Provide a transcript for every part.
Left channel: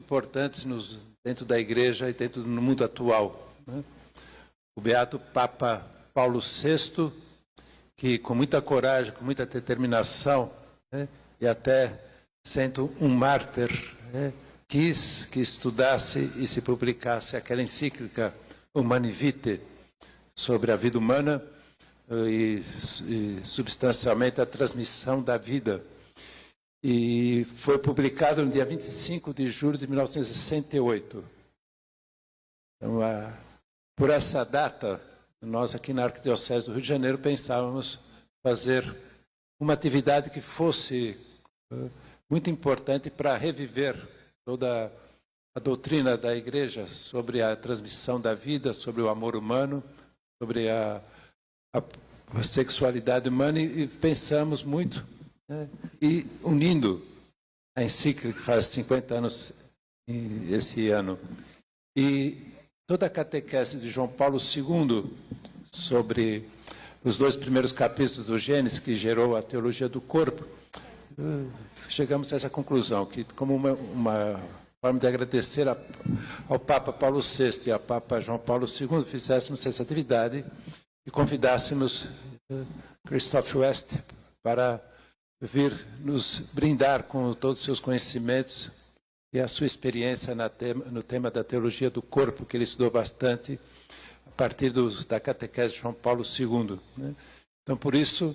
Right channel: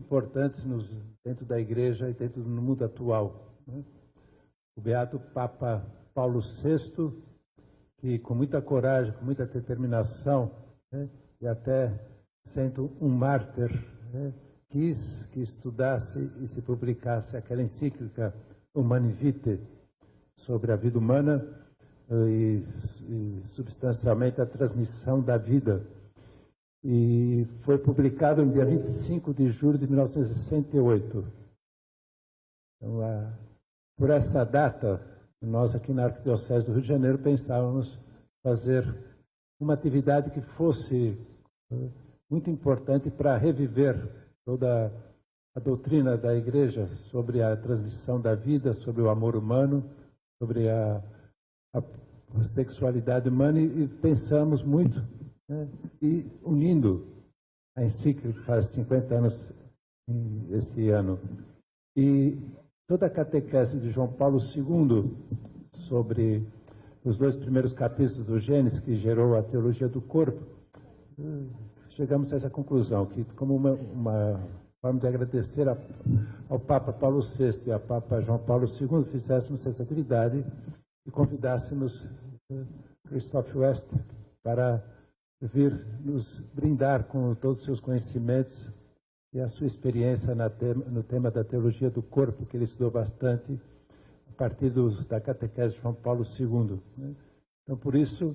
importantes dentro da Igreja e dentro do mundo atual, né? O beato Papa Paulo VI, que com muita coragem, com muita determinação, né, e até sendo um mártir, né, quis que estudasse e se publicasse aquela encíclica Humani Vitae sobre a vida humana e substancialmente a transmissão da vida. E foi publicado no dia 25 de julho de 1968. Então, por essa data, nós aqui na Arquidiocese do Rio de Janeiro pensávamos fazer uma atividade que fosse muito importante para reviver toda a doutrina da Igreja sobre a transmissão da vida, sobre o amor humano, sobre a sexualidade humana, e pensamos muito, né, e unindo a encíclica que faz 50 anos esse ano, e toda a catequese de João Paulo II sobre os 2 primeiros capítulos do Gênesis, que gerou a teologia do corpo, chegamos a essa conclusão, que como uma forma de agradecer ao Papa Paulo VI e ao Papa João Paulo II, fizéssemos essa atividade e convidássemos Christoph West para vir nos brindar com todos os seus conhecimentos e a sua experiência no tema da teologia do corpo, que ele estudou bastante a partir da catequese de João Paulo II, né? Então, por isso,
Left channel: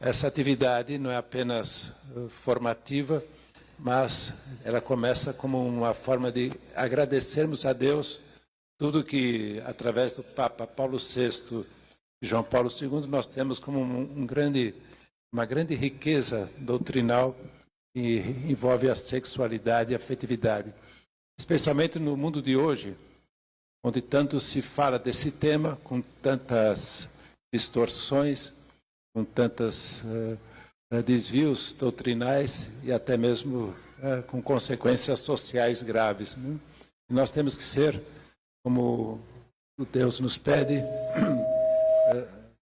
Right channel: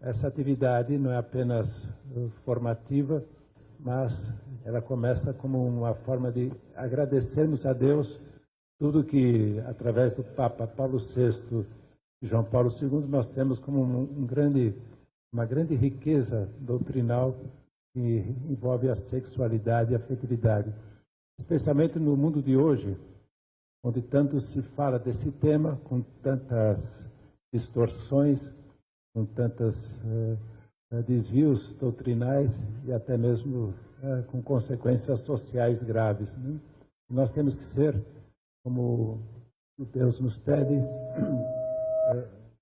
essa atividade não é apenas formativa, mas ela começa como uma forma de agradecermos a Deus tudo que, através do Papa Paulo VI e João Paulo II, nós temos como uma grande riqueza doutrinal que envolve a sexualidade e a afetividade. Especialmente no mundo de hoje, onde tanto se fala desse tema, com tantas distorções, com tantos desvios doutrinais e até mesmo com consequências sociais graves, né? E nós temos que ser, como Deus nos pede,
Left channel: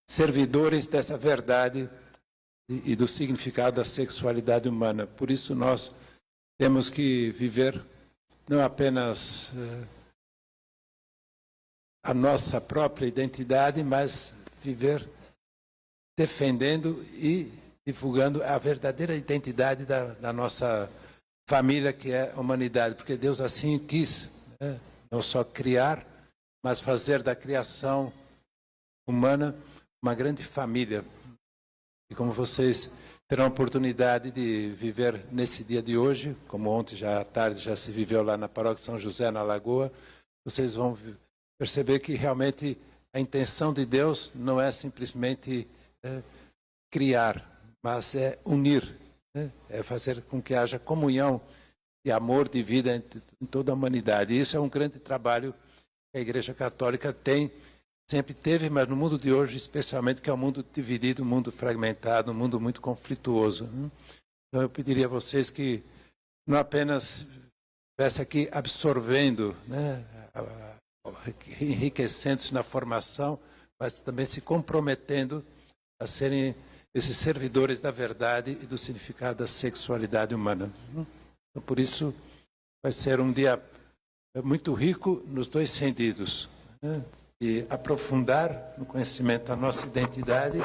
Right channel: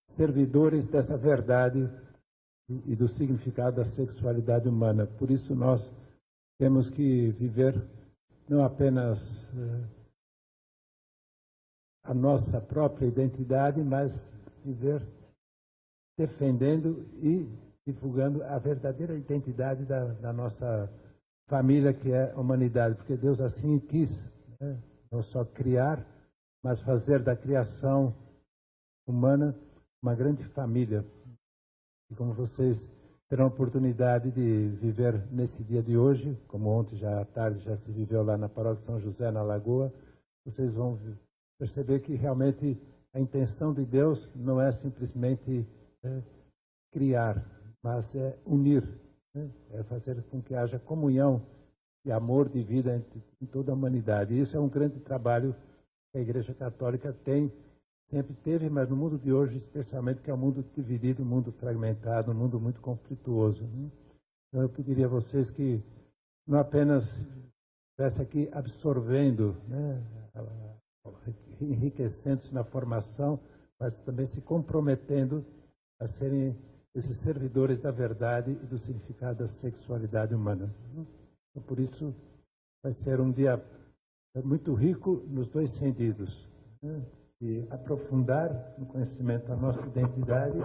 servidores dessa verdade e do significado da sexualidade humana. Por isso nós temos que viver não apenas a nossa própria identidade, mas viver defendendo e divulgando a verdadeira identidade da nossa família, que é a humanidade, porque Deus assim quis, né, não só criar, mas fazer da criação humana uma grande família. E como vocês terão a oportunidade de viver nesse dia de hoje, como ontem já à tarde já se viveu lá na paróquia São José, na Lagoa, vocês vão perceber que realmente a intenção de Deus não é simplesmente criar, mas é unir, né? É fazer com que haja comunhão e amor de vida em toda a humanidade. E isso é um grande trabalho que a Igreja Católica sempre teve, mas no mundo de hoje, especialmente, que é um mundo dividido, um mundo fragmentado, um mundo muito conflituoso, né? Então eu pediria a vocês que não apenas estivesse aqui absorvendo, né, enriquecendo-se na formação, mas também se comprometendo a serem esses servidores da verdade e do significado da sexualidade humana. Então, por isso, vai ser um dia muito rico nos 2 sentidos, né? E aprofundar no conhecimento da nossa identidade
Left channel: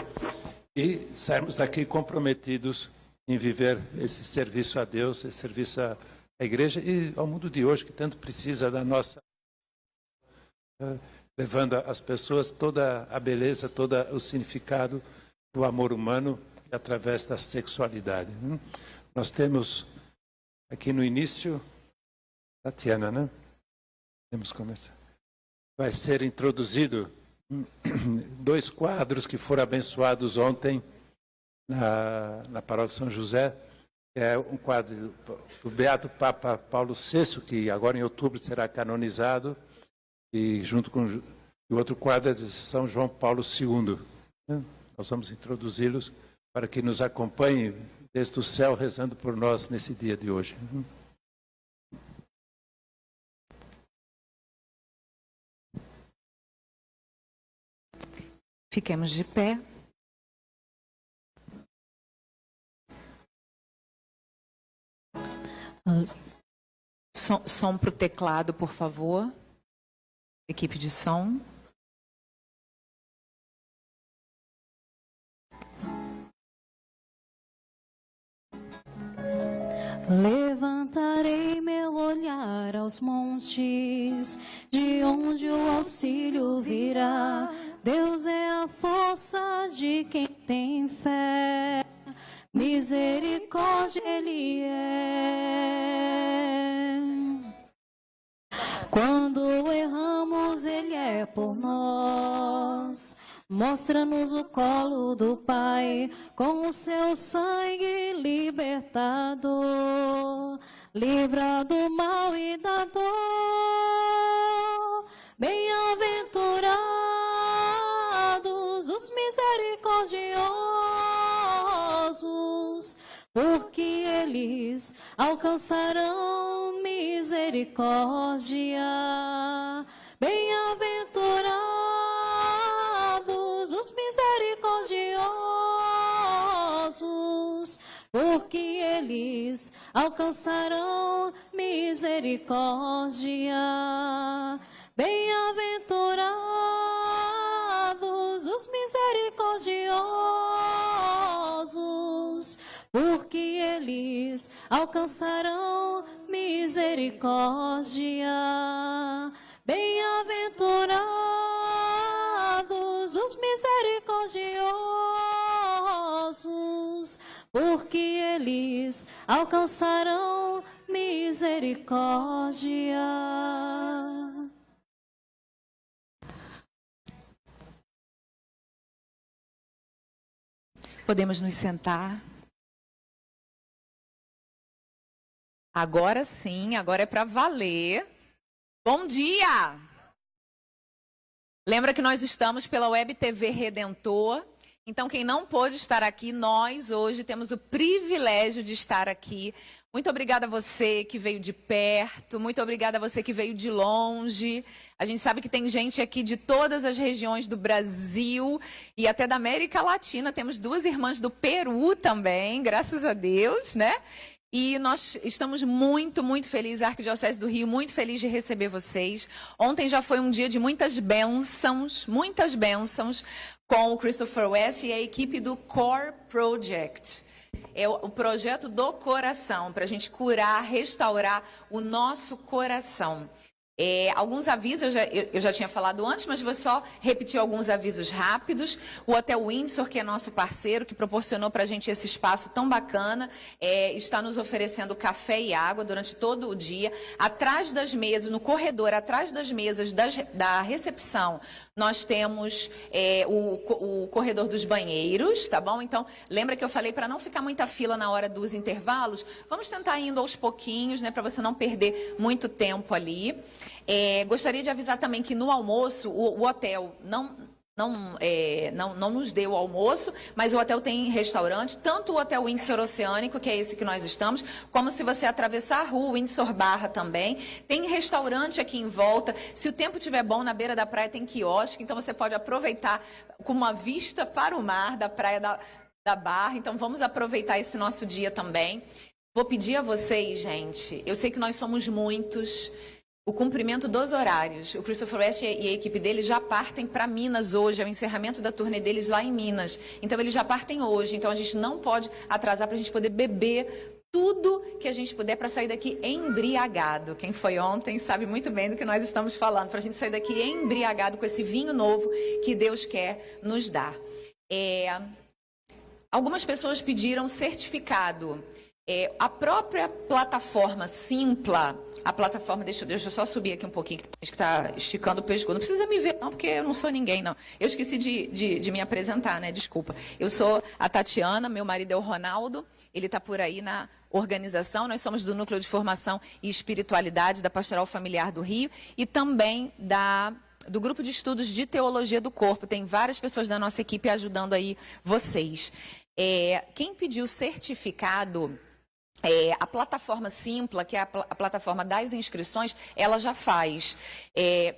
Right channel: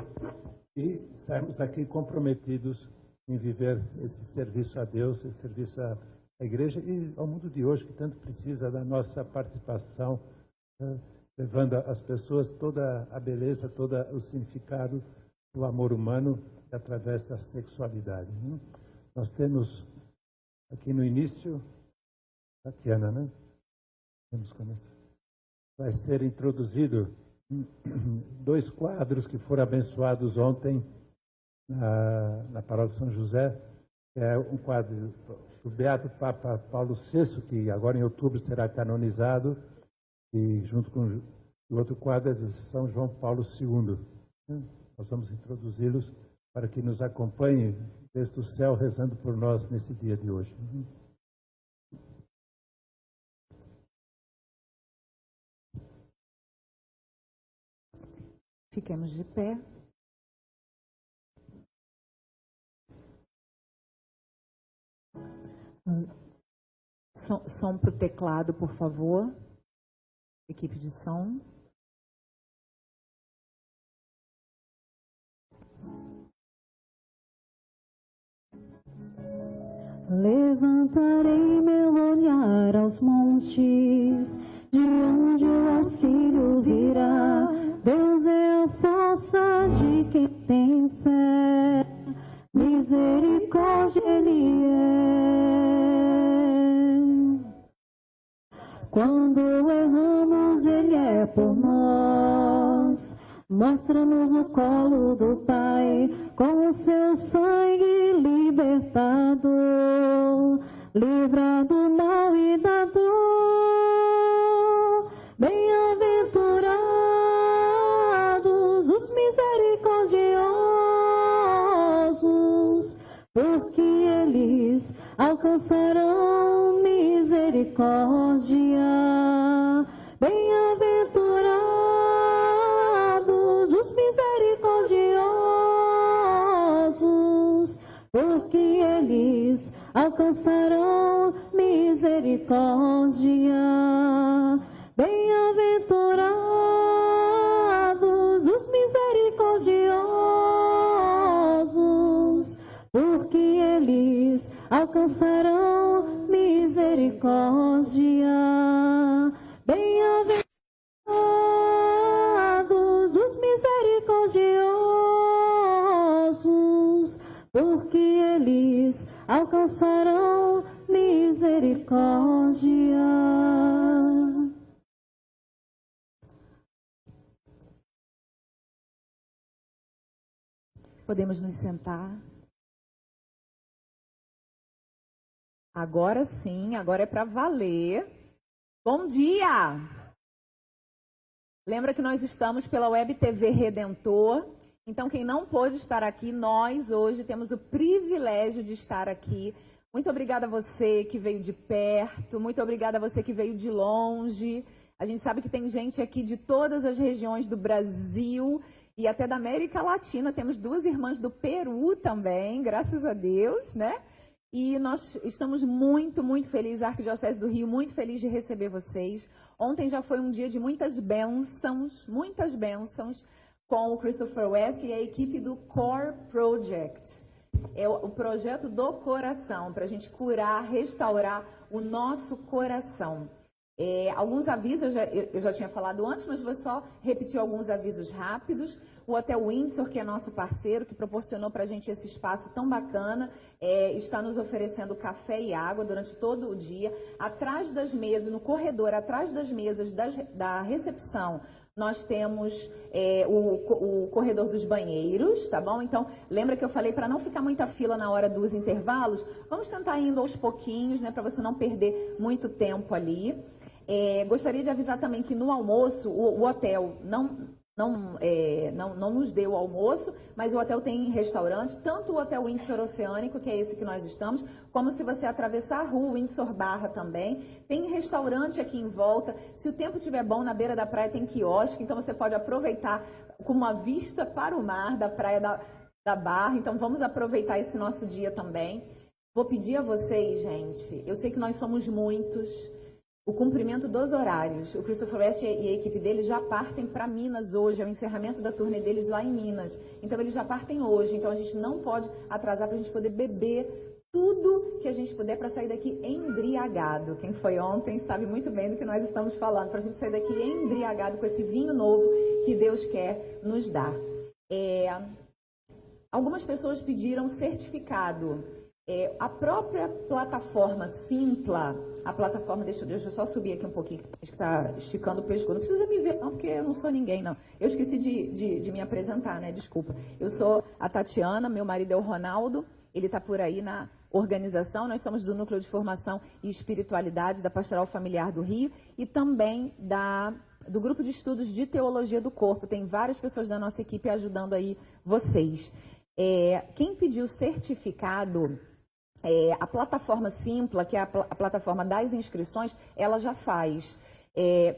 e sairmos daqui comprometidos em viver esse serviço a Deus, esse serviço à Igreja e ao mundo de hoje, que tanto precisa da nossa participação, levando às pessoas toda a beleza, todo o significado do amor humano através da sexualidade. Nós temos aqui no início, Tatiana, né? Temos que começar. Vai ser introduzido 2 quadros que foram abençoados ontem na paróquia São José. É um quadro do Beato Papa Paulo VI, que agora em outubro será canonizado, e junto com o outro quadro é de São João Paulo II. Nós vamos introduzi-los para que nos acompanhem desde o céu, rezando por nós nesse dia de hoje. Fiquemos de pé. som para o teclado, por favor. Equipe de som. Levantarei meu olhar aos montes, de onde o auxílio virá. Deus é a força de quem tem fé, misericórdia Ele é. Quando erramos, Ele é por nós. Mostra-nos o colo do Pai, com o seu sangue libertador. Livra do mal e da dor. Bem-aventurados os misericordiosos, porque eles alcançarão misericórdia. Bem-aventurados os misericordiosos, porque eles alcançarão misericórdia. Bem-aventurados os misericordiosos, porque eles alcançarão misericórdia. Bem-aventurados os misericordiosos, porque eles alcançarão misericórdia. Podemos nos sentar. Agora sim, agora é para valer. Bom dia! Lembra que nós estamos pela Web TV Redentor. Então, quem não pôde estar aqui, nós hoje temos o privilégio de estar aqui. Muito obrigada a você que veio de perto, muito obrigada a você que veio de longe. A gente sabe que tem gente aqui de todas as regiões do Brasil e até da América Latina. Temos 2 irmãs do Peru também, graças a Deus, né? E nós estamos muito, muito felizes, a Arquidiocese do Rio, muito feliz de receber vocês. Ontem já foi um dia de muitas bênçãos, com o Christopher West e a equipe do Corpo Project. É o projeto do coração, para a gente curar, restaurar o nosso coração. Alguns avisos, eu já tinha falado antes, mas vou só repetir alguns avisos rápidos. O Hotel Windsor, que é nosso parceiro, que proporcionou para a gente esse espaço tão bacana, está nos oferecendo café e água durante todo o dia. Atrás das mesas, no corredor, atrás das mesas da recepção, nós temos o corredor dos banheiros, tá bom? Então, lembra que eu falei para não ficar muita fila na hora dos intervalos? Vamos tentar indo aos pouquinhos, né, para você não perder muito tempo ali. Gostaria de avisar também que no almoço, o hotel não nos deu o almoço, mas o hotel tem restaurante, tanto o Hotel Windsor Oceânico, que é esse que nós estamos, como se você atravessar a rua, Windsor Barra também. Tem restaurante aqui em volta. Se o tempo estiver bom, na beira da praia tem quiosque, então você pode aproveitar com uma vista para o mar da praia da Barra. Então vamos aproveitar esse nosso dia também. Vou pedir a vocês, gente, eu sei que nós somos muitos, o cumprimento dos horários. O Christopher West e a equipe dele já partem para Minas hoje, é o encerramento da turnê deles lá em Minas. Então, eles já partem hoje, então a gente não pode atrasar para a gente poder beber tudo que a gente puder para sair daqui embriagado. Quem foi ontem sabe muito bem do que nós estamos falando, para a gente sair daqui embriagado com esse vinho novo que Deus quer nos dar. Algumas pessoas pediram certificado. A própria plataforma Simpla, a plataforma, deixa eu só subir aqui um pouquinho, que está esticando o pescoço. Não precisa me ver, não, porque eu não sou ninguém, não. Eu esqueci de me apresentar, né? Desculpa. Eu sou a Tatiana, meu marido é o Ronaldo, ele está por aí na organização. Nós somos do Núcleo de Formação e Espiritualidade da Pastoral Familiar do Rio e também do Grupo de Estudos de Teologia do Corpo. Tem várias pessoas da nossa equipe ajudando aí vocês. Quem pediu certificado... a plataforma Simpla, que é a plataforma das inscrições, ela já faz.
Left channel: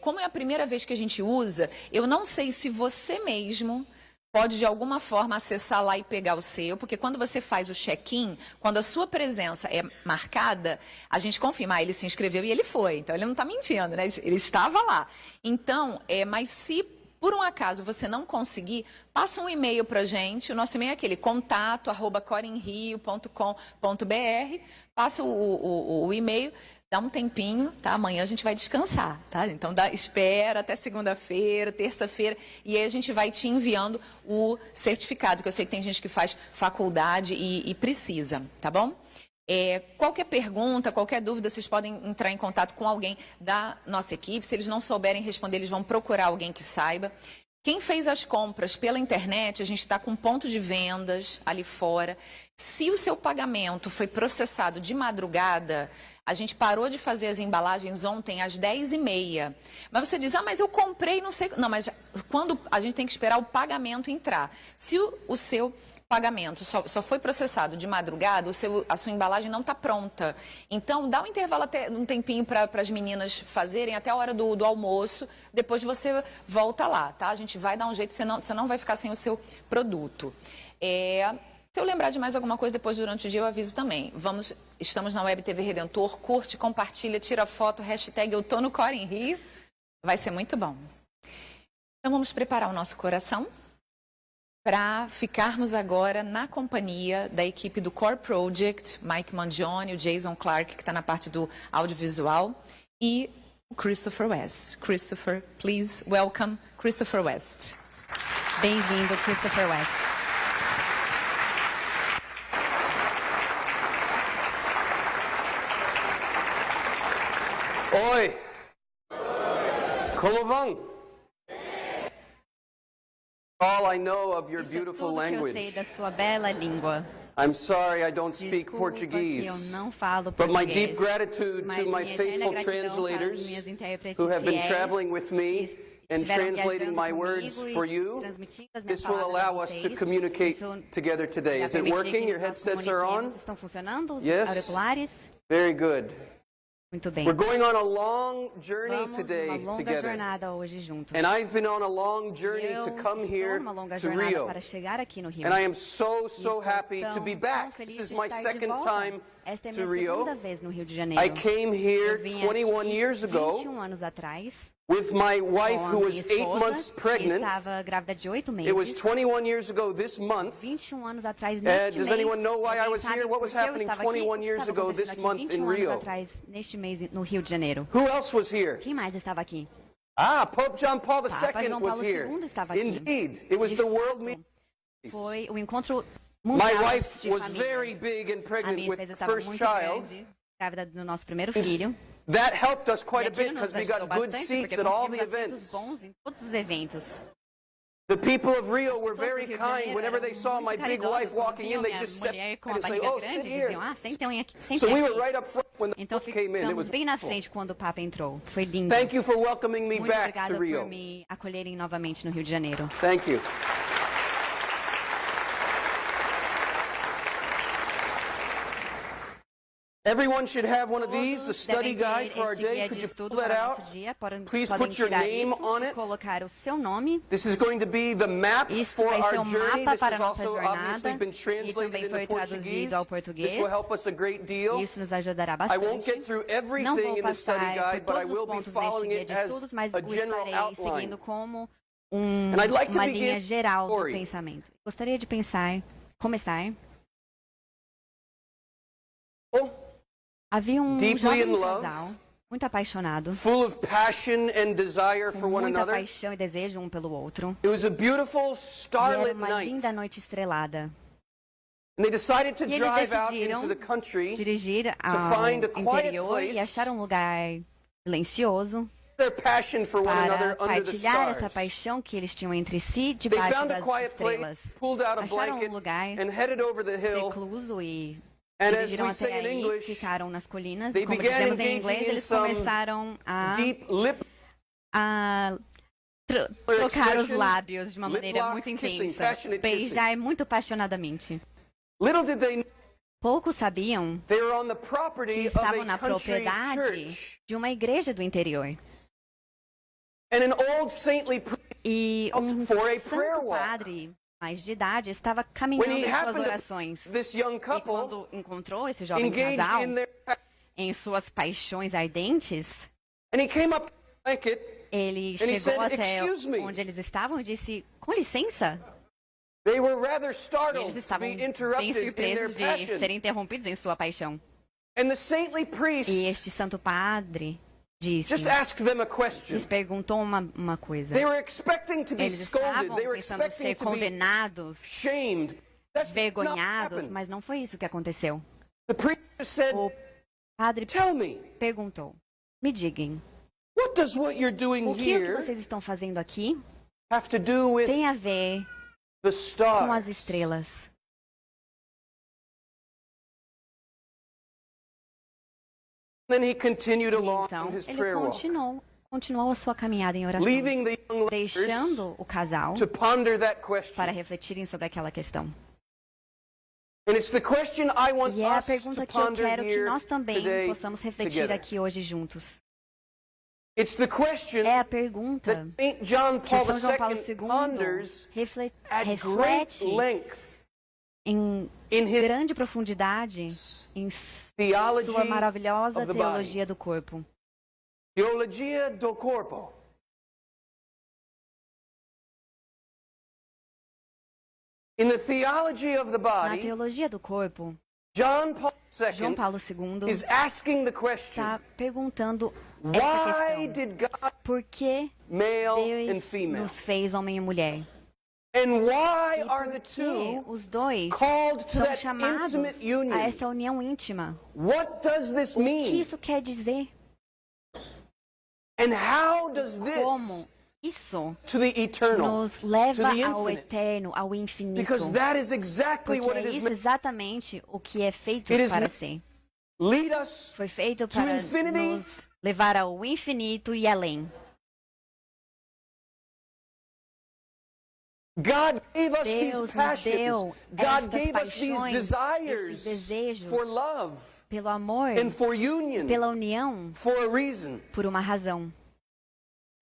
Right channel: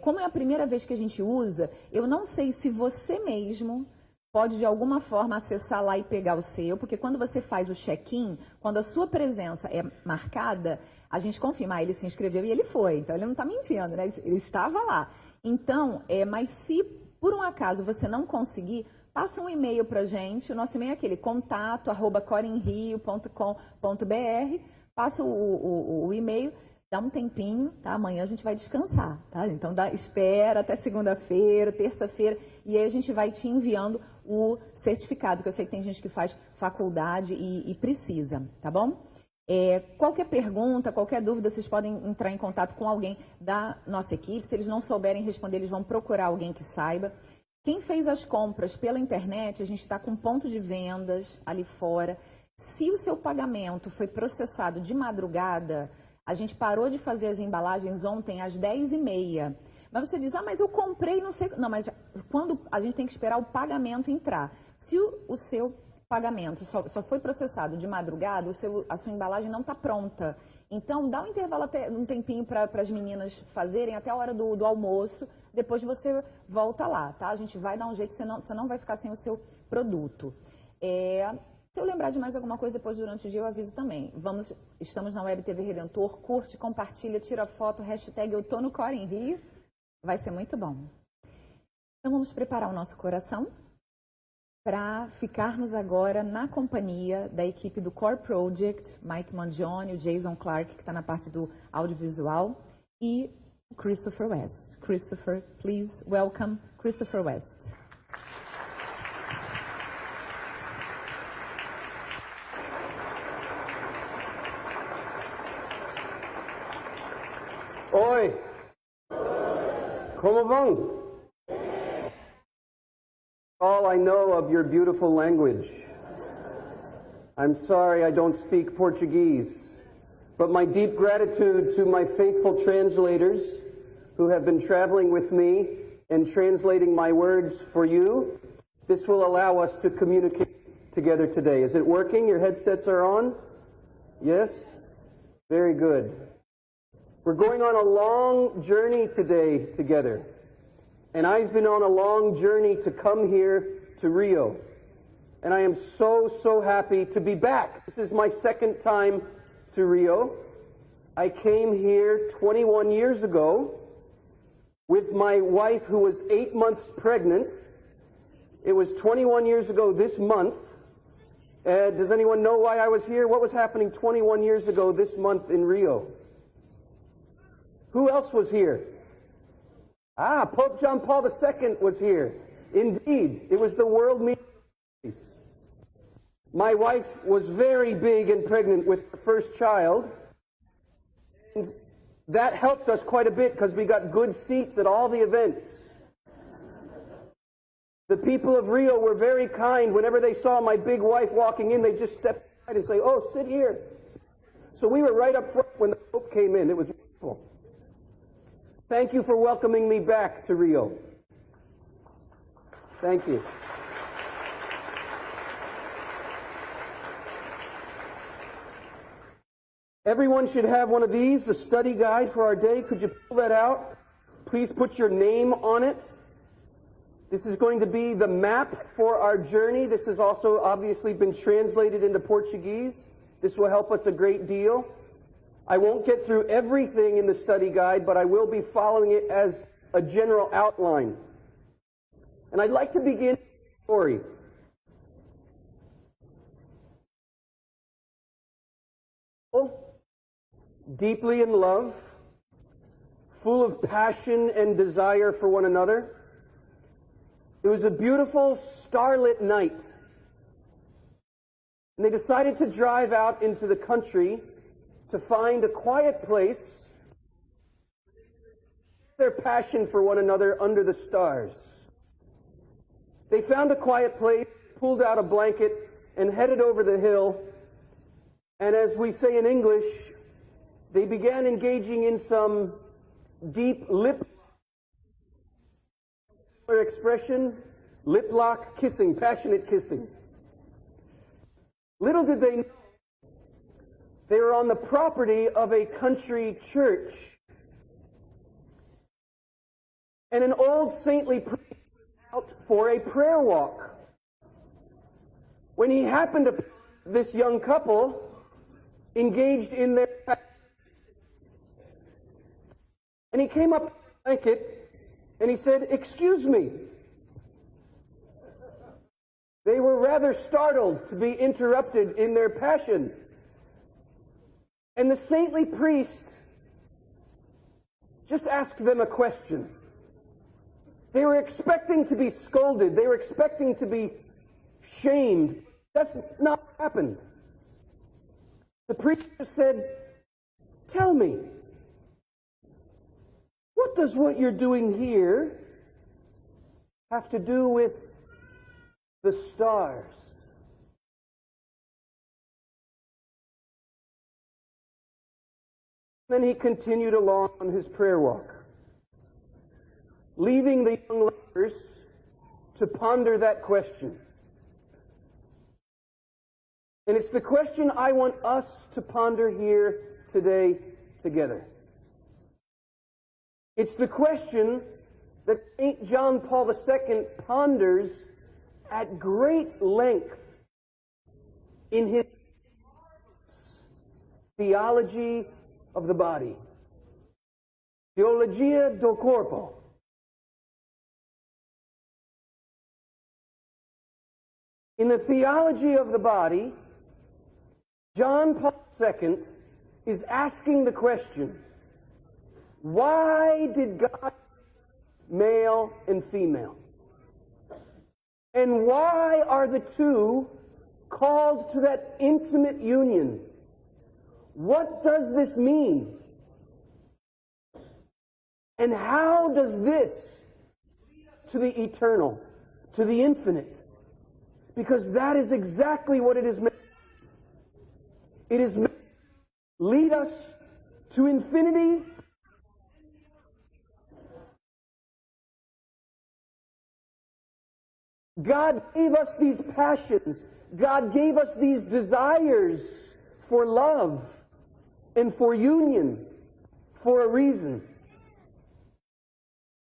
Como é a primeira vez que a gente usa, eu não sei se você mesmo pode de alguma forma acessar lá e pegar o seu, porque quando você faz o check-in, quando a sua presença é marcada, a gente confirma, ele se inscreveu e ele foi, então ele não está mentindo, né? Ele estava lá. Então, mas se por um acaso você não conseguir, passa um e-mail para a gente, o nosso e-mail é aquele, contato@corinrio.com.br, passa o e-mail, dá um tempinho, tá? Amanhã a gente vai descansar, tá? Então, espera até segunda-feira, terça-feira, e aí a gente vai te enviando o certificado, que eu sei que tem gente que faz faculdade e precisa, tá bom? Qualquer pergunta, qualquer dúvida, vocês podem entrar em contato com alguém da nossa equipe. Se eles não souberem responder, eles vão procurar alguém que saiba. Quem fez as compras pela internet, a gente está com ponto de vendas ali fora. Se o seu pagamento foi processado de madrugada, a gente parou de fazer as embalagens ontem às 10h30. Mas você diz, mas eu comprei, não sei... Não, mas quando a gente tem que esperar o pagamento entrar. Se o seu pagamento só foi processado de madrugada, a sua embalagem não está pronta. Então, dá um intervalo, até um tempinho para as meninas fazerem, até a hora do almoço. Depois você volta lá, tá? A gente vai dar um jeito, você não vai ficar sem o seu produto. Se eu lembrar de mais alguma coisa depois durante o dia, eu aviso também. Estamos na Web TV Redentor, curte, compartilha, tira foto, hashtag eu tô no Cor em Rio. Vai ser muito bom. Então vamos preparar o nosso coração para ficarmos agora na companhia da equipe do Core Project, Mike Mangione, o Jason Clark, que está na parte do audiovisual, e o Christopher West. Christopher, please welcome Christopher West. Bem-vindo, Christopher West. Oi! Como vão? All I know of your beautiful Eu language. sei da sua bela língua. I'm sorry I don't speak Desculpa que Portuguese, eu não falo but my português, deep gratitude mas to my minha faithful eterna gratidão translators para os meus intérpretes who have been fiéis, traveling with me and estiveram translating viajando my words comigo for e you. transmitindo as minhas This will palavras allow para us to vocês. communicate Isso together today. vai Is it permitir working? que Your nós headsets are on? comuniquemos. Estão funcionando os Yes? auriculares? Very good. Muito bem. We're going on a long journey Vamos today uma longa together. jornada hoje juntos. And I've been on a long journey to come here uma longa to jornada Rio. para chegar aqui no Rio. And I am so happy to be back. This is my second time Esta é to minha Rio. segunda vez no Rio de Janeiro. I came here Eu vim 21 aqui years ago 21 anos atrás, with my wife com a who was minha 8 esposa, months que pregnant. estava grávida de 8 meses. It was 21 years ago this month. 21 anos atrás, And neste does mês, anyone know why I was sabe here? What was por que eu happening estava aqui? 21 O que years estava ago acontecendo this aqui month in 21 anos Rio? atrás, neste mês, no Rio de Janeiro. Who else was here? Quem mais estava aqui? Pope John Paul II João was Paulo here. II estava aqui. Indeed, it was the world meeting. Foi o encontro My mundial wife de was famílias. very big and A pregnant minha with esposa the estava first muito child. grande, grávida do nosso primeiro filho. That helped us quite a E bit aquilo because nos we ajudou got good bastante, seats porque at all the conseguimos events. assentos bons em todos os eventos. The people of Rio were very kind. Whenever they saw my big wife walking in, they just stepped Mulher com in a and say, barriga "Oh, grande, sit diziam, here." sentem aqui, sentem So we were aqui. right up front when the Então Pope came in. It was ficamos bem na wonderful. frente quando o Papa entrou. Foi lindo. Thank you for welcoming me Muito back obrigada to por Rio. me acolherem novamente no Rio de Janeiro. Thank you. Everyone should have one of these, the study guide for our day. Could you pull that out? Please put your name on it. Colocar o seu nome. This is going to be the map Isso for vai ser our um journey. mapa This para has a nossa also jornada, obviously been e translated também into foi Portuguese. traduzido ao português. This will help us a great deal. Isso nos ajudará I bastante. won't get through Não everything vou in the passar study guide, por but I todos will os be pontos following deste it guia de as estudos, mas a o general estarei outline. seguindo como And I'd like to uma linha begin geral do story. pensamento. Gostaria de começar. Havia Deeply jovem in love, casal, muito apaixonado, full of passion and desire for one muita another. paixão e desejo um pelo outro. It was a beautiful E era starlit uma night. linda noite estrelada. And they decided to E eles drive out decidiram into the country, dirigir to ao find a quiet interior place e achar um lugar silencioso their passion for one another para under the partilhar essa stars. paixão que eles tinham entre si They debaixo found a das quiet place, estrelas. pulled out a Acharam blanket, lugar and headed over the hill. recluso e And as dirigiram we até say in aí, English, ficaram nas colinas. they Como began dizemos em engaging inglês, in eles some começaram a deep lip trocar os expression, lábios de uma lip maneira lock, muito kissing, intensa, passionate beijar muito apaixonadamente. Little did they know Poucos sabiam they were on the que property of estavam a na country propriedade church. de uma igreja do interior. And an old saintly priest E out um for a santo prayer walk. padre mais de idade, estava when caminhando he em suas happened to orações. this young E couple quando encontrou esse jovem engaged casal in their, em suas paixões ardentes, and he came up to the blanket, ele and he chegou said, até "Excuse me." onde eles estavam e disse, com licença. They were rather Eles startled to estavam be bem interrupted in their surpresos de passion. serem interrompidos em sua paixão. And the saintly priest E este santo padre disse, just asked them a question. lhes perguntou uma coisa. They were expecting to be Eles scolded. estavam They were pensando expecting ser to be condenados, shamed. That's not vergonhados, happened. mas não foi isso que aconteceu. The priest said, O padre "Tell me, perguntou, me digam, what does what you're doing o que here vocês estão fazendo aqui have to do with tem a ver the com as stars?" estrelas? Then he continued along Então, his ele prayer walk, continuou a sua caminhada em oração, leaving the young lovers deixando o casal to ponder that para question. refletirem sobre aquela questão. And it's the question I want E é a us to pergunta que eu ponder quero que here nós também today possamos refletir together. aqui hoje juntos. It's the question É a pergunta that St. John que Paul São João Paulo II II ponders at great reflete length em in his grande profundidade em Theology sua maravilhosa of the Body. teologia do corpo. Teologia do Corpo. In the theology of the Na body, teologia do corpo, John Paul João II Paulo II is asking the question, está perguntando why essa questão. did God Por que male and Deus female? nos fez homem e mulher? And why are the E two os dois called to são that chamados intimate a union? essa união íntima. What does this O que mean? isso quer dizer? And how does this Como isso to the eternal? nos leva to the ao infinite? eterno, ao infinito? Because that is exactly Porque what it é is isso meant. exatamente o que é feito It is para meant ser. Lead us Foi feito to para infinity. nos levar ao infinito e além. God gave us these Deus nos passions. deu God estas gave us these paixões, desires estes desejos for love pelo amor, and for union pela união, for a reason. por uma razão.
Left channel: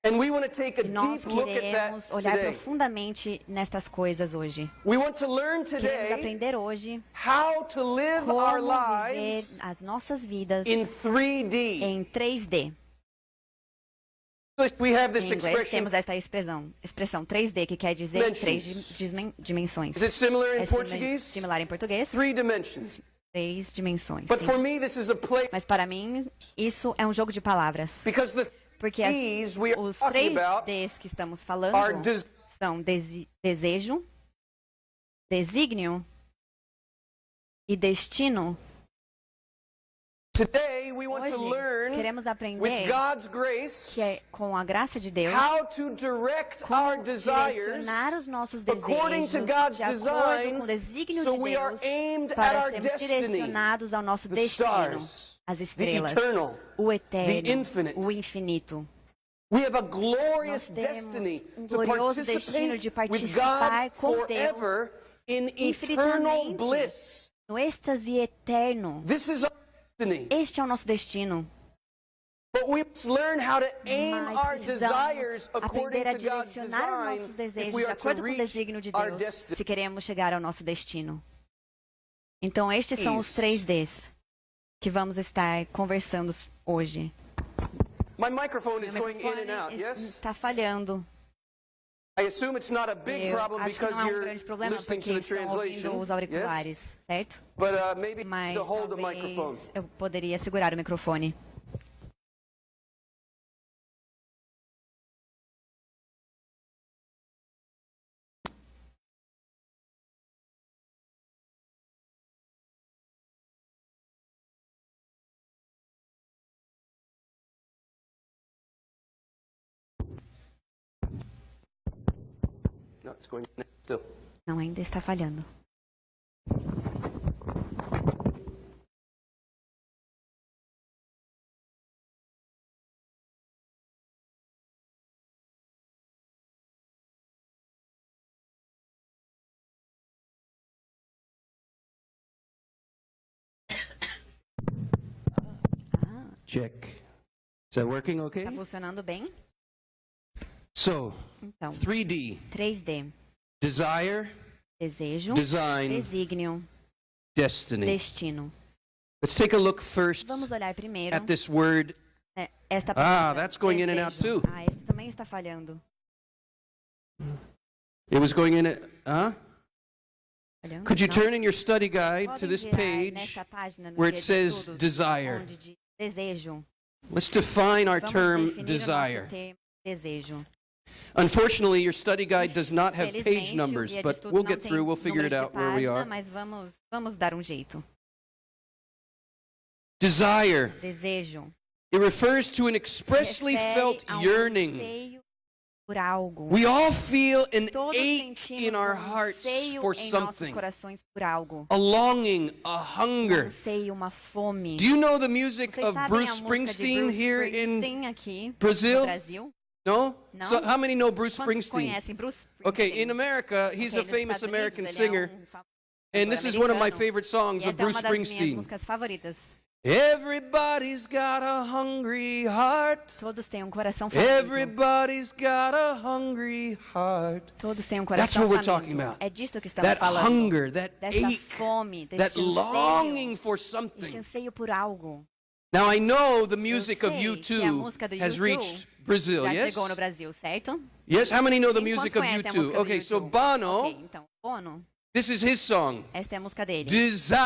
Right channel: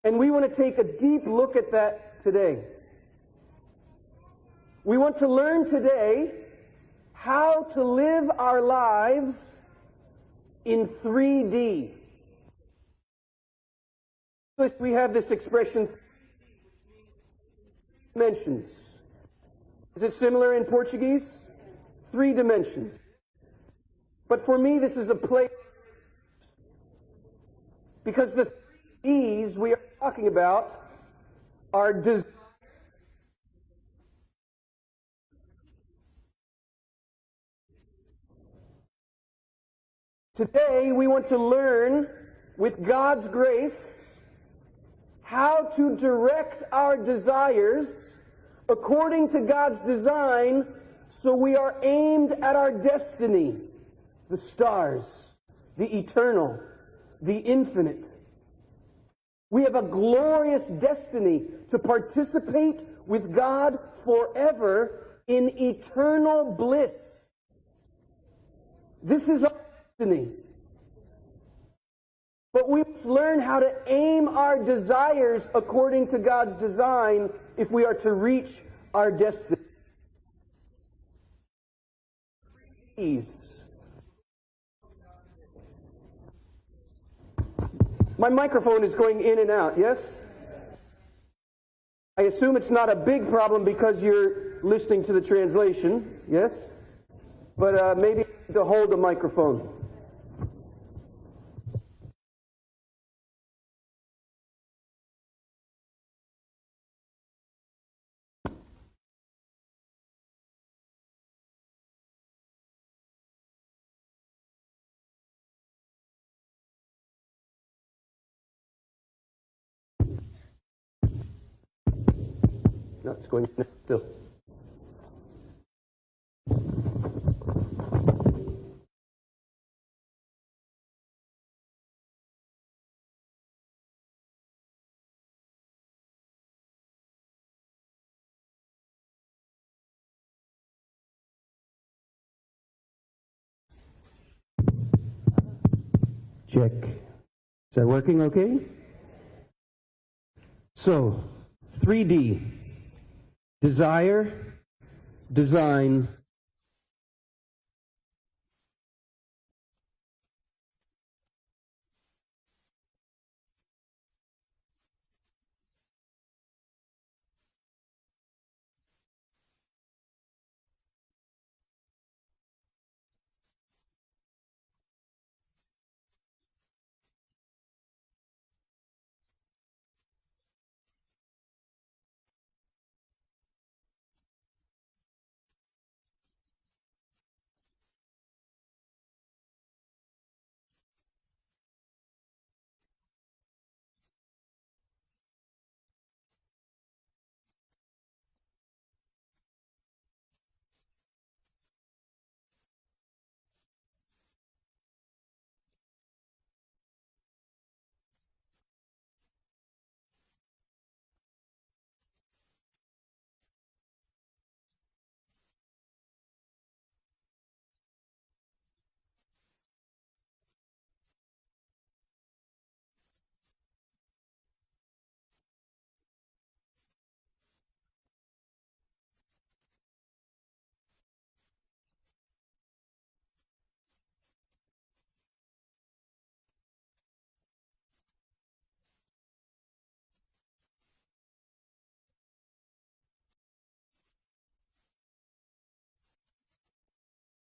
And we want to take a E nós deep look at queremos that olhar today. profundamente nestas coisas hoje. We want to learn Queremos today aprender hoje how to live our como lives viver as nossas vidas in 3D. em 3D. We have Em this inglês expression. temos esta expressão 3D, que quer dizer Dimensions. três dimensões. Is it similar in É Portuguese? similar em português, 3 dimensions. 3 dimensões. But for me, this is a play Mas para mim, isso é um jogo de palavras. because the Porque These we are os talking 3 about Ds que estamos falando are são desejo, desígnio e destino. Today we want to Hoje, learn queremos aprender with God's grace que é com a graça de Deus how to direct our desires direcionar os nossos according to desejos God's de acordo design, com o desígnio so de we Deus are aimed at para our sermos destiny, direcionados ao nosso the destino, stars, as the estrelas, eternal, o eterno, the infinite. o infinito. We have a glorious Nós temos destiny to glorioso destino de participate with participar God com Deus forever in eternal infinitamente bliss. no êxtase eterno. This is our destiny. Este é o nosso destino. But we must learn how to aim Mas our precisamos desires according to aprender a God's direcionar design nossos desejos if we de are to acordo com o reach desígnio de our Deus, destiny. se queremos chegar ao nosso destino. Então, estes são os 3 Ds que vamos estar conversando hoje. My microphone is going in and out, yes? Está falhando. I assume it's not a big Eu problem acho que because não é um you're grande problema listening porque to the estão ouvindo translation, os auriculares, yes? certo? But maybe Mas to hold the talvez microphone. eu poderia segurar o microfone. No, it's going still. Não, ainda está falhando. Check. Is that working okay? Está funcionando bem? So, Então, 3D. 3D. Desire, Desejo, design, desígnio, destiny. destino. Let's take a look first Vamos olhar primeiro at this word. esta palavra. That's going in and out desejo. too. Esse também está falhando. It was going in. Falhando? Could you Não? turn in your study guide to Podem this virar page nessa página no where guia it de says estudos, desire? onde diz desejo. Let's define our Vamos term definir desire. o nosso termo desejo. Unfortunately, your study guide does not have page Felizmente, o numbers, guia de but estudos we'll não get tem through. We'll figure it números de out where we página, are. mas vamos dar um jeito. Desire. Desejo. It refers to an expressly Refere felt a yearning. anseio por algo. We all feel an Todos ache sentimos in our anseio hearts for em nossos something, corações por algo. a longing, a hunger. Anseio, uma fome. Do you know the music Vocês of sabem Bruce a música de Springsteen Bruce here in Springsteen aqui Brazil? no Brasil? No? No? So how many know Bruce Quantos Springsteen? conhecem Bruce Springsteen? Okay, in America, he's a nos famous Estados American Unidos, singer, ele é famoso and this is one of my americano. favorite songs E of essa é Bruce uma das minhas Springsteen. músicas favoritas. Everybody's got a hungry heart. Todos têm um coração faminto. Everybody's got a hungry heart. Todos têm um That's coração what we're faminto. talking about. É disto que estamos That falando. hunger, that Dessa ache, fome, desse that longing anseio, for este something. anseio por algo. Now I know the music of sei que a U2 música do has U2 reached Brazil, Já yes? chegou no Brasil, certo? Yes, how many know the Quem music quantos of conhecem a U2? música do Okay, so U2? Bono, Ok, então, Bono, this is his song. esta é a música dele. Desire.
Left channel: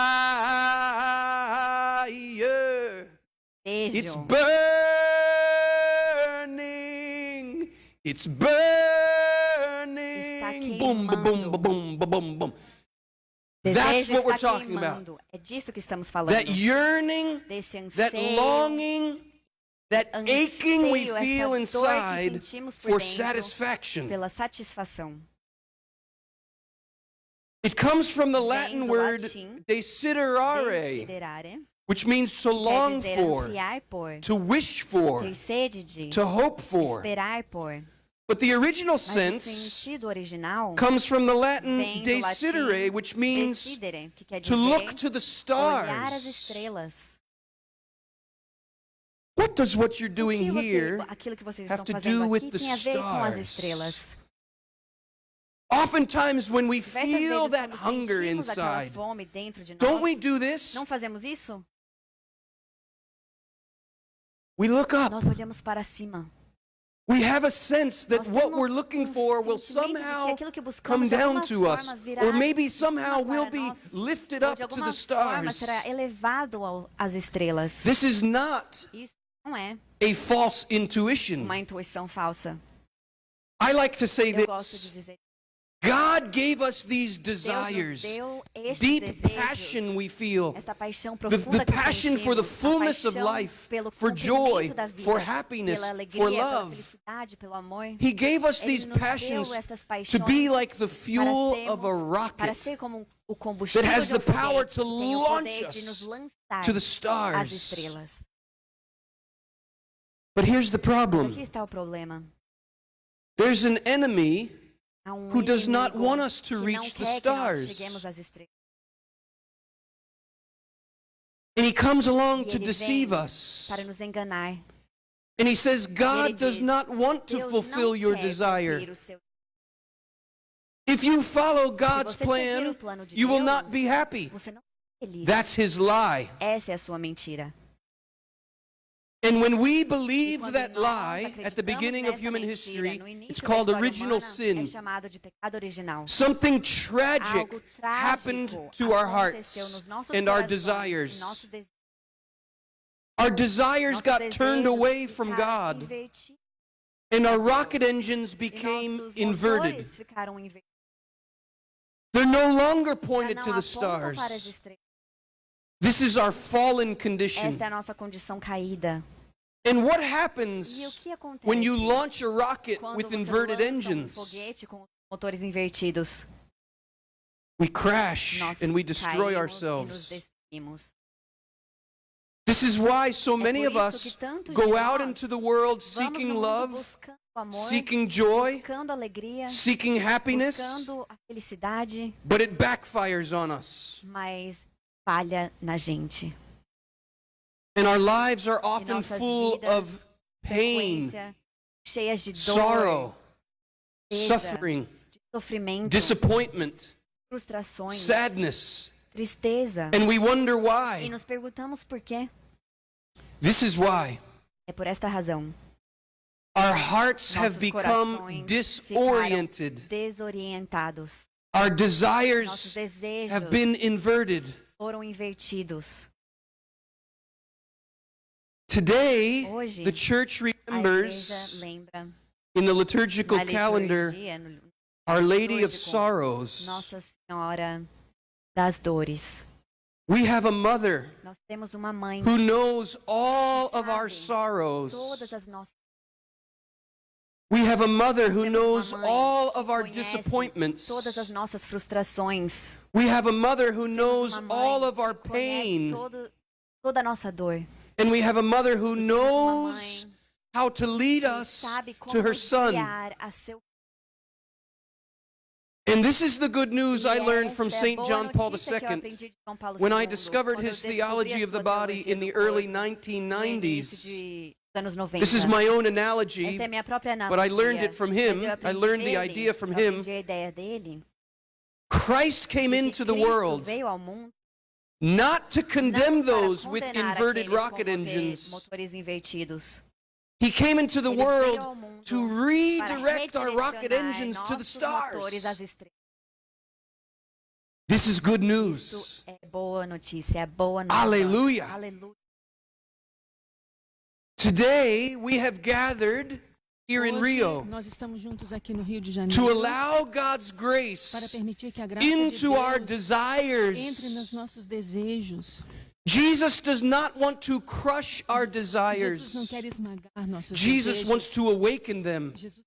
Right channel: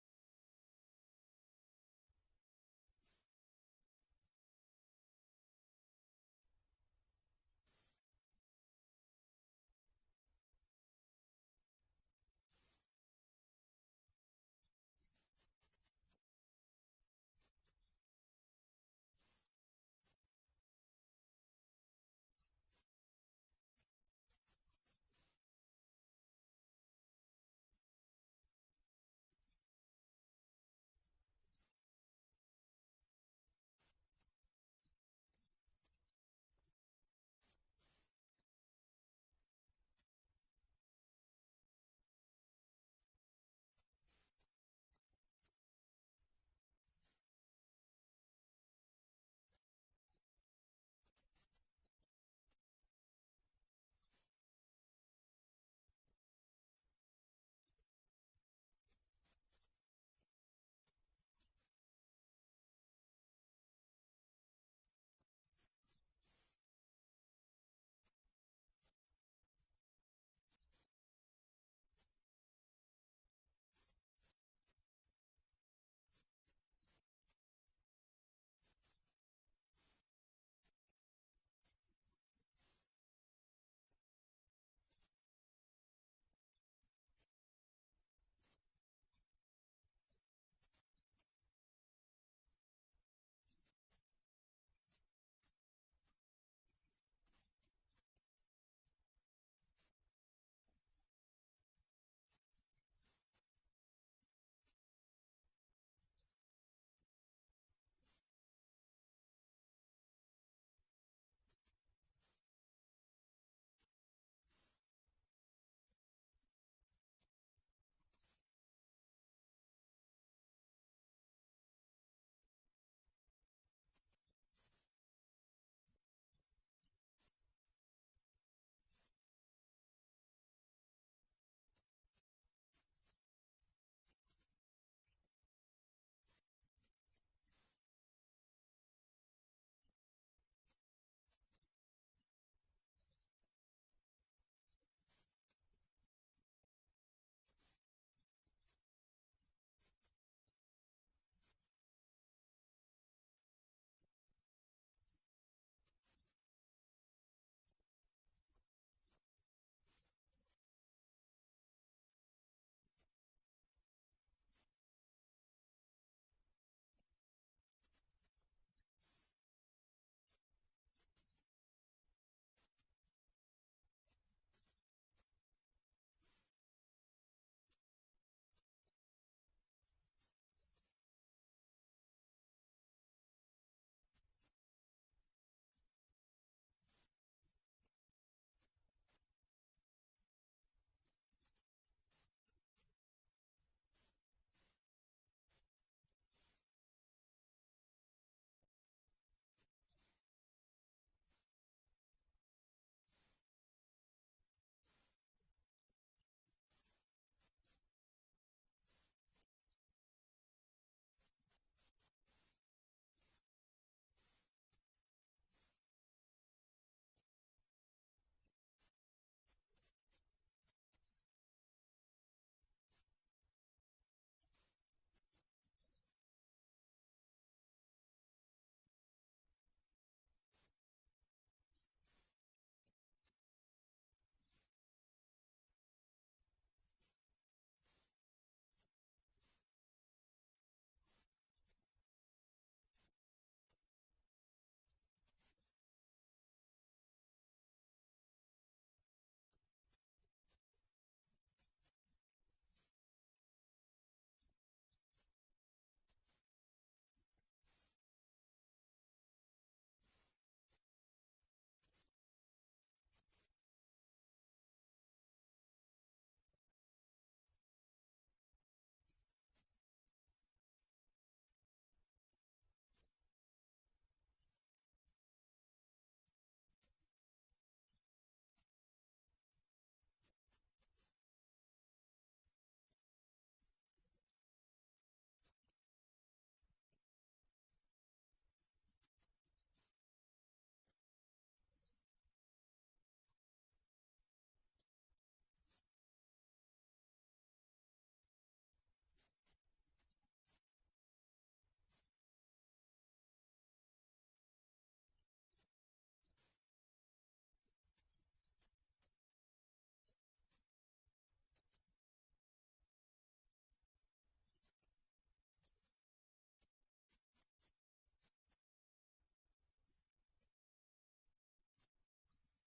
It's Desejo. burning. It's burning. Boom, ba, boom, ba, boom, ba, boom, boom. That's Desejo what we're está talking about. queimando. É disso que estamos falando. That yearning, Desse that anseio, longing, that aching we anseio, feel essa dor que inside sentimos por for dentro satisfaction. pela satisfação. It comes from the Vem Latin do word latim, desiderare, Desiderare, which means to quer long dizer for, ansiar por, to wish for, ter sede de, to hope for. esperar por. But the original Mas o sense sentido original comes from the Latin vem do desidere, latim which means decidere, que quer to dizer look to the olhar as stars. estrelas. What does what you're O doing que here aquilo que vocês have estão to fazendo do with aqui the tem a ver com as stars? estrelas. Oftentimes when we Diversas feel vezes, that quando hunger sentimos aquela inside, fome dentro de don't we nós, do this? não fazemos isso? We look up. Nós olhamos para cima. We have a sense that Nós what temos we're looking for will sentimento de que somehow aquilo que come buscamos de down alguma to us, forma virá or maybe de somehow cima we'll para be nós, lifted ou up de to alguma the forma stars. será elevado às estrelas. This is not Isso não é a false intuition. uma intuição falsa. I like to say Eu gosto this. de dizer, God gave us these Deus nos desires, deu estes deep desejos, passion we feel, esta paixão the profunda que passion for the sentimos, a fullness of paixão life, pelo for joy, comprimento da vida, for happiness, pela for alegria, pela love. felicidade, pelo amor. He gave us Ele these nos passions deu estas to paixões be like the para fuel sermos- of a para rocket ser como o combustível that has de um the power foguete to que tem o launch poder de nos us lançar to the às stars. estrelas. But here's the Mas problem. aqui está o problema. There's an enemy Há um who does not inimigo want us to que não reach the quer que nós stars. cheguemos às estrelas. And he comes along E to ele deceive vem us. para nos enganar. And he says, ele God does diz, not want to Deus fulfill não your quer desire. cumprir o seu. If you follow Se God's você seguir plan, o plano de you will Deus, not be happy. você não é feliz. That's his lie. Essa é a sua mentira. And when we E believe quando that nós lie at the acreditamos beginning of nessa human mentira, history, no início it's da called história original humana, sin. é chamado de pecado original. Something tragic Algo happened trágico to our aconteceu hearts nos nossos and our corações, desires. em nossos desejos. Our desires Nossos got turned desejos away from ficaram God, invertidos, and our rocket engines e became nossos inverted. motores ficaram invertidos. They're no longer Já pointed não to the apontam para as stars. estrelas. This is our fallen condition. Esta é a nossa condição caída. And what E o happens que acontece when you launch a rocket quando with você inverted lança engines? foguete com os motores invertidos? We crash Nós and we destroy caímos e nos ourselves. destruímos. This is why so É many por of isso us que tantos de go out nós into the world vamos seeking no mundo love, buscando amor, seeking joy, buscando alegria, seeking happiness, buscando a felicidade, but it backfires on us. mas falha na gente. And our lives are often nossas full vidas, of pain, Frequência, cheias de dor, sorrow, tristeza, suffering, de sofrimento, disappointment, frustrações, sadness, tristeza. and we wonder E why. nos perguntamos por quê. This is why. É por esta razão. Our hearts have Nossos become corações disoriented. ficaram desorientados. Our Nossos desires desejos have been inverted. foram invertidos. Today, Hoje, the church a igreja remembers lembra in the liturgical na calendar liturgia, no Our Lady of litúrgico, Sorrows. Nossa Senhora das Dores. We have a mother Nós temos uma mãe who knows all que of our sabe sorrows. todas as nossas. We have a mother who Temos knows uma mãe all que of our conhece disappointments. todas as nossas frustrações. We have a mother who Temos knows uma mãe all of our que conhece pain. toda a nossa dor. And we have a mother who Temos uma knows mãe how to lead que us sabe como to her son. guiar a seu. And this is the good news I E learned from essa é a St. boa John Paul notícia que eu II. aprendi de João Paulo When I II, discovered quando eu his descobri theology a of the sua body teologia in do the corpo early no início 1990s, dos anos 90. this is my own Essa analogy, é a minha própria analogia. but I learned it from him. Mas eu I aprendi learned the dele, idea from eu him. aprendi a ideia dele. Christ came Que into the Cristo world veio ao mundo not to condemn não para those with condenar inverted aqueles com rocket engines. motores invertidos. He came into the Ele veio world ao mundo to para redirect our rocket redirecionar engines to the nossos stars. motores às estrelas. This is good Isso news. é boa notícia, é boa nova. Aleluia. Aleluia. Today we have gathered here in Hoje, Rio nós estamos juntos aqui no Rio de to Janeiro allow God's para grace permitir que a graça de into our Deus entre nos desires. nossos desejos. Jesus does not want to crush our Jesus não desires. quer esmagar nossos Jesus desejos. wants to awaken them. Jesus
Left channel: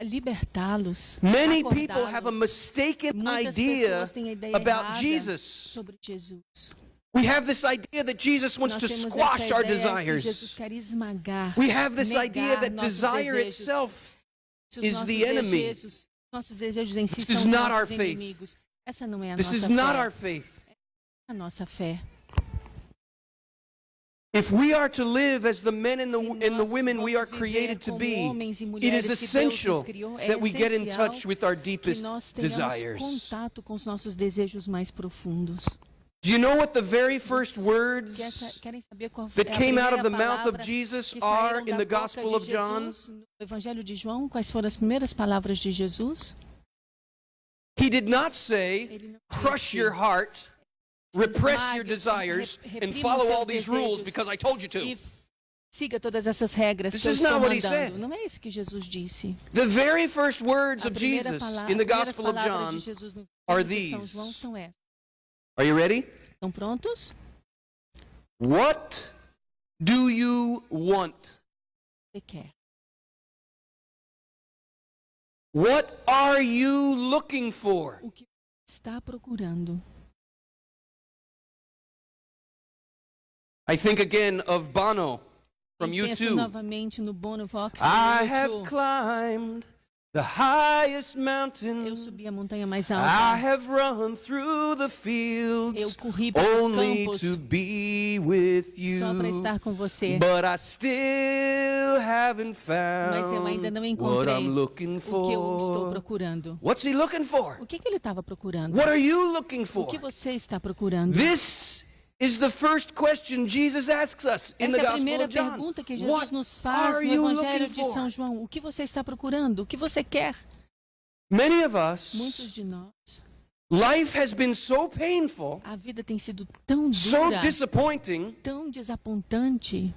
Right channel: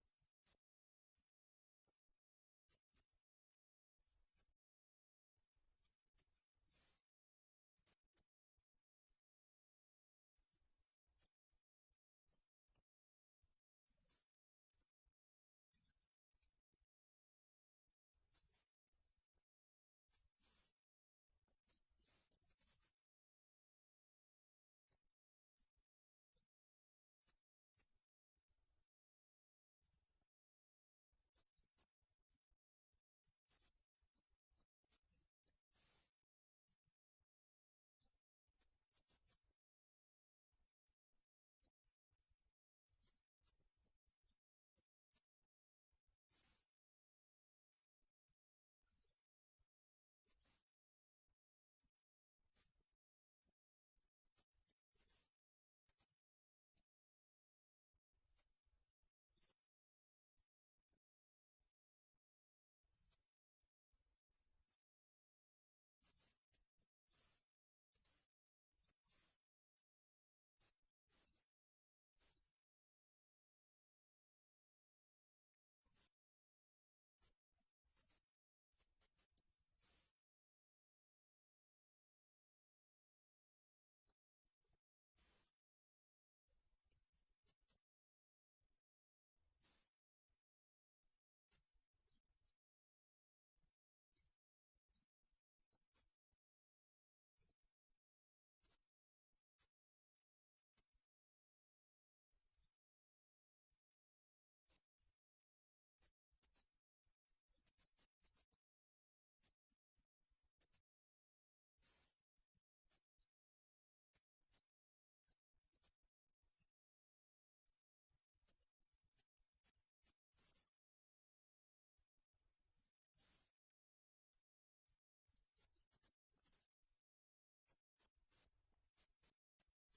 quer libertá-los. Many people have a acordá-los. mistaken Muitas idea pessoas têm a ideia about errada Jesus. sobre Jesus. We have this idea that Jesus wants Nós to temos squash essa our ideia que Jesus desires. quer esmagar. We have this negar idea that nossos desire desejos. itself Se os is nossos the enemy. nossos desejos em si This são is os not our nossos faith. inimigos. Essa não é a This nossa is not fé. our faith. A nossa fé. If we are to live as the men and Se the nós women we are vamos viver created to como be, homens e it mulheres is que Deus essential nos criou, é that we get in essencial touch with our que deepest nós tenhamos desires. contato com os nossos desejos mais profundos. Do you know what the very first words Querem saber qual that é a came out of the primeira mouth of palavra Jesus que are saíram in da the boca Gospel de of John? Jesus no Evangelho de João? Quais foram as primeiras palavras de Jesus? He did not say, Ele não crush disse, your heart, repress your esmague, desires, and reprima follow os all seus these rules desejos because I told you to. e siga todas essas regras This que eu is estou not what he mandando. said. Não é isso que Jesus disse. The very first words A of primeira Jesus pala- in the as primeiras Gospel of palavras John de Jesus no are Evangelho de São these. João são essas. Are you ready? Estão prontos? What do you want? Você quer? What are you looking for? O que você está procurando? I think again of Bono from Eu penso U2. novamente no Bono Vox. I do have U2. climbed the highest Eu mountain. subi a montanha mais I alta. have run through the Eu fields corri pelos only campos to be with you. só para estar com você. But I still haven't Mas eu ainda não found what encontrei I'm looking o que eu estou for. procurando. What's he looking for? O que ele estava procurando? What are you looking O for? que você está procurando? This is the first question Jesus asks us in the Essa é a Gospel primeira of John. pergunta que Jesus What nos faz are no you Evangelho looking de São for? João. O que você está procurando? O que você quer? Many of us, Muitos de nós, life has been so painful, a vida tem sido tão so dura, disappointing, tão desapontante,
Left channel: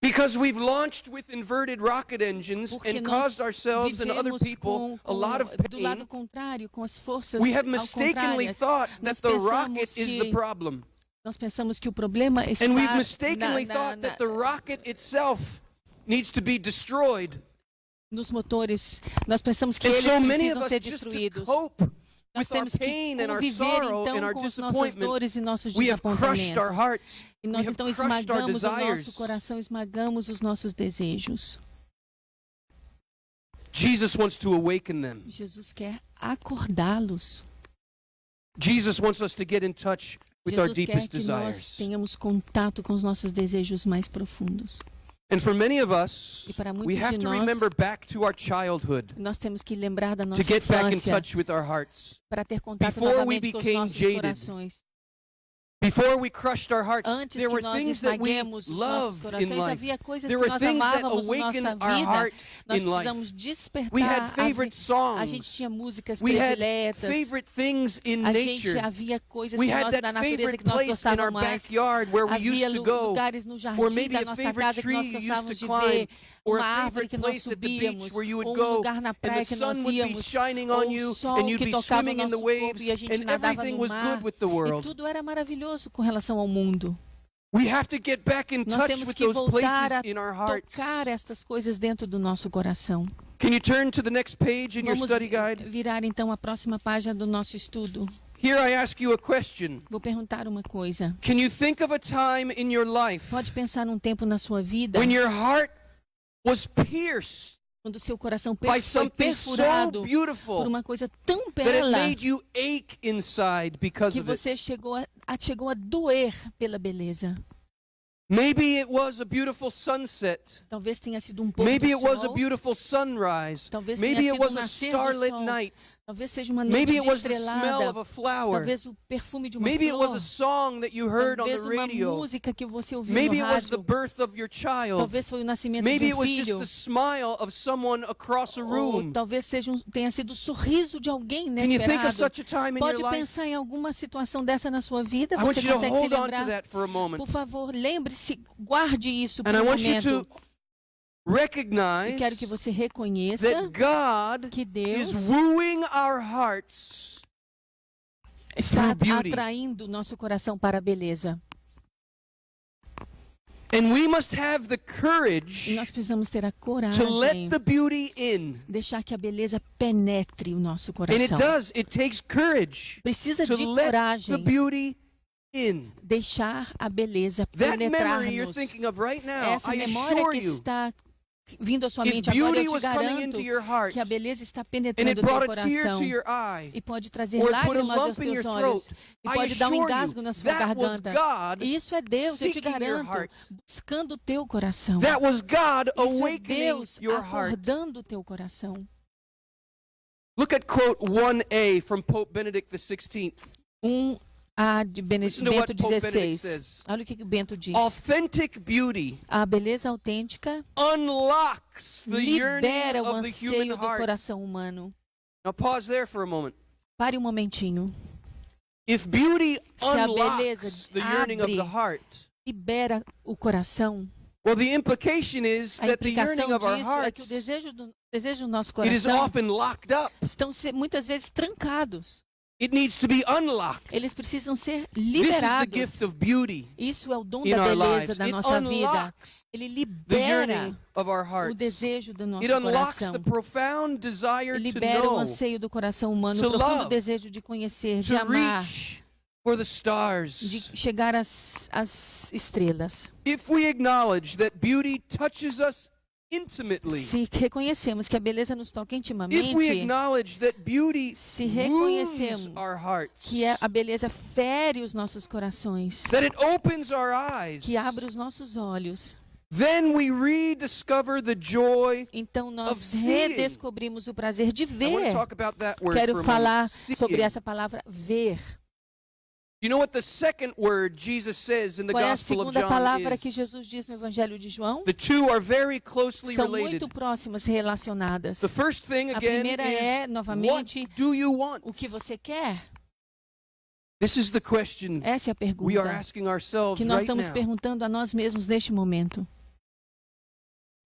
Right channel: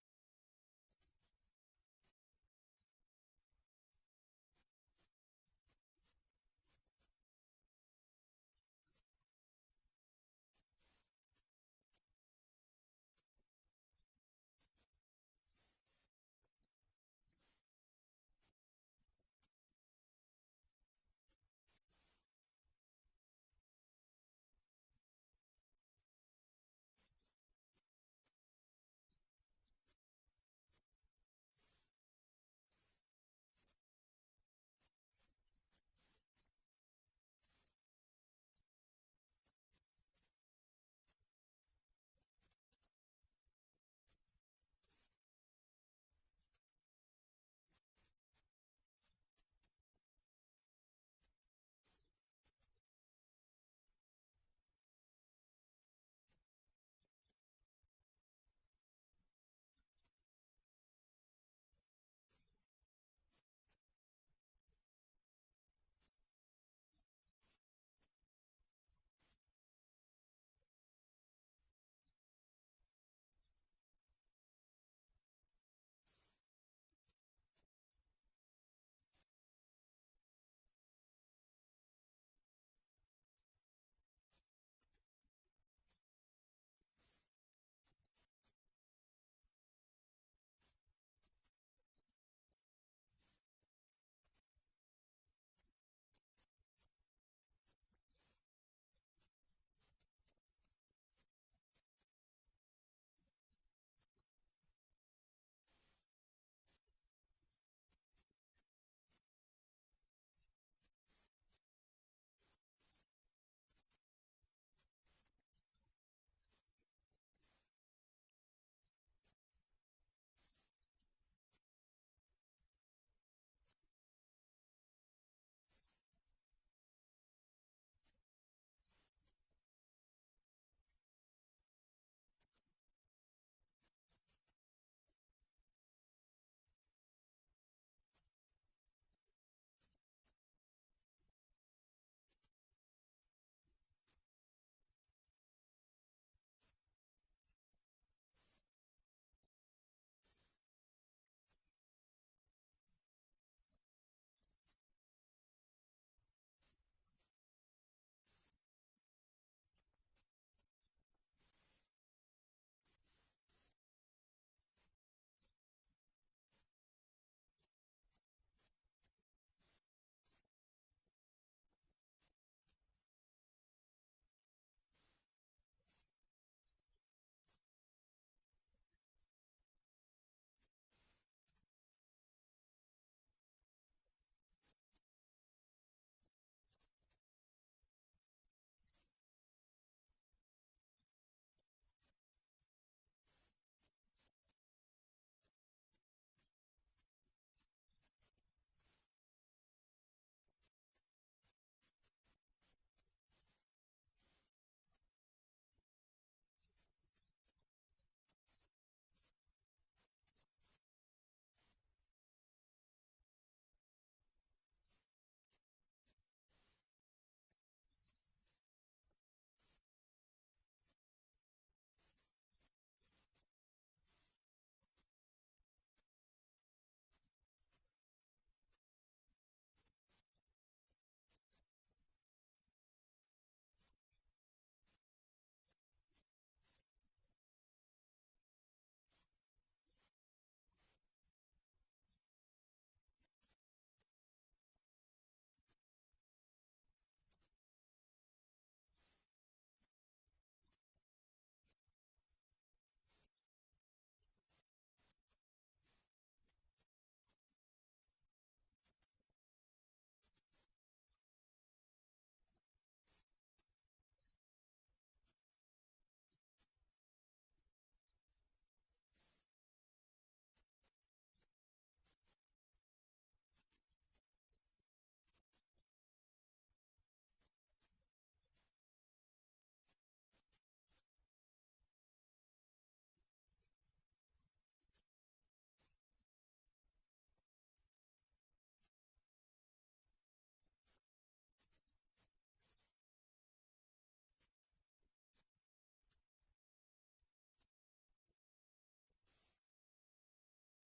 because we've launched with inverted rocket engines porque and nós caused ourselves and other vivemos people a lot of do lado pain. contrário, com as forças We have ao mistakenly contrárias. thought Nós that the pensamos rocket is the que- problem. Nós pensamos que o problema está And we've mistakenly na- thought na- that the rocket itself needs to be destroyed. nos motores. Nós pensamos que And eles so many of precisam us ser just to destruídos. cope Nós with our temos que pain and our conviver sorrow and então our com as nossas disappointment, dores e nossos we have crushed our desapontamentos. hearts. E We nós have então crushed our esmagamos o desires. nosso coração, esmagamos os nossos desejos. Jesus wants to awaken them. Jesus quer acordá-los. Jesus wants us to get in touch with our Jesus quer deepest que nós desires. tenhamos contato com os nossos desejos mais profundos. And for many of us, E para we muitos have de to nós, remember back to our childhood nós temos que lembrar da to nossa get back in infância touch with our hearts. para ter contato Before we novamente com os became nossos jaded, corações. Before we crushed our hearts, Antes there que were nós things that we esmaguemos os nossos loved in corações, life. havia coisas There que were nós things that amávamos na nossa awakened our vida. heart Nós in life. precisamos despertar. We had favorite A gente songs. tinha músicas We had prediletas. favorite things in A gente nature. havia coisas We que had nós, that da natureza favorite que nós place in our gostávamos mais. backyard where we used Havia to go. lugares no Or jardim maybe da a nossa favorite casa que tree nós you used gostávamos to de ver. climb. Or Uma a árvore favorite que nós place at the beach subíamos. where you would Ou go lugar na and praia the que nós sun would be íamos. shining Ou on o you sol and you'd que be tocava swimming no in the nosso corpo waves e a gente and nadava everything no was mar. good with the E world. tudo era maravilhoso com relação ao mundo. We have to get back in Nós touch temos with que those voltar places a in our hearts. tocar estas coisas dentro do nosso coração. Can you turn to the next page in your Vamos study guide? virar então a próxima página do nosso estudo. Here I ask you a question. Vou perguntar uma coisa. Can you think of a time in your life Pode pensar num tempo na sua vida when your heart was pierced quando o seu coração by foi something so perfurado por beautiful uma coisa tão that it bela made you ache inside because que of it? você chegou a doer pela beleza. Maybe it was a beautiful sunset. Talvez tenha sido um pôr Maybe do it was a sol. beautiful sunrise. Talvez Maybe tenha it sido was a nascer do starlit sol. night. Talvez seja uma Maybe noite it was the smell estrelada. of a flower. Talvez o perfume de uma Maybe it was flor. a song that you heard on Talvez the uma radio. música que você ouviu Maybe no it was the rádio. birth of your child. Talvez foi o nascimento Maybe de it um was just filho. the smile of someone across a Ou room. talvez tenha sido o sorriso de alguém Can you think of inesperado. such a time in Pode your life? pensar em alguma situação dessa na sua vida? I want Você you to consegue se hold on to lembrar? that for a moment. Por favor, lembre-se, guarde isso por And I um want you momento. to recognize E quero que você reconheça that God que Deus is wooing our hearts está through beauty. atraindo o nosso coração para a beleza. And we must have the E courage nós precisamos ter a to coragem let the beauty in. deixar que a beleza penetre o nosso And it coração. does. It takes courage Precisa to de let the coragem beauty in. deixar a beleza That memory you're penetrar-nos. thinking of right now, Essa I memória assure que you, está vindo à sua if mente agora, beauty eu te was coming garanto into your heart que a beleza está and it penetrando o teu brought a tear coração to your eye, e pode trazer or it put a lágrimas aos lump in your teus olhos throat, e I pode dar um assure engasgo you, na sua that was garganta. God E isso é Deus, eu te seeking your garanto, heart. buscando o teu coração. That was God Isso é awakening Deus your heart. acordando o teu coração. Look at quote 1a from Pope Benedict XVI. A de Listen to what Bento Pope Benedict XVI. says. Olha o que Bento diz. Authentic beauty A beleza autêntica unlocks the yearning libera o of the anseio human do heart. coração humano. Now pause there for a moment. Pare um momentinho. If beauty Se a beleza unlocks the yearning of the abre, heart, libera o coração. well, the implication is A that the yearning implicação of our disso é que hearts, o desejo do nosso it is coração often locked up. estão muitas vezes trancados. It needs to be unlocked. Eles precisam ser This is the liberados. gift of beauty Isso é o dom in da our beleza lives. da It nossa vida. unlocks Ele the libera yearning of our o hearts. desejo do nosso It unlocks coração. the profound desire to Libera o know, anseio do coração humano, to o profundo love, desejo de conhecer, de to amar, reach for the de stars. chegar às estrelas. If we acknowledge that beauty touches us intimately, Se reconhecemos que a beleza nos toca if we intimamente, acknowledge that beauty se wounds reconhecemos our hearts, que a beleza fere os nossos corações, that it opens our eyes, que abre os nossos olhos, then we rediscover the joy. então of nós seeing. redescobrimos o prazer de I want ver. to talk about that word Quero for a falar moment. Seeing. sobre essa palavra ver. You know what the second word Jesus says in the Qual é a Gospel of segunda John palavra que is? Jesus diz no Evangelho de João? The two are very closely São related. muito próximas, relacionadas. The first thing A again primeira é, is, novamente, what do you want? o que você quer? This is the question Essa é a we are pergunta asking ourselves que nós right estamos now. perguntando a nós mesmos neste momento.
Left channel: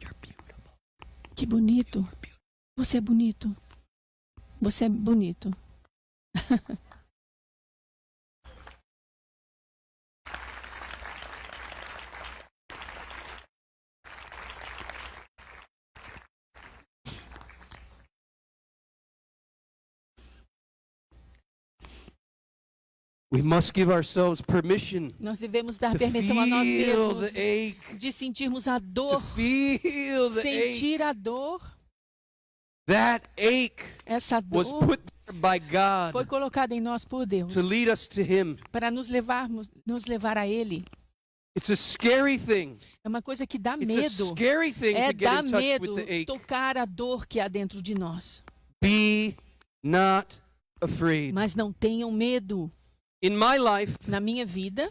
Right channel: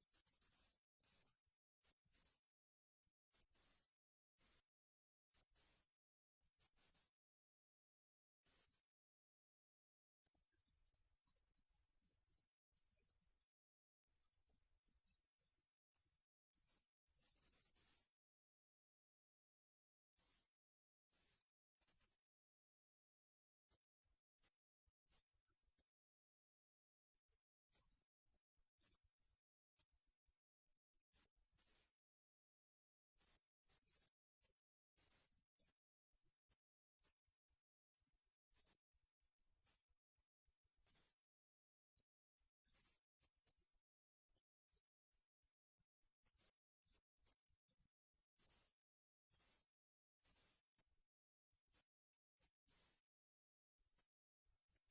You're beautiful. Que bonito. Você é bonito. Você é bonito. We must give ourselves permission Nós devemos dar to permissão a nós feel mesmos the ache, de sentirmos a to dor, feel the ache. sentir a dor. That ache Essa was dor put there by foi God colocada em nós por Deus to lead us to Him. para nos levar a Ele. It's a scary thing. É uma coisa que dá It's a medo. scary thing É to get dar in touch medo with the ache. tocar a dor que há dentro de nós. Be not afraid. Mas não tenham medo. In my life, Na minha vida,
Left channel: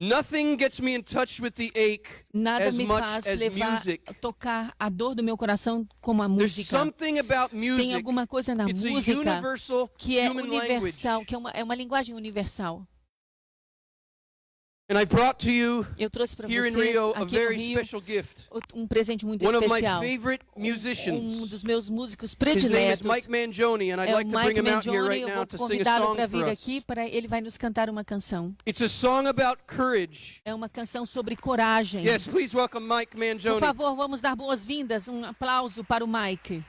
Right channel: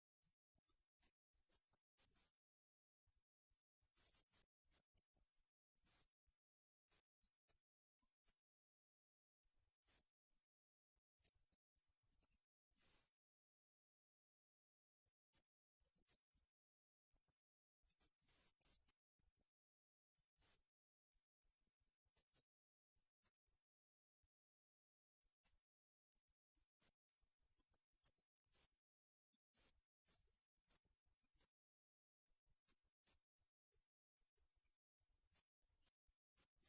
nothing gets me in touch with the ache nada as me much faz as music. tocar a dor do meu coração como a There's música. something about Tem music. alguma coisa na It's a música universal que é human universal, language. que é uma linguagem universal. And I brought to you Eu trouxe para here in vocês Rio a aqui no very Rio special gift. um presente muito One of my especial. favorite musicians. Dos meus músicos His name is prediletos. Mike Mangione, and I'd É o like to bring Mike him out here Mangione. right Eu now vou to sing a convidá-lo song para for vir us. aqui, ele vai nos cantar uma canção. It's a song about courage. É uma canção sobre coragem. Yes, please welcome Mike Por Mangione. favor, vamos dar boas-vindas. Um aplauso para o Mike.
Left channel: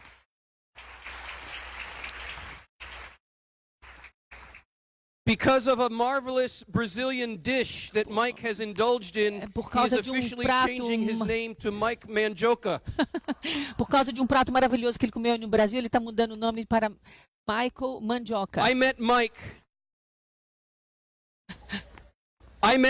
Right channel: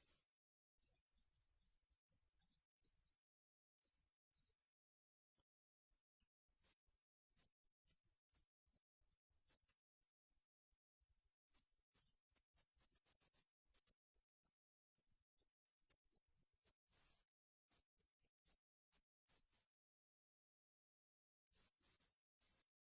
Because of a marvelous Brazilian dish that Mike has indulged in, Por he is causa de officially prato, changing his name to Mike Mandioca. Por causa de prato maravilhoso que ele comeu no Brasil, ele está mudando o nome para Michael Mandioca. I met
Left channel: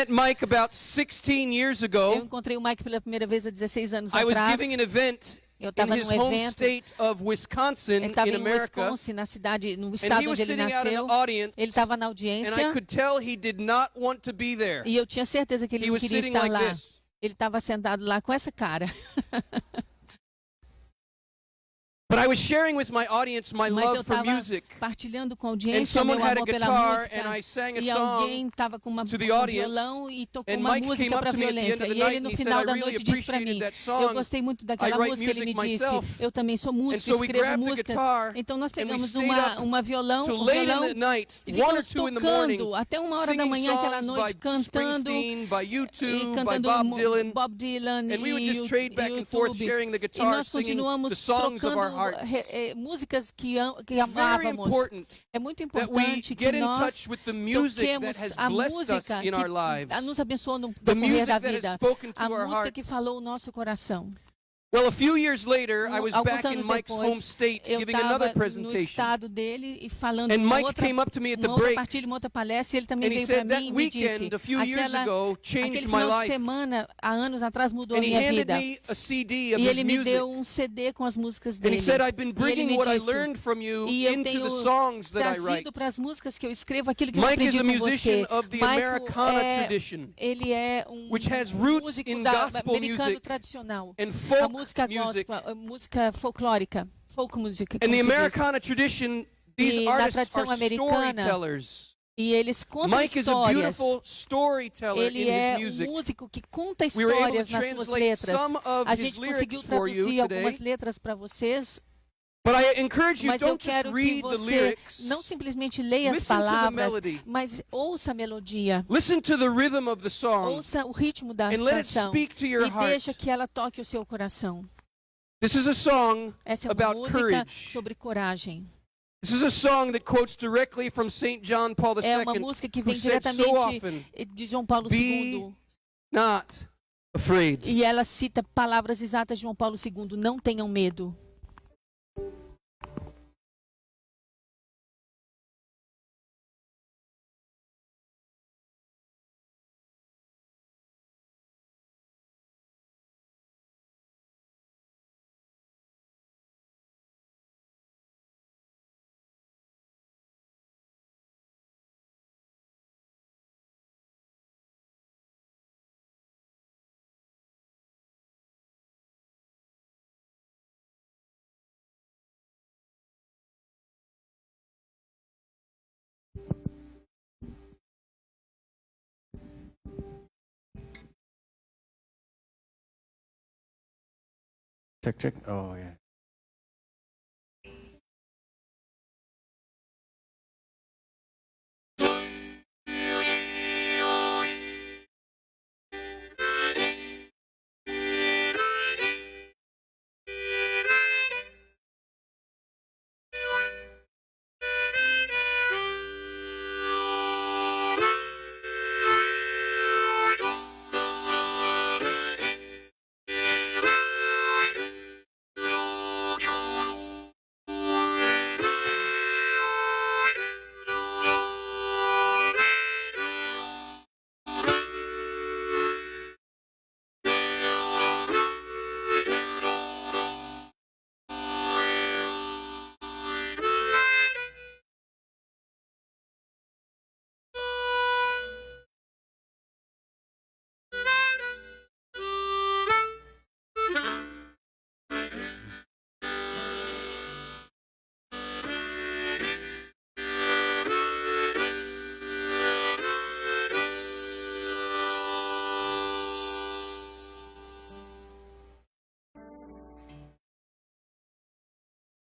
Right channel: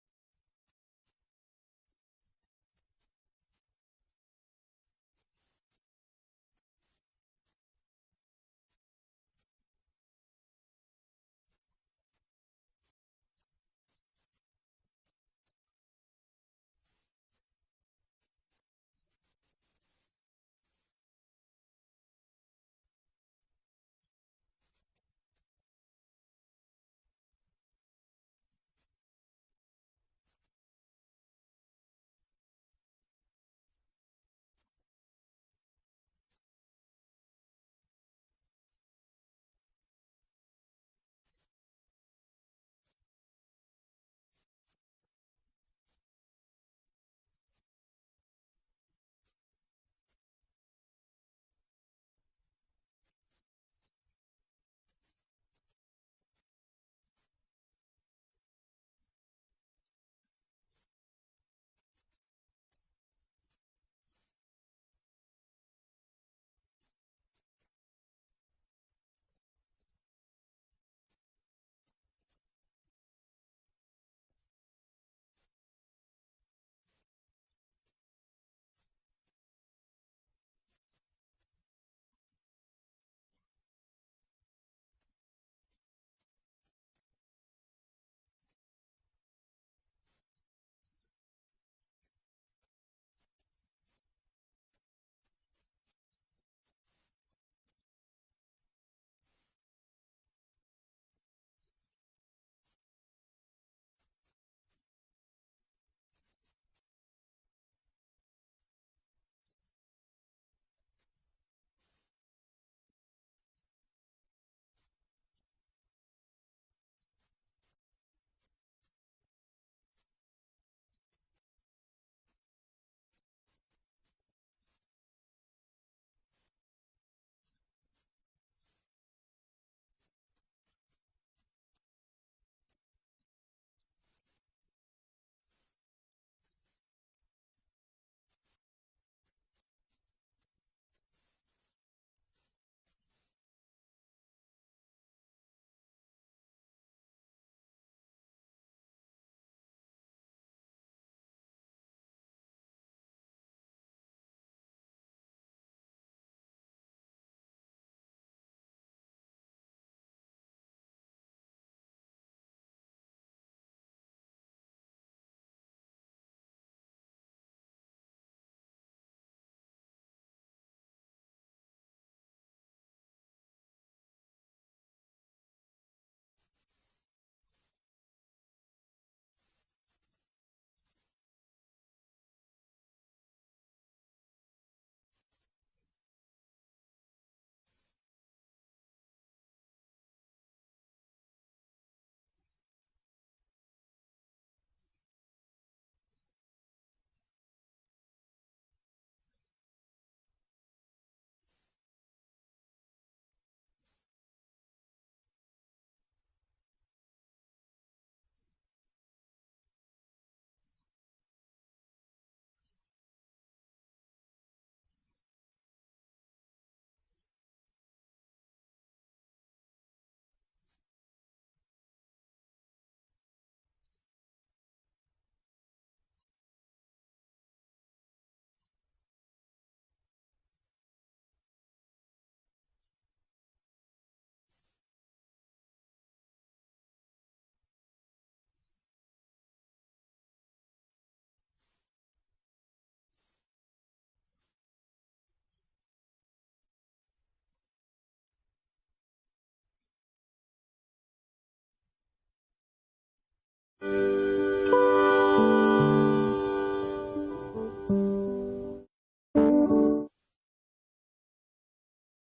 Mike about 16 years Eu ago. encontrei o Mike pela primeira vez há 16 anos I was atrás. giving an event Eu in estava his num home evento. state of Wisconsin Ele estava in em America. Wisconsin, na cidade, no And estado he was onde ele sitting out in nasceu. the audience, Ele estava na and I audiência could tell he did not want to be there. e eu tinha certeza que ele He não was queria sitting estar like lá. this. Ele estava sentado lá com essa cara. But I was sharing with my audience my Mas eu love for estava music. partilhando com a And audiência o someone meu had a amor pela guitar, música. and I sang a E song alguém estava com to the um audience, violão e tocou and uma Mike música came up para a to me at the end violência. of the E night ele and no he said, final "I da really noite disse para mim, appreciated that eu song. gostei muito I daquela write música. Ele me music disse, myself." eu também sou músico, so we escrevo grabbed the músicas. guitar, Então nós and we pegamos stayed uma violão, till um late in violão the night, e 1 or ficamos 2 in the morning, tocando até 1 hora da singing manhã aquela songs noite, by cantando Springsteen, by e U2, by cantando Bob Dylan. Bob Dylan And we would e just trade back and forth, YouTube. sharing the E guitar, nós singing the continuamos songs of our trocando hearts. músicas que It's very amávamos. important É muito that we importante que get in nós touch with the music that toquemos has a blessed us música in our que lives. nos abençoou no The decorrer music da that has vida. spoken to A our música que hearts. falou o nosso coração. Well, a few years later, I was Alguns back in anos Mike's home depois, state eu giving another estava no presentation. estado dele e falando And uma Mike outra, came up to me at the uma outra break, partilha, uma outra palestra, e ele também and he veio para said that mim e me disse, weekend, a few years ago, changed aquele my final de life. semana, há anos atrás, mudou a And he minha handed vida. me a CD of E his ele me music. deu CD com as músicas And dele. he said, I've been E ele bringing me what I disse, learned from you e eu into tenho the songs that I write. trazido para as músicas que eu escrevo aquilo que eu Mike is aprendi a com musician você. of the Michael Americana tradition, ele é which has roots músico in da gospel americano music tradicional. and A folk música music. gospel, a música folclórica, folk music. In como the se diz. Americana tradition, these E na artists tradição are americana, storytellers. E eles contam Mike is a histórias. beautiful storyteller Ele in é his music. músico que conta We were able histórias to nas suas translate letras. some of A his gente lyrics conseguiu for you traduzir algumas today. letras para vocês, But I encourage you, mas eu don't just quero que read the você lyrics. não simplesmente leia as Listen to the palavras, melody. mas ouça a melodia. Listen to the rhythm of the song Ouça o ritmo da and let it canção speak to your e heart. deixa que ela toque o seu coração. This is a song Essa é uma about música courage. sobre coragem. This is a song that quotes directly from St. John Paul É uma II, música que who vem said so diretamente often, de João Paulo "Be II. not afraid." E ela cita palavras exatas de João Paulo II. Não tenham medo. Check, check. Oh, yeah.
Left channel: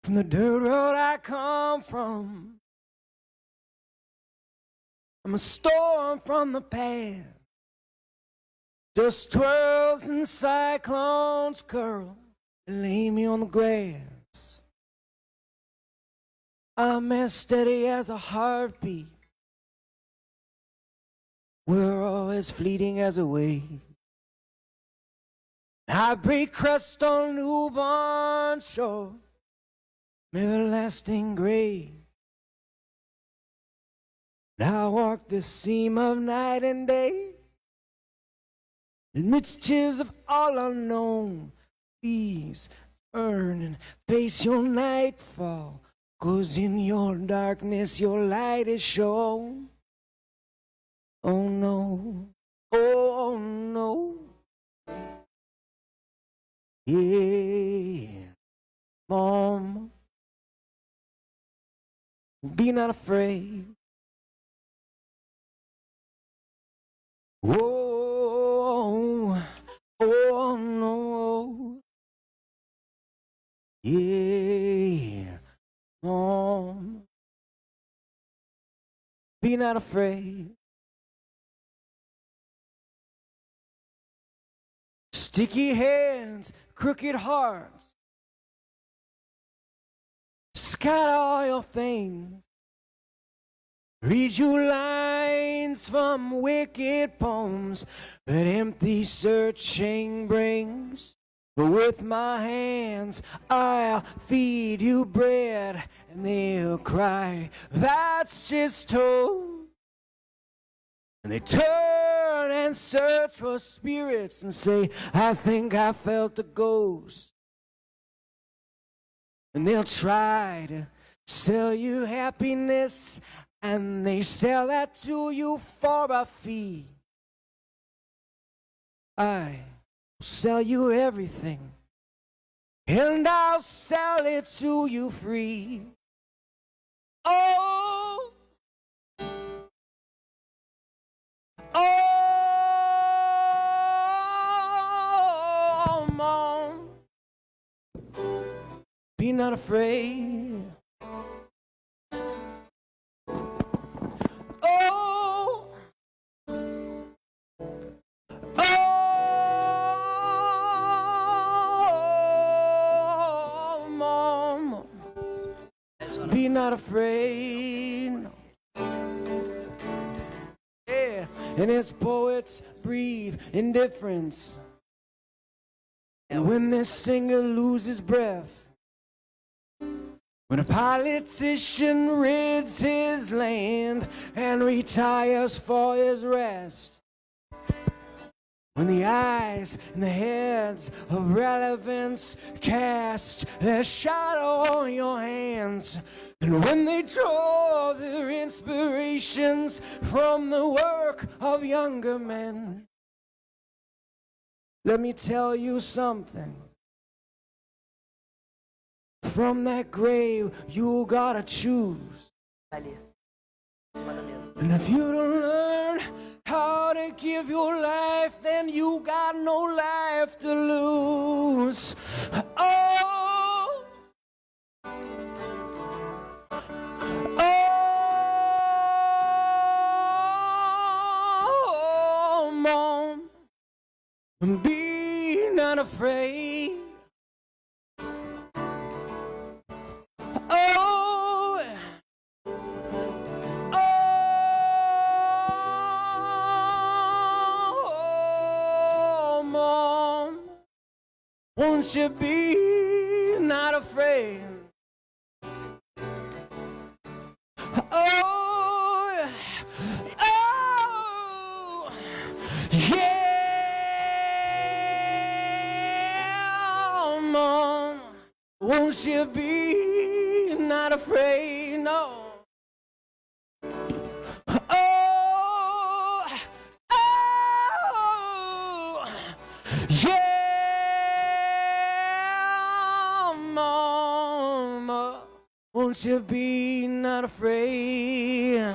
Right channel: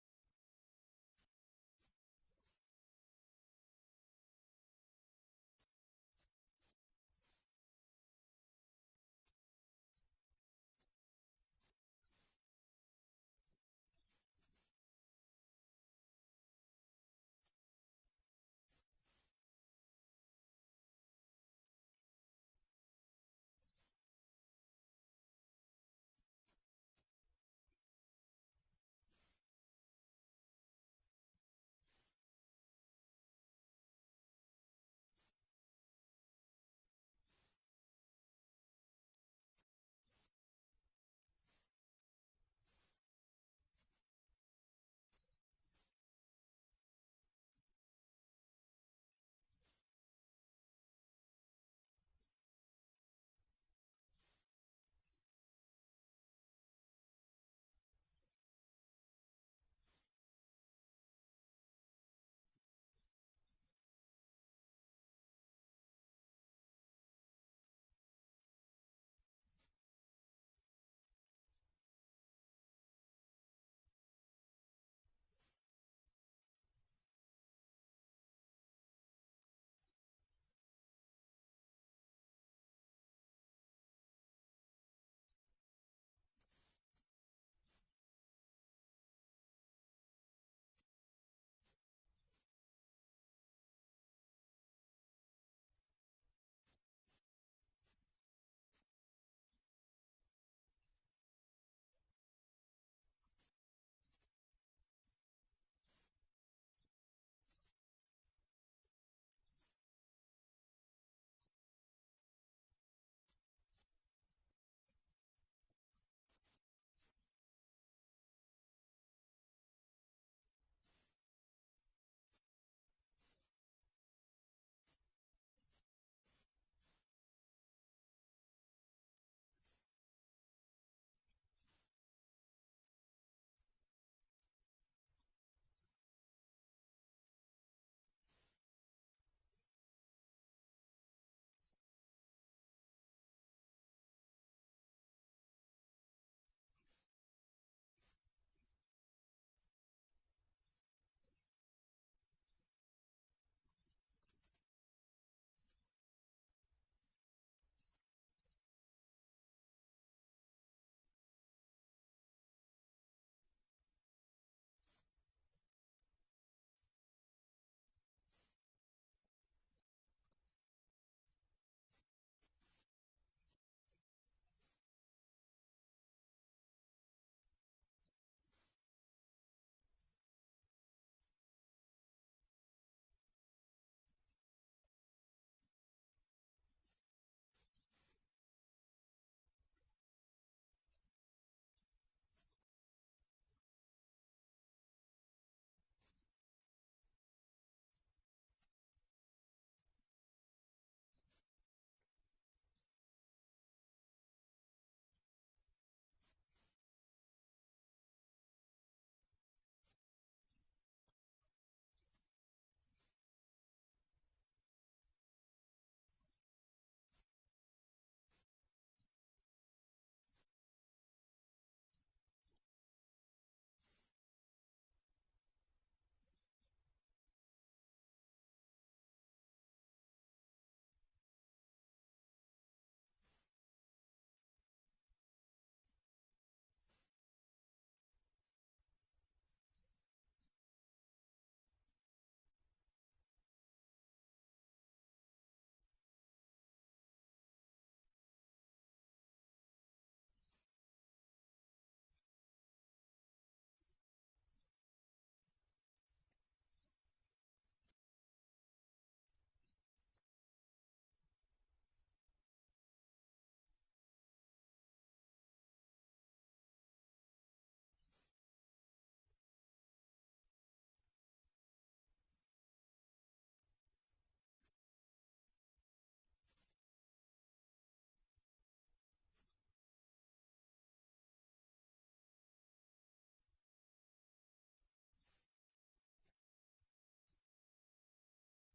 From the dirt road I come from, I'm a storm from the past. Dust twirls and cyclones curl and lay me on the grass. I'm as steady as a heartbeat. We're all as fleeting as a wave. I break crust on newborn shore, everlasting grave. I walk the seam of night and day, amidst tears of all unknown. Please turn and face your nightfall, 'cause in your darkness your light is shown. Oh no, oh no, yeah, Mom, be not afraid. Oh, oh no, yeah, Mom, be not afraid. Sticky hands, crooked hearts, scatter all your things. Read you lines from wicked poems that empty searching brings. But with my hands I'll feed you bread, and they'll cry, that's just hope. And they turn and search for spirits and say, I think I felt a ghost. And they'll try to sell you happiness, and they sell that to you for a fee. I will sell you everything, and I'll sell it to you free. Oh, oh, Mom, be not afraid. Oh, oh, Mom, be not afraid. Yeah, and as poets breathe indifference, and when this singer loses breath, when a politician rids his land and retires for his rest, when the eyes and the heads of relevance cast their shadow on your hands, and when they draw their inspirations from the work of younger men, let me tell you something. From that grave, you gotta choose. And if you don't learn how to give your life, then you got no life to lose. Oh, oh, Mom, be not afraid. Oh, oh, Mom, won't you be not afraid? Oh, oh, yeah, Mom, won't you be not afraid? No. Oh, oh, yeah, Mama, won't you be not afraid?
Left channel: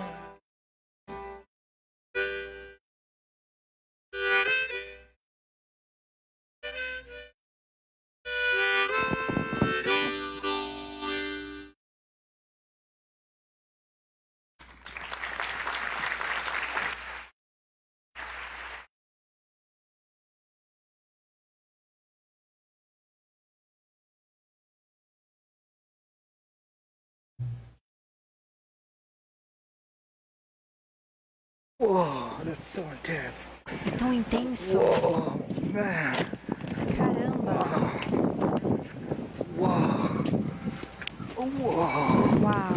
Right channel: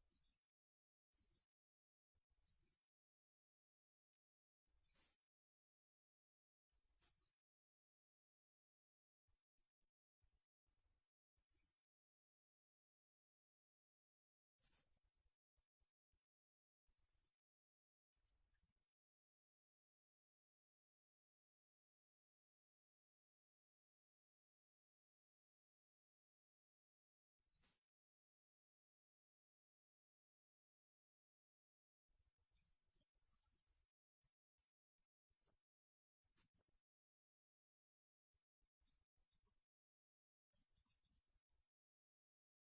Whoa, that's so intense. É tão intenso. Oh, man. Caramba. Whoa. Whoa. Uau.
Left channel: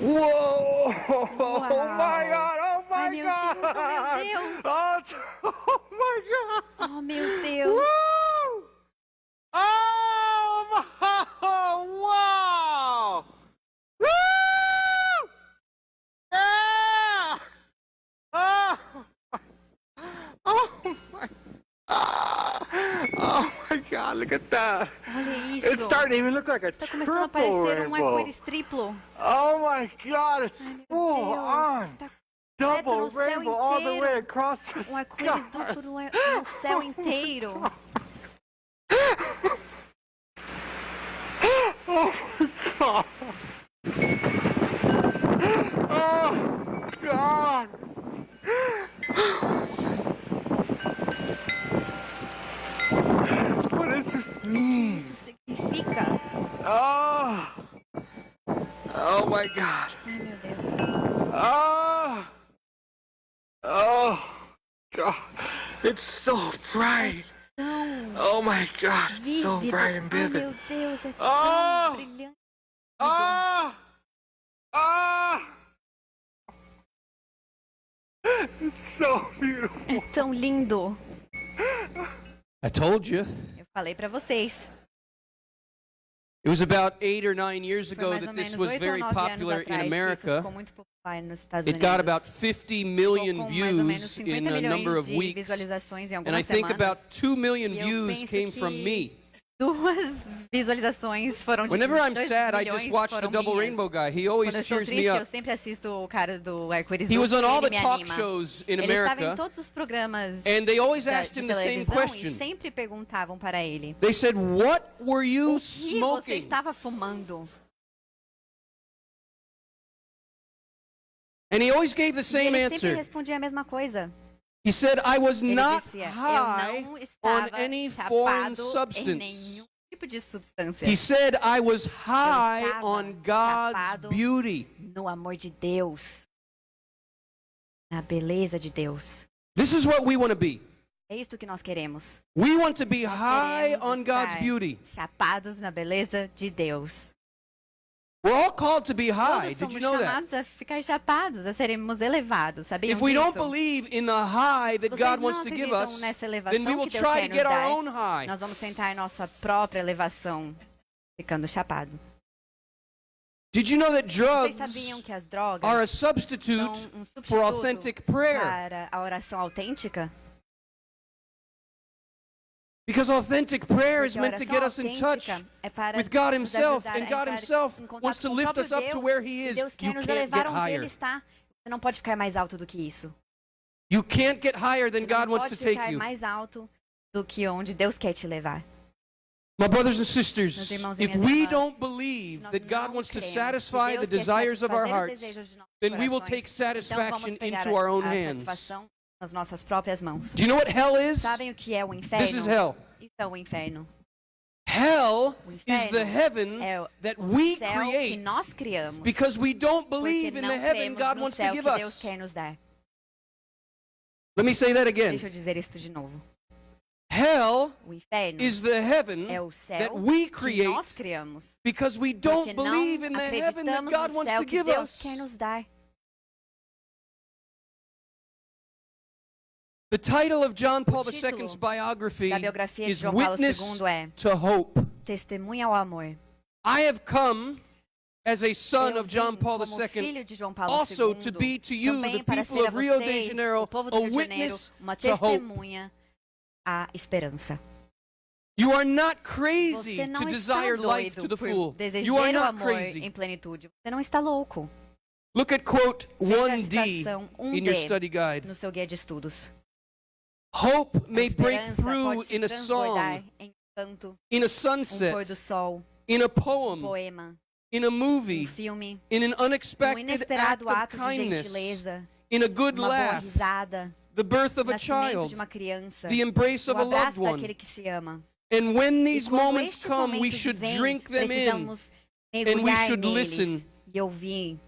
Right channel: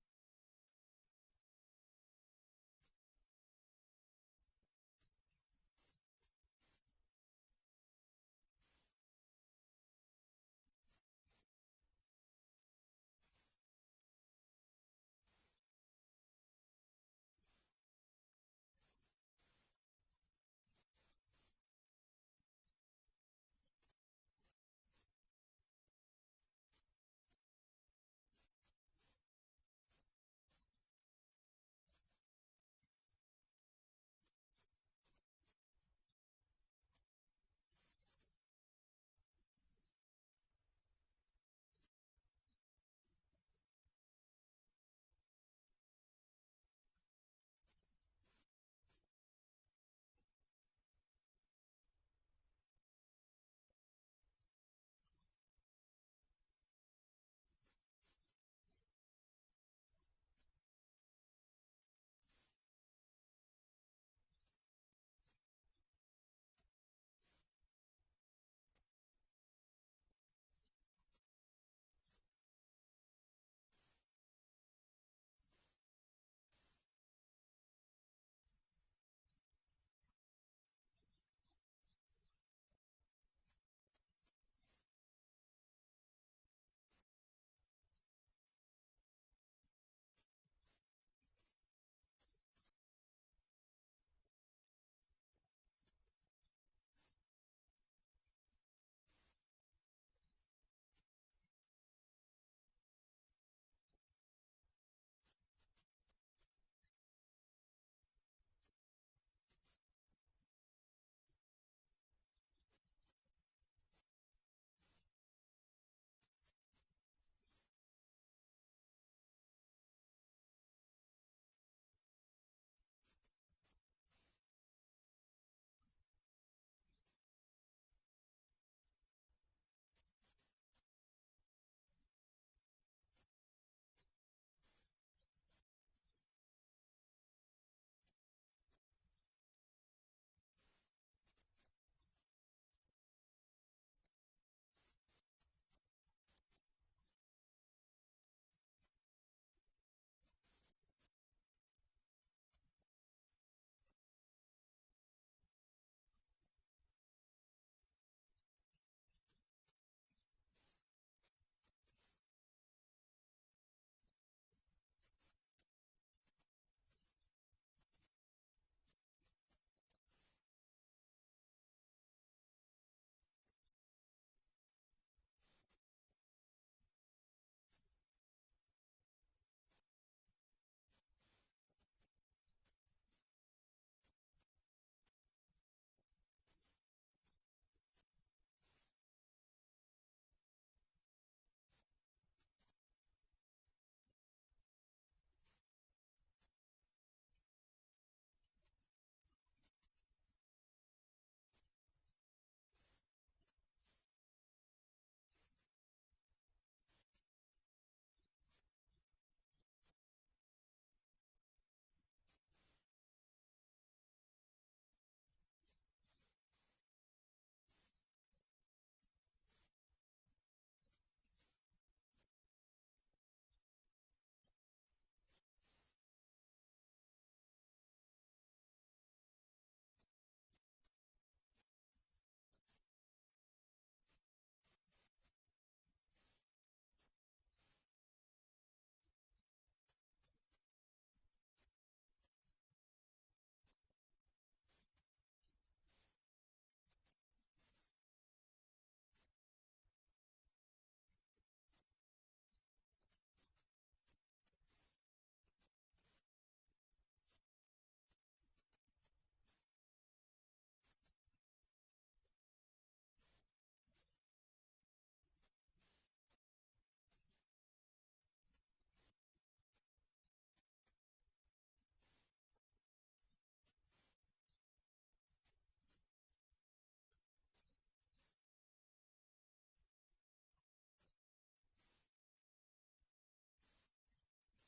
Whoa. Oh Wow. my God. Oh Ai, my meu God. Deus, Oh my God. oh meu Deus. Woo! Oh my. Wow. Woo! Yeah. Oh. Oh my. Oh my God! Look at that. Olha isso. It's starting to even look like a Está começando a triple parecer um rainbow. arco-íris triplo. Oh my God! It's Ai, meu full Deus. on. Está Double no céu rainbow all the way inteiro. across the Um sky. arco-íris duplo no céu inteiro. Oh my God! Oh God! What does this mean? Isso significa. Oh! Oh my God! Ai, meu Deus. Oh! Oh! God! It's so bright! Tão Oh my God! It's so vívido. bright and Ai, vivid! meu Deus, é tão Oh! brilhante. Oh! Oh! It's so beautiful! É tão lindo. I told you. Eu falei pra vocês. It was about 8 or 9 years Foi ago mais ou that this menos was 8 ou very 9 anos popular in atrás que isso America. ficou muito popular nos Estados It Unidos. got about 50 million Ficou com mais ou menos views in 50 a number milhões of de weeks. visualizações em And I algumas think semanas. about 2 million E eu views penso came from que me. 2 visualizações foram de Whenever I'm 2 sad, I milhões just watch the foram double minhas. rainbow guy. He always Quando eu estou cheers me triste, eu up. sempre assisto o cara do arco-íris He was duplo on e all ele the me talk anima. shows in Ele estava em America, todos os programas and they always de asked him the same televisão question. e sempre perguntavam para ele: They said, "What were you o que você smoking?" estava fumando? And he always gave the E same ele sempre answer. respondia a mesma coisa. He said, "I was Ele not dizia: high eu não on estava any foreign chapado em substance." nenhum tipo de substância. He said, "I was high estava on God's chapado beauty." no amor de Deus, na beleza de Deus. This is what we want to be. É isto que nós queremos. We want to be Nós high queremos on God's estar beauty. chapados na beleza de Deus. We're all called to be high. Todos Did you somos know that? chamados a ficar chapados, a sermos elevados, sabiam If we don't disso? believe in the high that Vocês God não wants to give acreditam us, nessa elevação then we will que Deus try quer to nos get our dar. own high. Nós vamos tentar nossa própria elevação, ficando chapado. Did you know that Vocês drugs sabiam que as drogas are a são substitute um for substituto authentic prayer? para a oração autêntica? Because authentic prayer is Porque a meant to oração get us in touch autêntica é para with God nos Himself, ajudar a and God entrar Himself em contato wants to com o lift próprio us up to Deus, where He e is. Deus quer You nos can't elevar get onde Ele higher. está. Você não pode ficar mais alto do que isso. You can't get higher than Você God não wants to pode take ficar you. mais alto do que onde Deus quer te levar. My brothers and sisters, Meus irmãos e if minhas we irmãs, don't believe nós that God não wants to cremos que satisfy the Deus quer desires of our satisfazer os hearts, desejos de nossos then we will corações, take então vamos satisfaction pegar into our own a hands. satisfação nas nossas próprias mãos. Do you know what hell is? Sabem o que é o inferno? This is hell. Isso é o inferno. Hell O is the inferno heaven é that o we céu que create nós criamos. because we don't Porque believe in não the heaven cremos God no wants to céu give que Deus us. quer nos dar. Let me say that again. Deixa eu dizer isto de novo. Hell O inferno is the heaven é o céu that we que create nós criamos. because we Porque don't não believe in the heaven that acreditamos God no wants céu to que give Deus us. quer nos dar. The title of John Paul O título II's biography da biografia de is João Paulo Witness II é to Hope. Testemunha ao Amor. I have come as a son Eu of John vim Paul como II filho de João Paulo also II, to be to you, também the para people ser a of Rio de vocês, Janeiro, o povo a do Rio de Janeiro, witness uma to hope. testemunha à esperança. You are not crazy Você não to está desire life to doido the por full. desejar You are o not amor crazy. em plenitude. Você não está louco. Look at quote Veja a 1D citação in your 1D study guide. no seu guia de estudos. Hope A may break esperança through pode se in a transbordar song, em canto, in a pôr sunset, do sol, in a poem, poema, in a movie, filme, in an unexpected act inesperado of ato de kindness, gentileza, in a good uma boa laugh, risada, the birth of a nascimento de child, uma criança, the embrace o of a loved abraço one. daquele que se ama. And when E these quando moments estes come, we momentos should vêm, drink them in. precisamos we mergulhar should neles listen. e ouvir.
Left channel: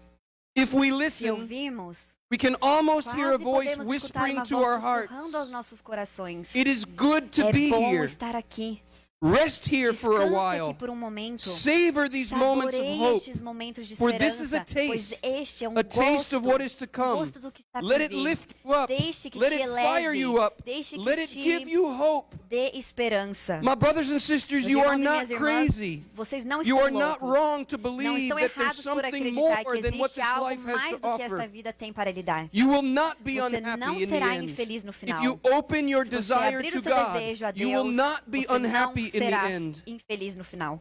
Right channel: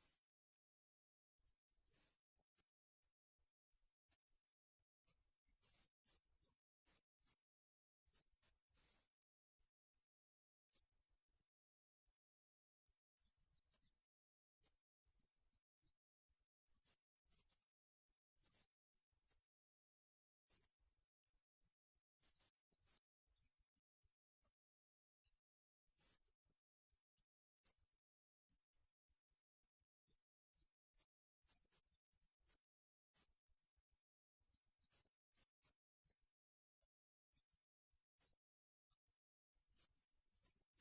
If we Se listen, ouvirmos, We can almost hear a Quase voice podemos escutar whispering uma to voz our hearts. sussurrando aos nossos corações. It is good to É be bom here. estar aqui. Rest here for a Descanse while. aqui por um momento. Savor these moments of Saboreie hope. estes momentos de For this is a esperança, pois taste, este é um a taste of what is to come. gosto do que está por Let it vir. lift you up. Deixe que Let te it fire eleve, you up. deixe que Let it te give you hope. dê esperança. My brothers and sisters, Meus you irmãos are e not minhas irmãs, crazy. vocês não You estão are not loucos. wrong to Não believe estão that there's errados por something acreditar more que than what existe this algo life has mais to do que esta offer. vida tem para lhe dar. You will not be Você unhappy não in the será end. infeliz no If final. you open your Se você desire abrir to o seu God, desejo a you will Deus, not be você não unhappy in the será end. infeliz no final.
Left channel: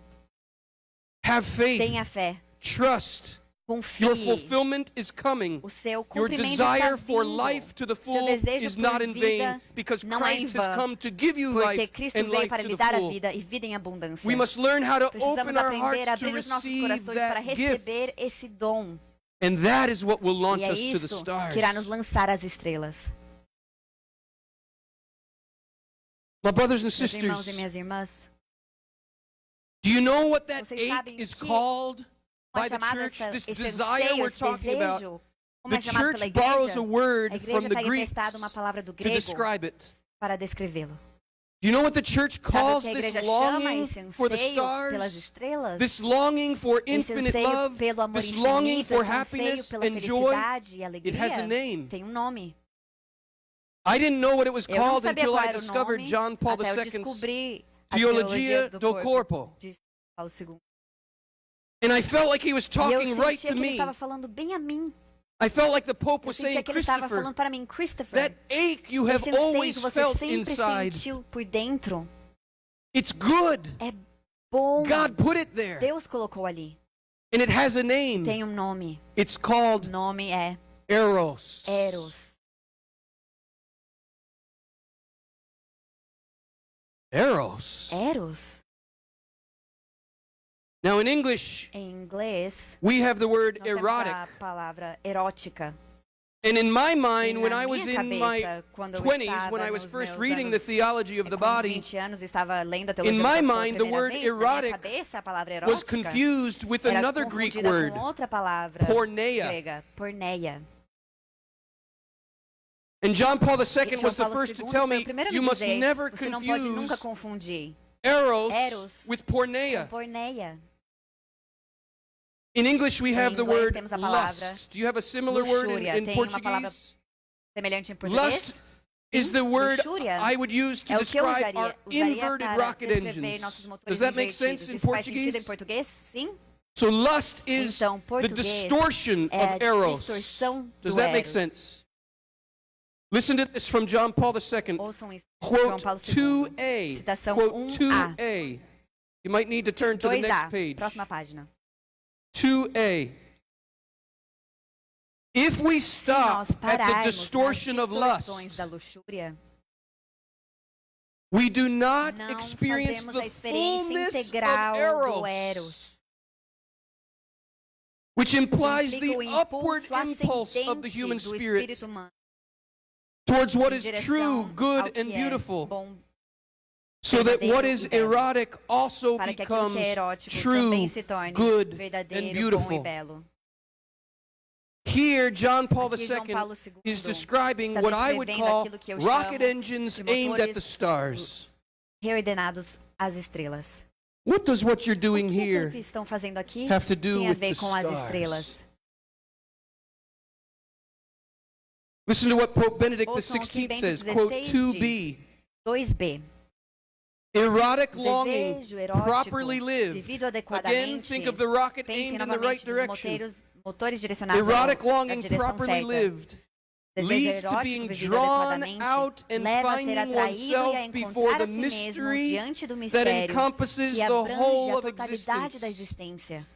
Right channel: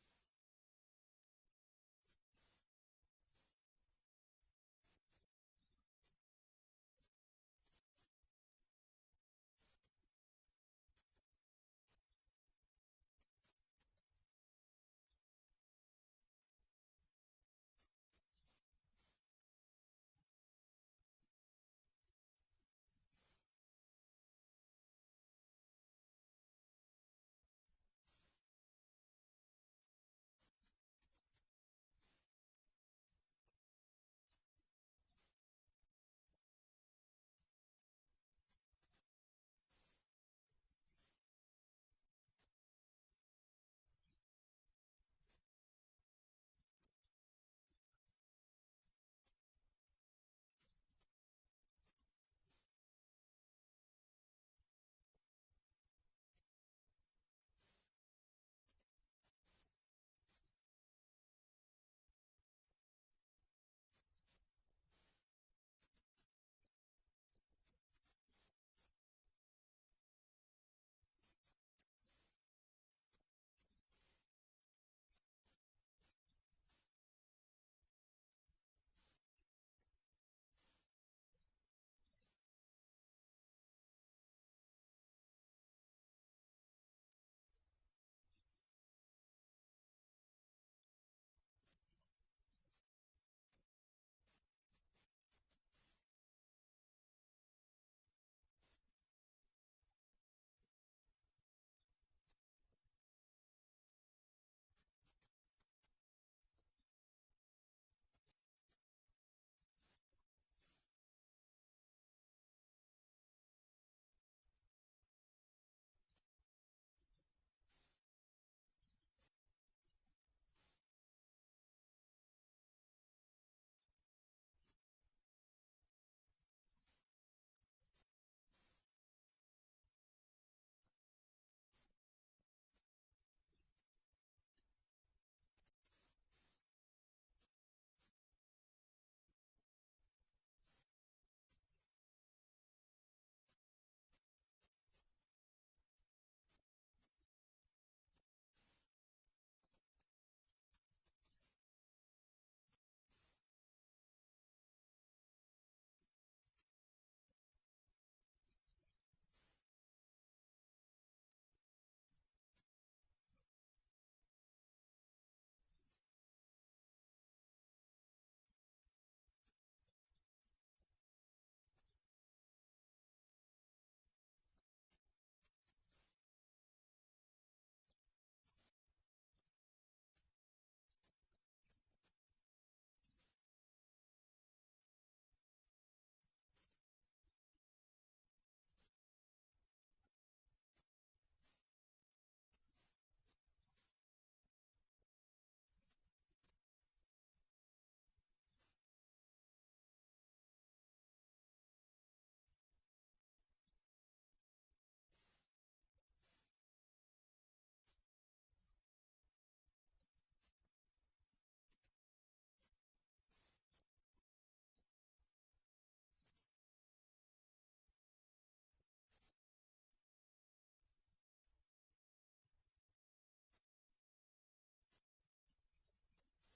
Have faith. Tenha fé. Trust. Confie. Your fulfillment is coming. O seu Your cumprimento desire está for vindo. life to the Seu full desejo is por not in vain, vida because não é em Christ has vão, come to give you porque life Cristo and veio life para to lhe the dar a full. vida e vida em abundância. We must learn how to Precisamos open our aprender hearts a to abrir os nossos receive corações para that gift. receber esse dom. And that is what will E launch é us to the isso stars. que irá nos lançar às estrelas. My brothers and Meus irmãos sisters, e minhas irmãs, do you know what that vocês ache sabem is que called by é the chamado church? This esse desire anseio, we're esse talking about. desejo, como The é chamado pela church borrows a igreja, word a from igreja the pega Greeks emprestado uma palavra do to grego describe it. para descrevê-lo. Do you know what the church Sabe o calls que a this igreja chama longing esse for the anseio pelas stars? estrelas? This longing for Esse infinite anseio love, pelo amor this longing infinito, for esse anseio happiness pela and joy, felicidade e it has a alegria, name. tem um nome. I didn't know what it was Eu não called sabia until qual I era o discovered nome, John Paul até eu II's descobri a Teologia teologia do Corpo. de Paulo II. And I felt like he was E eu talking right sentia to que ele me. estava falando bem a mim. I felt like the Pope Eu was sentia saying, que ele estava Christopher, falando para mim, Christopher, that ache you have esse anseio always que você felt sempre inside, sentiu por dentro it's good. é bom. God put it there. Deus colocou ali. And it has a name. Tem um nome. It's O called nome é Eros. Eros. Eros. Eros. Now in English, Em inglês, we have the word nós temos erotic. a palavra erótica. And in my E mind, when na I was minha in my cabeça, quando eu 20s, estava when I was nos first meus reading the anos, theology of the com body, 20 anos estava lendo a teologia in do my corpo pela mind, the primeira word vez, na erotic minha cabeça, a palavra was erótica confused with era another Greek confundida word, com outra palavra porneia. grega, porneia. And John Paul E II João was the Paulo first to II tell foi me, o primeiro a you me must dizer, never você não pode nunca confuse confundir eros Eros with porneia. com porneia. In English, we have Em the inglês word temos a palavra lust. Do you have a similar word luxúria. in Tem uma palavra Portuguese? semelhante em português? Lust is the word Luxúria I would use to é o que eu describe our usaria inverted para rocket descrever nossos engines. motores Does that make invertidos. sense in Isso faz sentido em Portuguese? português? Sim. So lust is Então, the português distortion é of a eros. distorção Does do that make Eros. sense? Listen to this from John Paul II. Ouçam isso de João Quote Paulo II. 2a. Citação Quote 1a. 2a. You might need to turn to the next 2a. page. Próxima página. 2a. If we Se stop nós at the pararmos nas distortion of lust, distorções da luxúria, we do not não experience fazemos the a experiência fullness of integral do eros, Eros, which implies implica the o upward impulso impulse of the ascendente human do spirit espírito humano towards what em is direção true, ao good, que and é beautiful, bom, so that what verdadeiro is e belo, erotic also para que aquilo becomes que é erótico true, também se torne good, verdadeiro, and bom beautiful. e belo. Here, John Paul Aqui, João II Paulo is II describing está what I would descrevendo call aquilo que eu rocket chamo engines de aimed at motores the stars. reordenados às estrelas. What does what you're O doing que here aquilo que estão fazendo aqui have to do tem a with ver the com as stars? estrelas? Listen to what Pope Benedict Ouçam o que XVI Bento says, XVI quote diz. 2b. 2b. Erotic O longing, desejo erótico, properly lived. vivido Again, adequadamente, think of the rocket pense aimed in the right novamente nos direction. motores direcionados Erotic na longing, direção properly certa. lived, Desejo leads to erótico being vivido drawn adequadamente out and leva a ser finding atraído e a oneself before encontrar the a si mesmo mystery diante do that mistério encompasses que the abrange whole a of totalidade da existence. existência.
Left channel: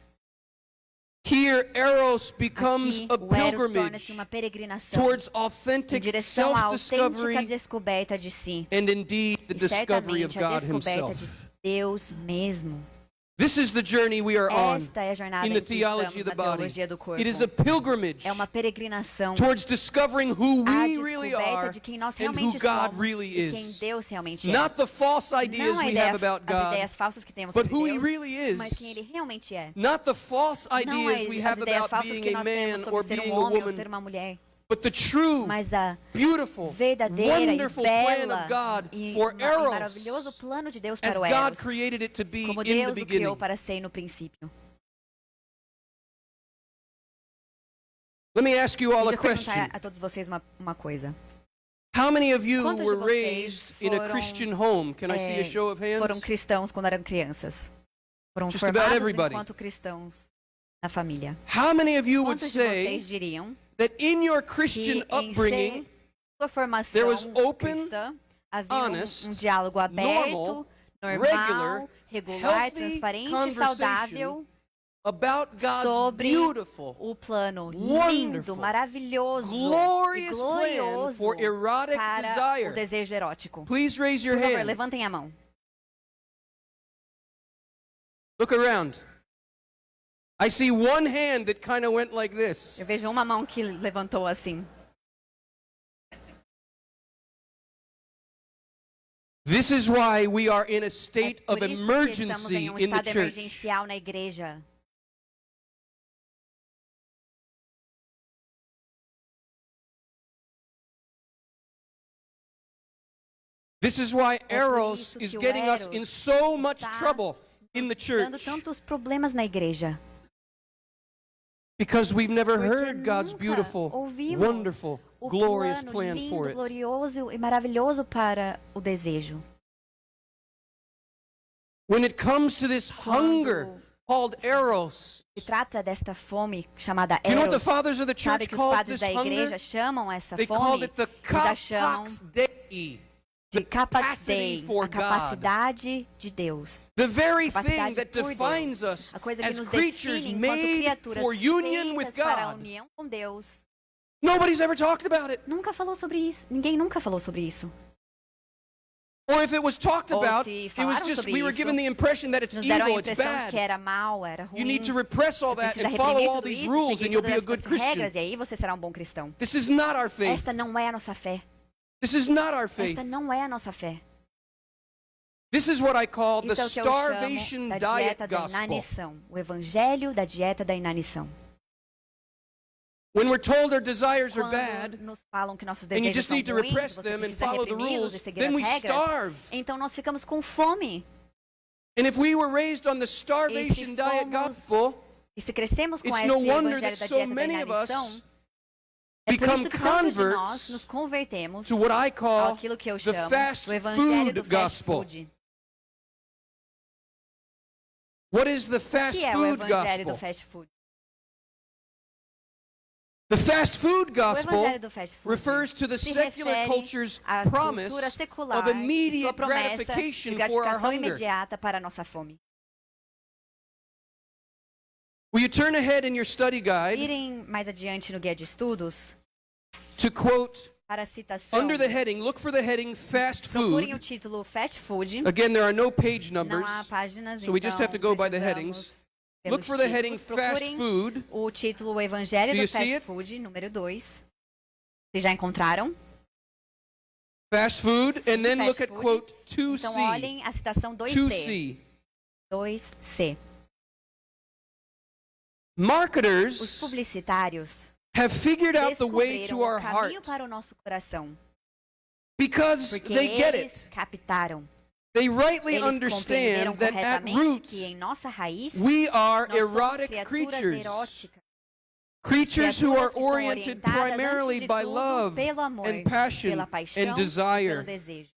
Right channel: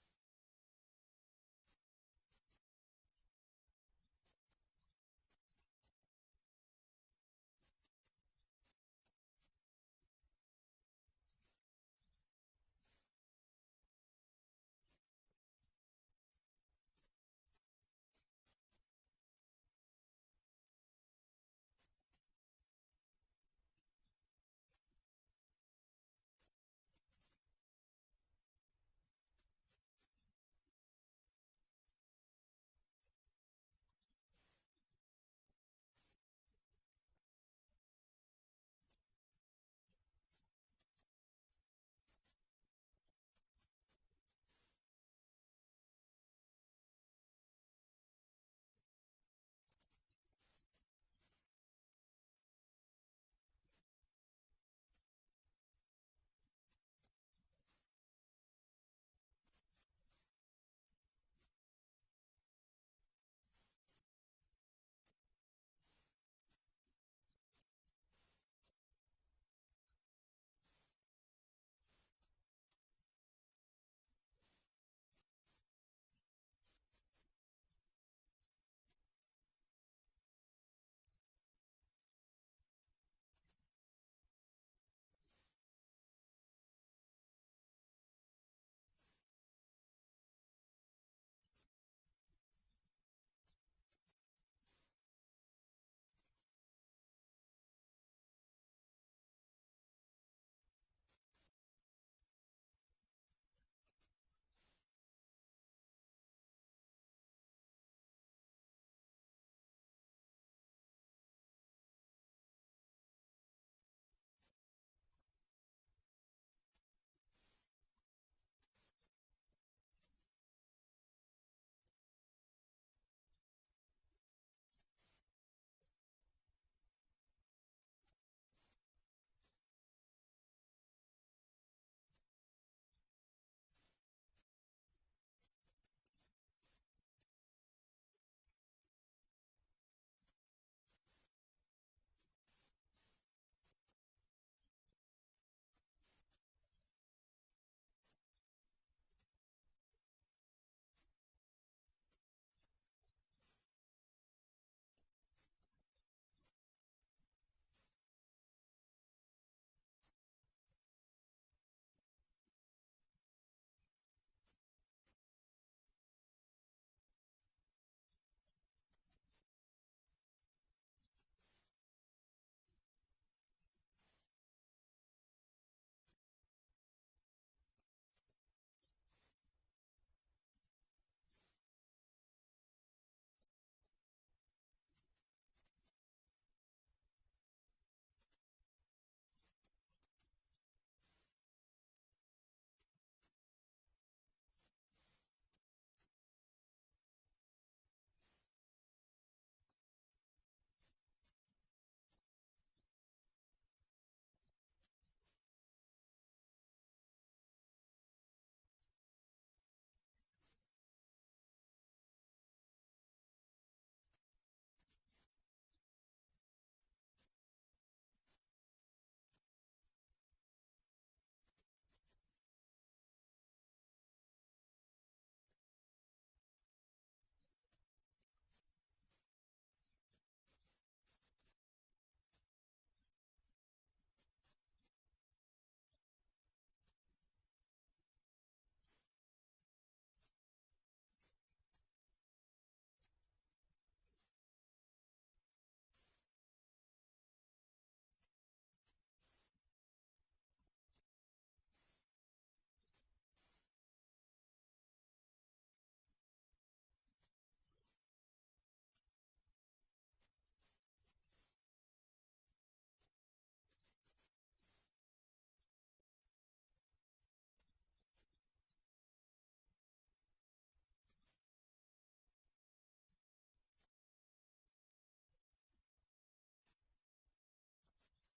Here, Eros becomes Aqui, a o Eros torna-se pilgrimage uma peregrinação towards em authentic direção à autêntica self-discovery descoberta de si and indeed the e discovery of certamente a God descoberta Himself. de Deus mesmo. This is the journey we are on Esta é a jornada in em the que theology estamos of the na body. teologia do corpo. It is a pilgrimage É uma peregrinação towards discovering who à we really descoberta are de quem nós and who realmente God somos really e quem is. Deus realmente é. Not the false ideas Não a we ideia, have about as God, ideias falsas que temos but sobre who He Deus, really mas quem is. Ele realmente é. Not the false Não ideas we as have ideias about falsas being que a nós temos man or sobre ser being um a homem ou ser woman, uma mulher, But the true, Mas a beautiful, verdadeira e wonderful plan bela of God e for maravilhoso eros, plano de Deus as para o God Eros, created it to be como in the Deus o beginning. criou para ser no princípio. Let me ask you all a Deixa eu perguntar question. a todos vocês uma coisa. How many of you Quantos de were vocês raised in a foram, Christian home? Can I see a show of hands? Foram cristãos quando eram crianças? Foram Just about formados everybody. enquanto cristãos na família. How many of you would Quantos de say vocês diriam that in your que Christian em upbringing, sua formação there was open, cristã havia honest, um diálogo aberto, normal, regular, healthy transparente e conversation saudável about God's sobre beautiful, o plano wonderful, lindo, maravilhoso e glorious plan glorioso for erotic para desire? o desejo erótico? Please raise your Por favor, hand. levantem a mão. Look around. I see one hand that kind of went like this. Eu vejo uma mão que levantou assim. This is why we are in a state É of por isso que estamos emergency em in the estado church. emergencial na igreja. This is why É por Eros isso is que o getting us Eros in so much está trouble in the Dando church. tantos problemas na igreja. Because we've never Porque heard God's nunca beautiful, ouvimos wonderful, o glorious plano plan lindo, for it. glorioso e maravilhoso para o desejo. When it comes to this hunger called Eros, Se trata desta fome chamada do you know what the Eros. fathers of the Sabe church que os called padres this da igreja hunger? chamam essa They called fome it the eles a chamam Kapax Dei, de capacity capacity, for a capacidade de Deus. the very Capacidade thing that por Deus. defines us A coisa que as nos creatures define enquanto made criaturas for union with feitas para a God. união com Deus. Nobody's ever talked about it. Nunca falou sobre isso. Ninguém nunca falou sobre isso. Or if it was talked Ou about, se it was falaram just sobre we were isso, given the impression that it's Nos deram a evil, it's impressão que bad. era mal, era ruim. You need to repress all that Precisa and follow reprimir all tudo these isso, rules seguir and you'll be a todas good essas Christian. regras, e aí você será um bom cristão. This is not our faith. Esta não é a nossa fé. This is not our faith. Esta não é a nossa fé. This is what I call the Isso é o que eu chamo starvation da diet dieta da gospel. inanição. O evangelho da dieta da inanição. When we're told our desires are Quando bad, nos falam que nossos and you desejos just são need to ruins, repress você them and precisa follow the reprimi-los rules, e seguir then as we regras, starve. então nós ficamos com fome. And if we were raised on the starvation diet fomos gospel, E se crescemos com it's esse no wonder evangelho that da so dieta da many of inanição, us é por become isso que tantos de nós converts nos convertemos to what I call àquilo que eu the chamo fast do evangelho food do fast gospel. food. What is the O fast que é o food evangelho do gospel? fast food? The fast food O gospel evangelho do fast food refers to the se secular refere culture's à promise cultura secular, of sua immediate promessa de gratification for our gratificação hunger. imediata para a nossa fome. Will you turn ahead in your study guide Irem mais adiante no guia de estudos to quote para a citação. under the heading, look for the heading fast Procurem o food. título fast food. Again, there are no page numbers, Não há páginas, so we just have to então go by the precisamos headings. pelos Look for the heading títulos. fast Procurem food. o título O Evangelho Do you do see Fast it? Food, número 2. Vocês já encontraram? Fast food, and then Fast look at food. quote Então 2C. olhem a citação 2C. 2C. 2C. Os Marketers publicitários have figured out the way descobriram to our o caminho heart para o nosso coração. because Porque they get eles it. captaram. They rightly Eles compreenderam understand that at corretamente root que em nossa raiz we are nós somos erotic criaturas creatures. eróticas. Creatures who are Criaturas que estão oriented orientadas, primarily antes de by tudo, love pelo amor, and passion pela paixão and e desire. pelo desejo.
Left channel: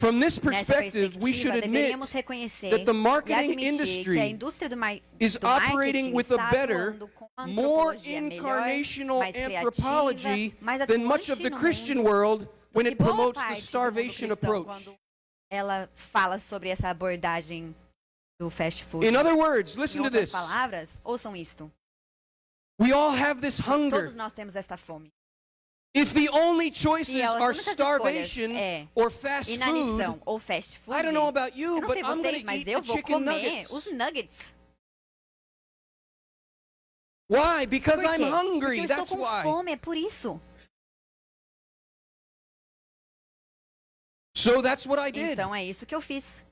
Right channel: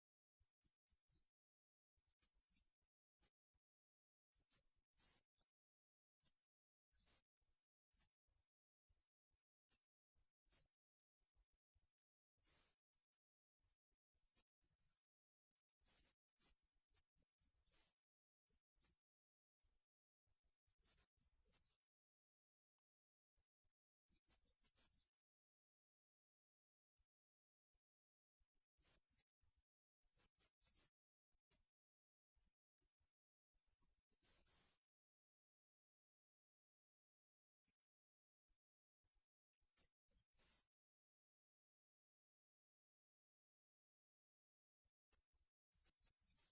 From this Nessa perspective, we should perspectiva, admit deveríamos reconhecer that the e marketing admitir que a industry indústria is do operating marketing with a está better, atuando com uma more antropologia melhor, incarnational mais criativa, anthropology mais than much of atuante the no Christian mundo world when do it que boa promotes the parte do mundo starvation cristão approach. quando ela fala sobre essa abordagem do fast food. In other words, Em listen to outras this. palavras, ouçam isto. We all have this hunger. Todos nós temos esta fome. If the only choices Se as are únicas starvation escolhas é or fast food, inanição ou fast food, I don't know about you, eu não but sei I'm going vocês, to mas eat eu the vou chicken comer nuggets. os nuggets. Why? Because Por I'm quê? hungry. Porque eu That's estou com why. fome, é por isso. So that's what I did. Então é isso que eu fiz.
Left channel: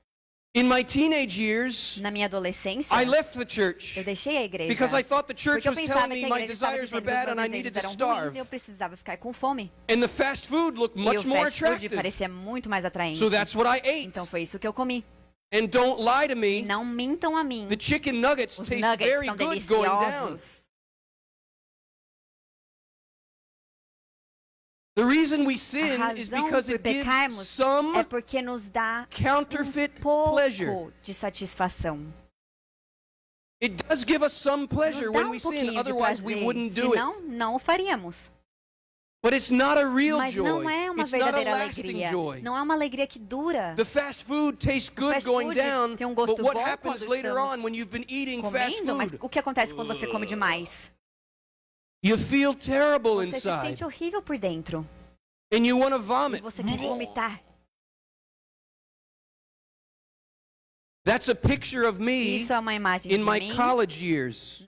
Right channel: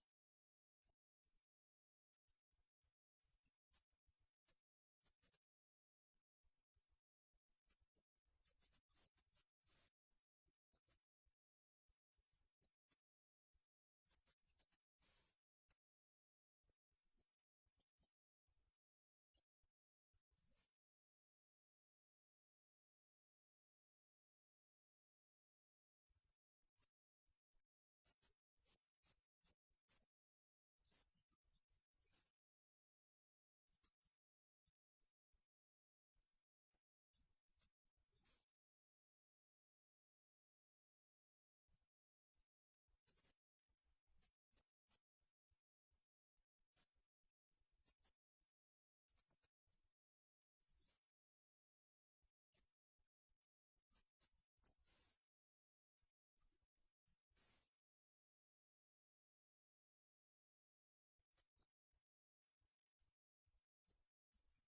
In my teenage years, Na minha adolescência, I left the church eu deixei a igreja. because I thought the church Porque eu was pensava telling que me a my igreja estava desires were dizendo que bad os and I meus needed desejos to eram ruins starve. e eu precisava ficar com fome. And the fast food looked E much o more fast food attractive. parecia muito mais atraente. So that's what I ate. Então foi isso que eu comi. And don't lie to E me, não mintam a mim. the chicken nuggets Os taste nuggets very são good going down. deliciosos. The reason we A sin is razão because por it gives pecarmos some é porque nos dá counterfeit pouco pleasure. de satisfação. It does give us some Nos pleasure dá when we sin, pouquinho de otherwise we prazer, wouldn't do it. senão não o faríamos. But it's not a real Mas joy. não é uma It's not a verdadeira lasting alegria. joy. Não é uma alegria que dura. The fast food tastes good fast going food down, tem gosto but what bom happens quando later estamos on when you've been eating fast Comendo, mas food? o que acontece quando você come demais? You feel terrible Você se inside, sente horrível por dentro. and you want to E vomit. você quer vomitar. That's a picture of me Isso é uma imagem in de my mim college years.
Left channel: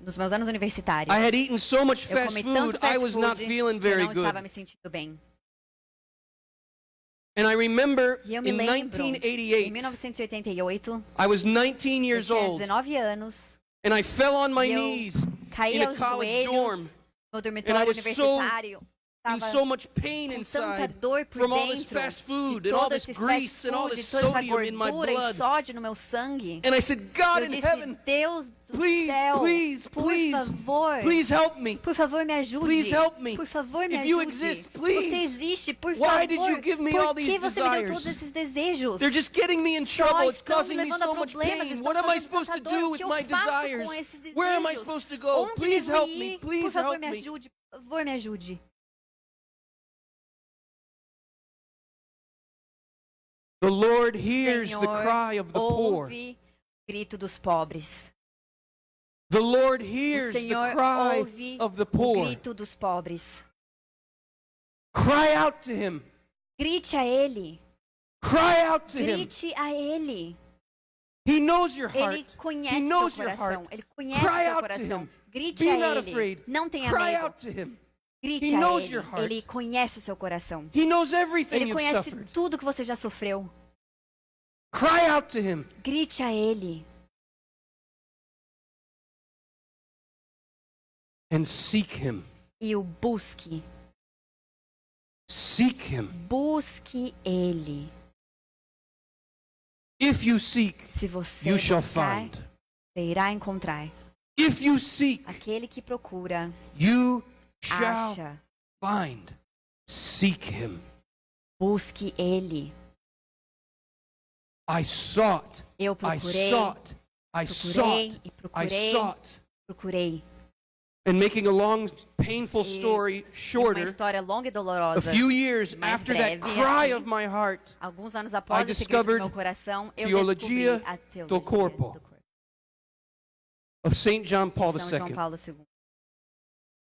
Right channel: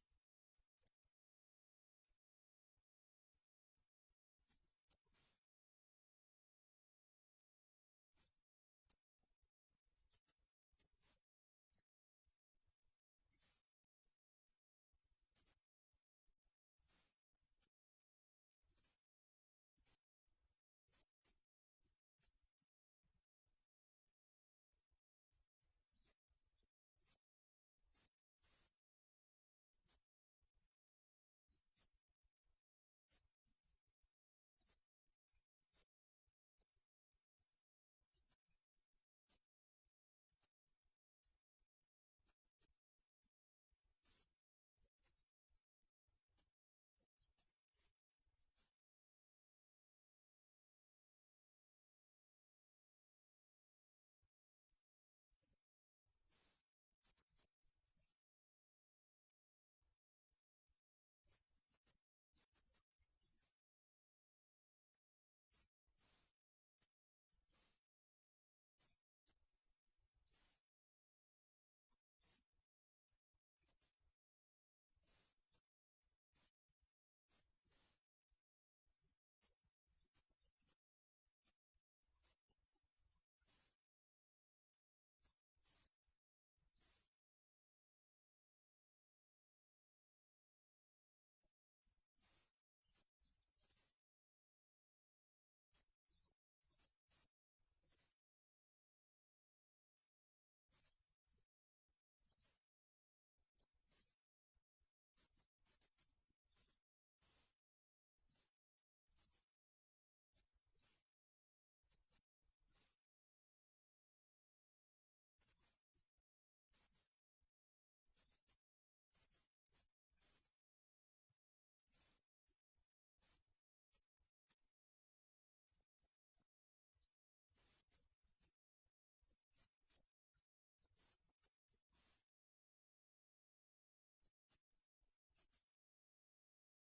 nos meus anos universitários. I had eaten so much Eu fast comi food, tanto I fast was food not feeling que eu very não estava good. me sentindo bem. And I remember E eu me in lembro, em 1988, 1988, I was 19 eu years tinha old, 19 anos, and I fell on my e eu knees caí in a aos college joelhos dorm no I dormitório was universitário. in Estava so much pain com tanta inside dor por from all this dentro fast de food and all todo this esse grease fast and all food, this de toda essa sodium in my gordura e blood. sódio no meu sangue. And I said, God Eu in disse, heaven, Deus do please, céu, please, por please, favor, please help me. por favor me ajude. Please help me. Por favor me If you ajude. exist, please. Você existe, por Why favor. did you give me all Por que these você me deu desires? todos esses desejos? They're just getting me in Só trouble. It's estão causing me levando a so much problemas, pain. estão What am I causando supposed to tanta dor. do O with que eu my faço desires? com esses Where am I desejos? supposed to go? Onde Please devo help ir? me. Por Please favor, help me me. ajude. Por favor, me ajude. The Lord hears the Senhor, cry of the poor. ouve o grito dos pobres. The Lord O hears the Senhor cry ouve of the o poor. grito dos pobres. Cry out to Him. Grite a Ele. Cry out to Him. Grite a Ele. He knows your heart. Ele conhece He seu knows your coração. heart. Ele conhece Cry seu out to coração. Him. Grite Be a not Ele. afraid. Não tenha Cry medo. out to Him. Grite He a knows Ele. your heart. Ele conhece o seu coração. He knows everything Ele you've conhece suffered. tudo que você já sofreu. Cry out to Him. Grite a Ele. And seek Him. E o busque. Seek Him. Busque Ele. If you seek, Se você you shall buscar, find. você irá encontrar. If you seek, Aquele que procura, you shall acha. find. Seek Him. Busque Ele. I sought. Eu I procurei, sought. I procurei sought. e I procurei, sought. procurei. And making a long, painful E story Uma shorter, história longa e a dolorosa. few years mais after that breve, cry assim, of my heart, Alguns anos após I esse grito do meu discovered coração, eu Teologia descobri a teologia do Corpo of St. John Paul São João II. Paulo II.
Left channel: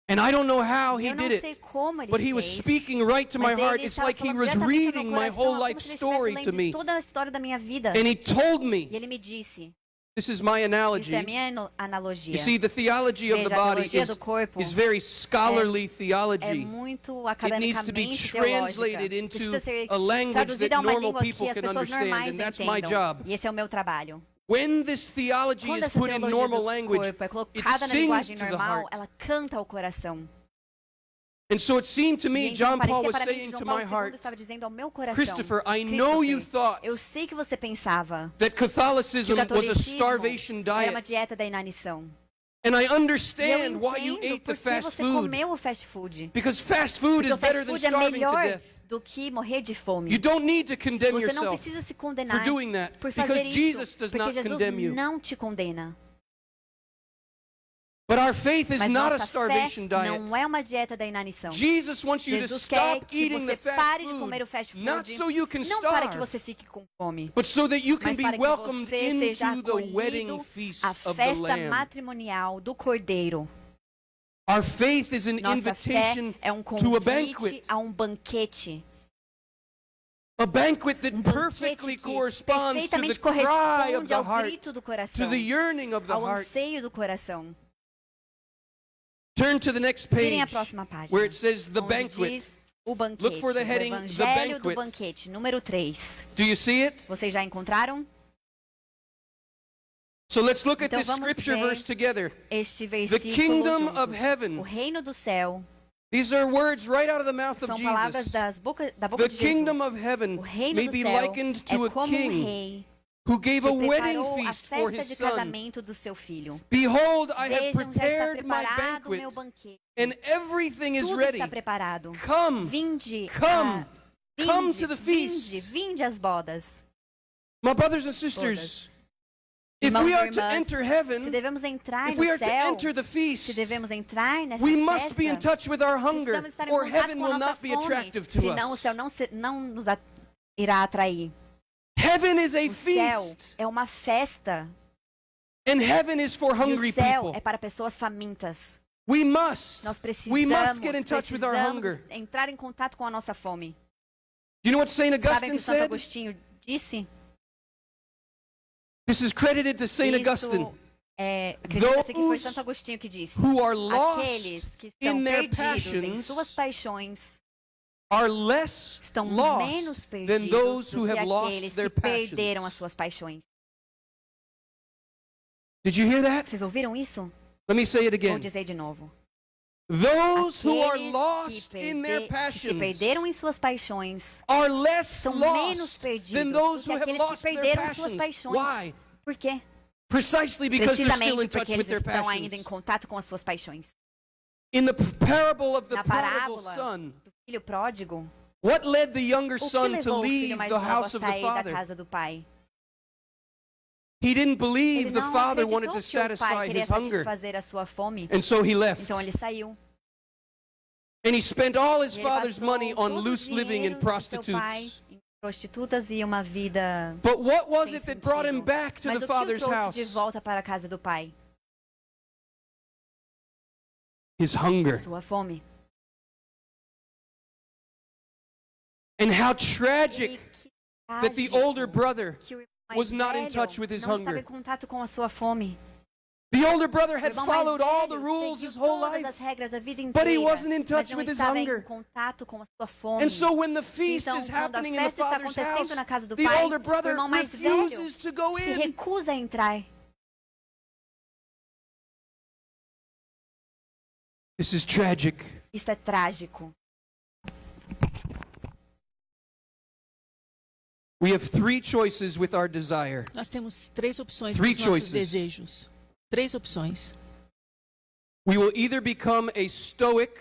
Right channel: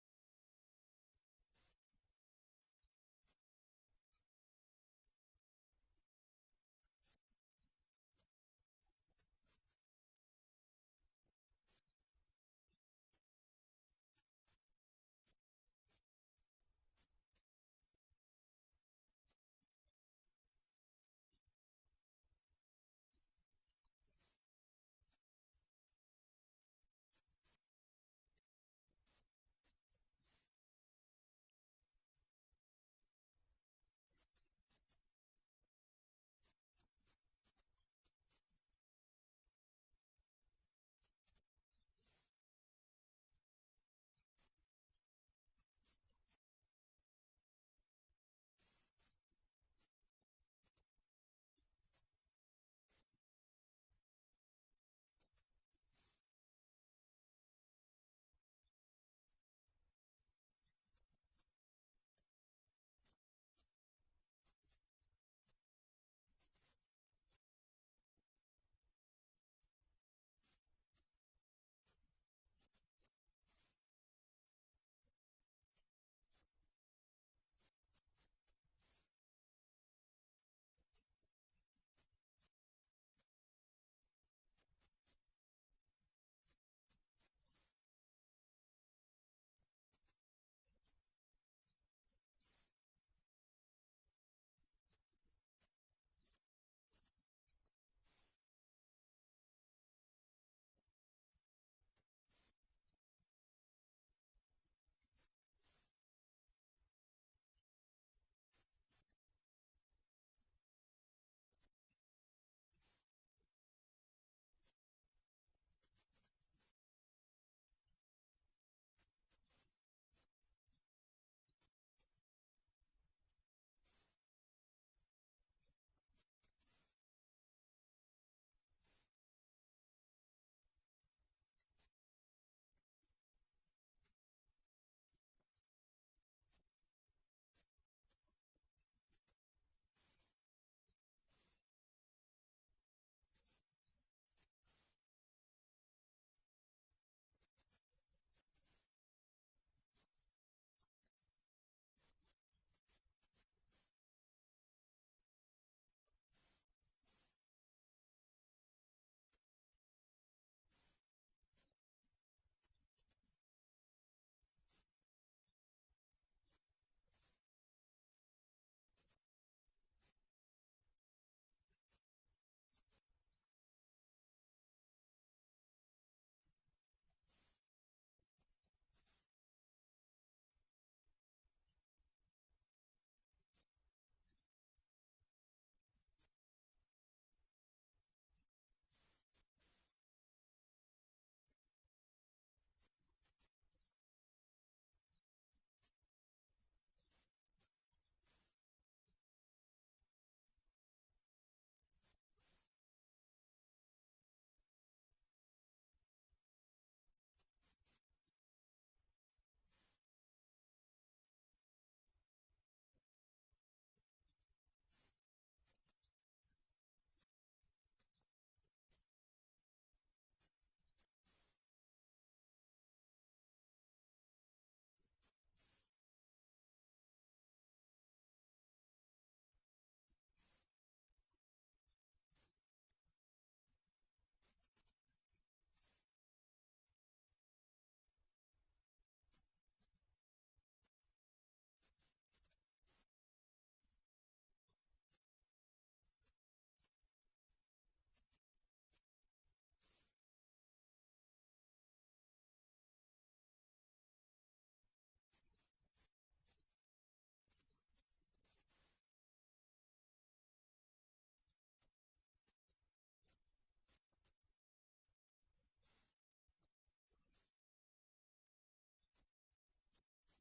And I don't know how he Eu não did sei it, como ele but he was fez, speaking right to my mas heart. ele It's estava like he falando was diretamente ao reading meu my coração, whole como life se ele estivesse story to lendo me. toda a história da minha vida. And he told me, E ele me disse, this is my isso é a analogy. minha analogia. You see, the theology of the Veja, a body teologia do corpo is very scholarly é theology. muito It needs to be academicamente translated teológica. into Precisa ser a language traduzida that a uma normal língua que people as can pessoas understand, normais and that's my entendam. job. E esse é o meu trabalho. When this theology Quando is essa put in teologia normal do language, corpo é it colocada na sings linguagem to the normal, heart. ela canta ao coração. And so it seemed to E me, então John Paul parecia was para mim que saying João to Paulo my II heart, estava dizendo ao meu coração, Christopher, I know you thought eu sei que você pensava that que Catholicism o was a catolicismo starvation era uma diet. dieta da inanição. And I E eu understand why you entendo ate por the que fast você food. comeu o fast food. Because fast food Porque is o better fast than food é starving to melhor death. do que morrer de fome. You don't need to condemn Você não yourself precisa se for condenar doing that, por because fazer Jesus isso, does porque not Jesus condemn you. não te condena. But our faith is Mas not a nossa fé starvation diet. não é uma dieta da inanição. Jesus wants you to Jesus quer stop que eating the você fast pare de comer o food, fast food, not so you can não para que starve, você fique com fome, but so that you can mas be para que welcomed você seja into the wedding acolhido feast à of the festa Lamb. matrimonial do Cordeiro. Our faith is an Nossa fé invitation é um to a convite banquet. a um banquete. A banquet that Banquete perfectly que corresponds to the perfeitamente cry of corresponde the ao heart, grito do to coração, the yearning of the ao heart. anseio do coração. Turn to the next Virem a page próxima página, where it says the onde banquet. diz O banquete. Look for the O heading, the Evangelho do banquet. banquete, número 3. Do you see it? Vocês já encontraram? So let's look at Então this vamos scripture ver verse together. Este The versículo kingdom juntos. of heaven. O reino do céu. These are words right out of the mouth of São palavras Jesus. da boca The de kingdom Jesus. of heaven O reino may do be céu likened to é a como um king rei who gave que a wedding preparou a feast for festa his de son. casamento do seu filho. Behold, I have Vejam, já está prepared my preparado o banquet, meu banquete. and everything is Tudo ready. está preparado. Come, Vinde, come, come vinde, to the feast. vinde às bodas. My brothers and sisters, if Irmãos we e are to irmãs, enter Se heaven, devemos entrar if no we are to céu, enter the se feast, devemos entrar nessa we must be in festa, touch with our hunger, precisamos estar em or contato heaven com a will nossa not be fome, attractive to senão o us. céu não nos irá atrair. Heaven is a O céu feast, é uma festa. and heaven is for E hungry o céu people. é para pessoas famintas. We must get in touch with our precisamos hunger. entrar em contato com a nossa fome. Do you know what St. Sabem o Augustine que Santo said? Agostinho disse? This is credited to St. Augustine. Acredita-se que foi Santo Agostinho que disse. Who are lost Aqueles que estão in their perdidos em passions suas paixões are less estão lost menos than perdidos those do who que have lost aqueles their que perderam as passions. suas paixões. Did you hear that? Vocês ouviram isso? Let me say it Vou again. dizer de novo. Those who are Aqueles lost in their que se passions perderam em suas paixões are less são menos lost perdidos than do those que who have aqueles que lost their perderam suas passions. paixões. Why? Por quê? Precisely because they're still in Precisamente touch porque with eles their estão ainda em passions. contato com as suas paixões. In the parable of the Na prodigal parábola son, do filho pródigo, what led the younger o que son to levou o leave filho mais the novo house a of the sair da father? casa do pai? He didn't believe Ele the não father acreditou wanted to que o pai satisfy queria his hunger, satisfazer a sua fome, and so he left. então ele saiu. And he spent all his E ele father's passou money on todo o loose living and dinheiro do seu pai prostitutes. em prostitutas e uma vida But what was sem it that brought him sentido. back to Mas the o que o father's trouxe house? de volta para a casa do pai? His hunger. Sua fome. And how E tragic que that the trágico older brother que o irmão mais was not in velho touch with his não estava hunger. em contato com a sua fome. The older brother O had irmão mais followed all the velho rules seguiu his whole todas life. as regras da vida But he inteira, wasn't in touch mas não with his estava hunger. em contato com a sua fome. And so when the feast Então, is quando a happening in the festa está father's house, acontecendo na casa do the pai, older o brother irmão mais velho refuses to go se in. recusa a entrar. This is tragic. Isso é trágico. We have three choices with our desire. Nós temos 3 opções Three para os nossos choices. desejos. 3 opções. We will either become a stoic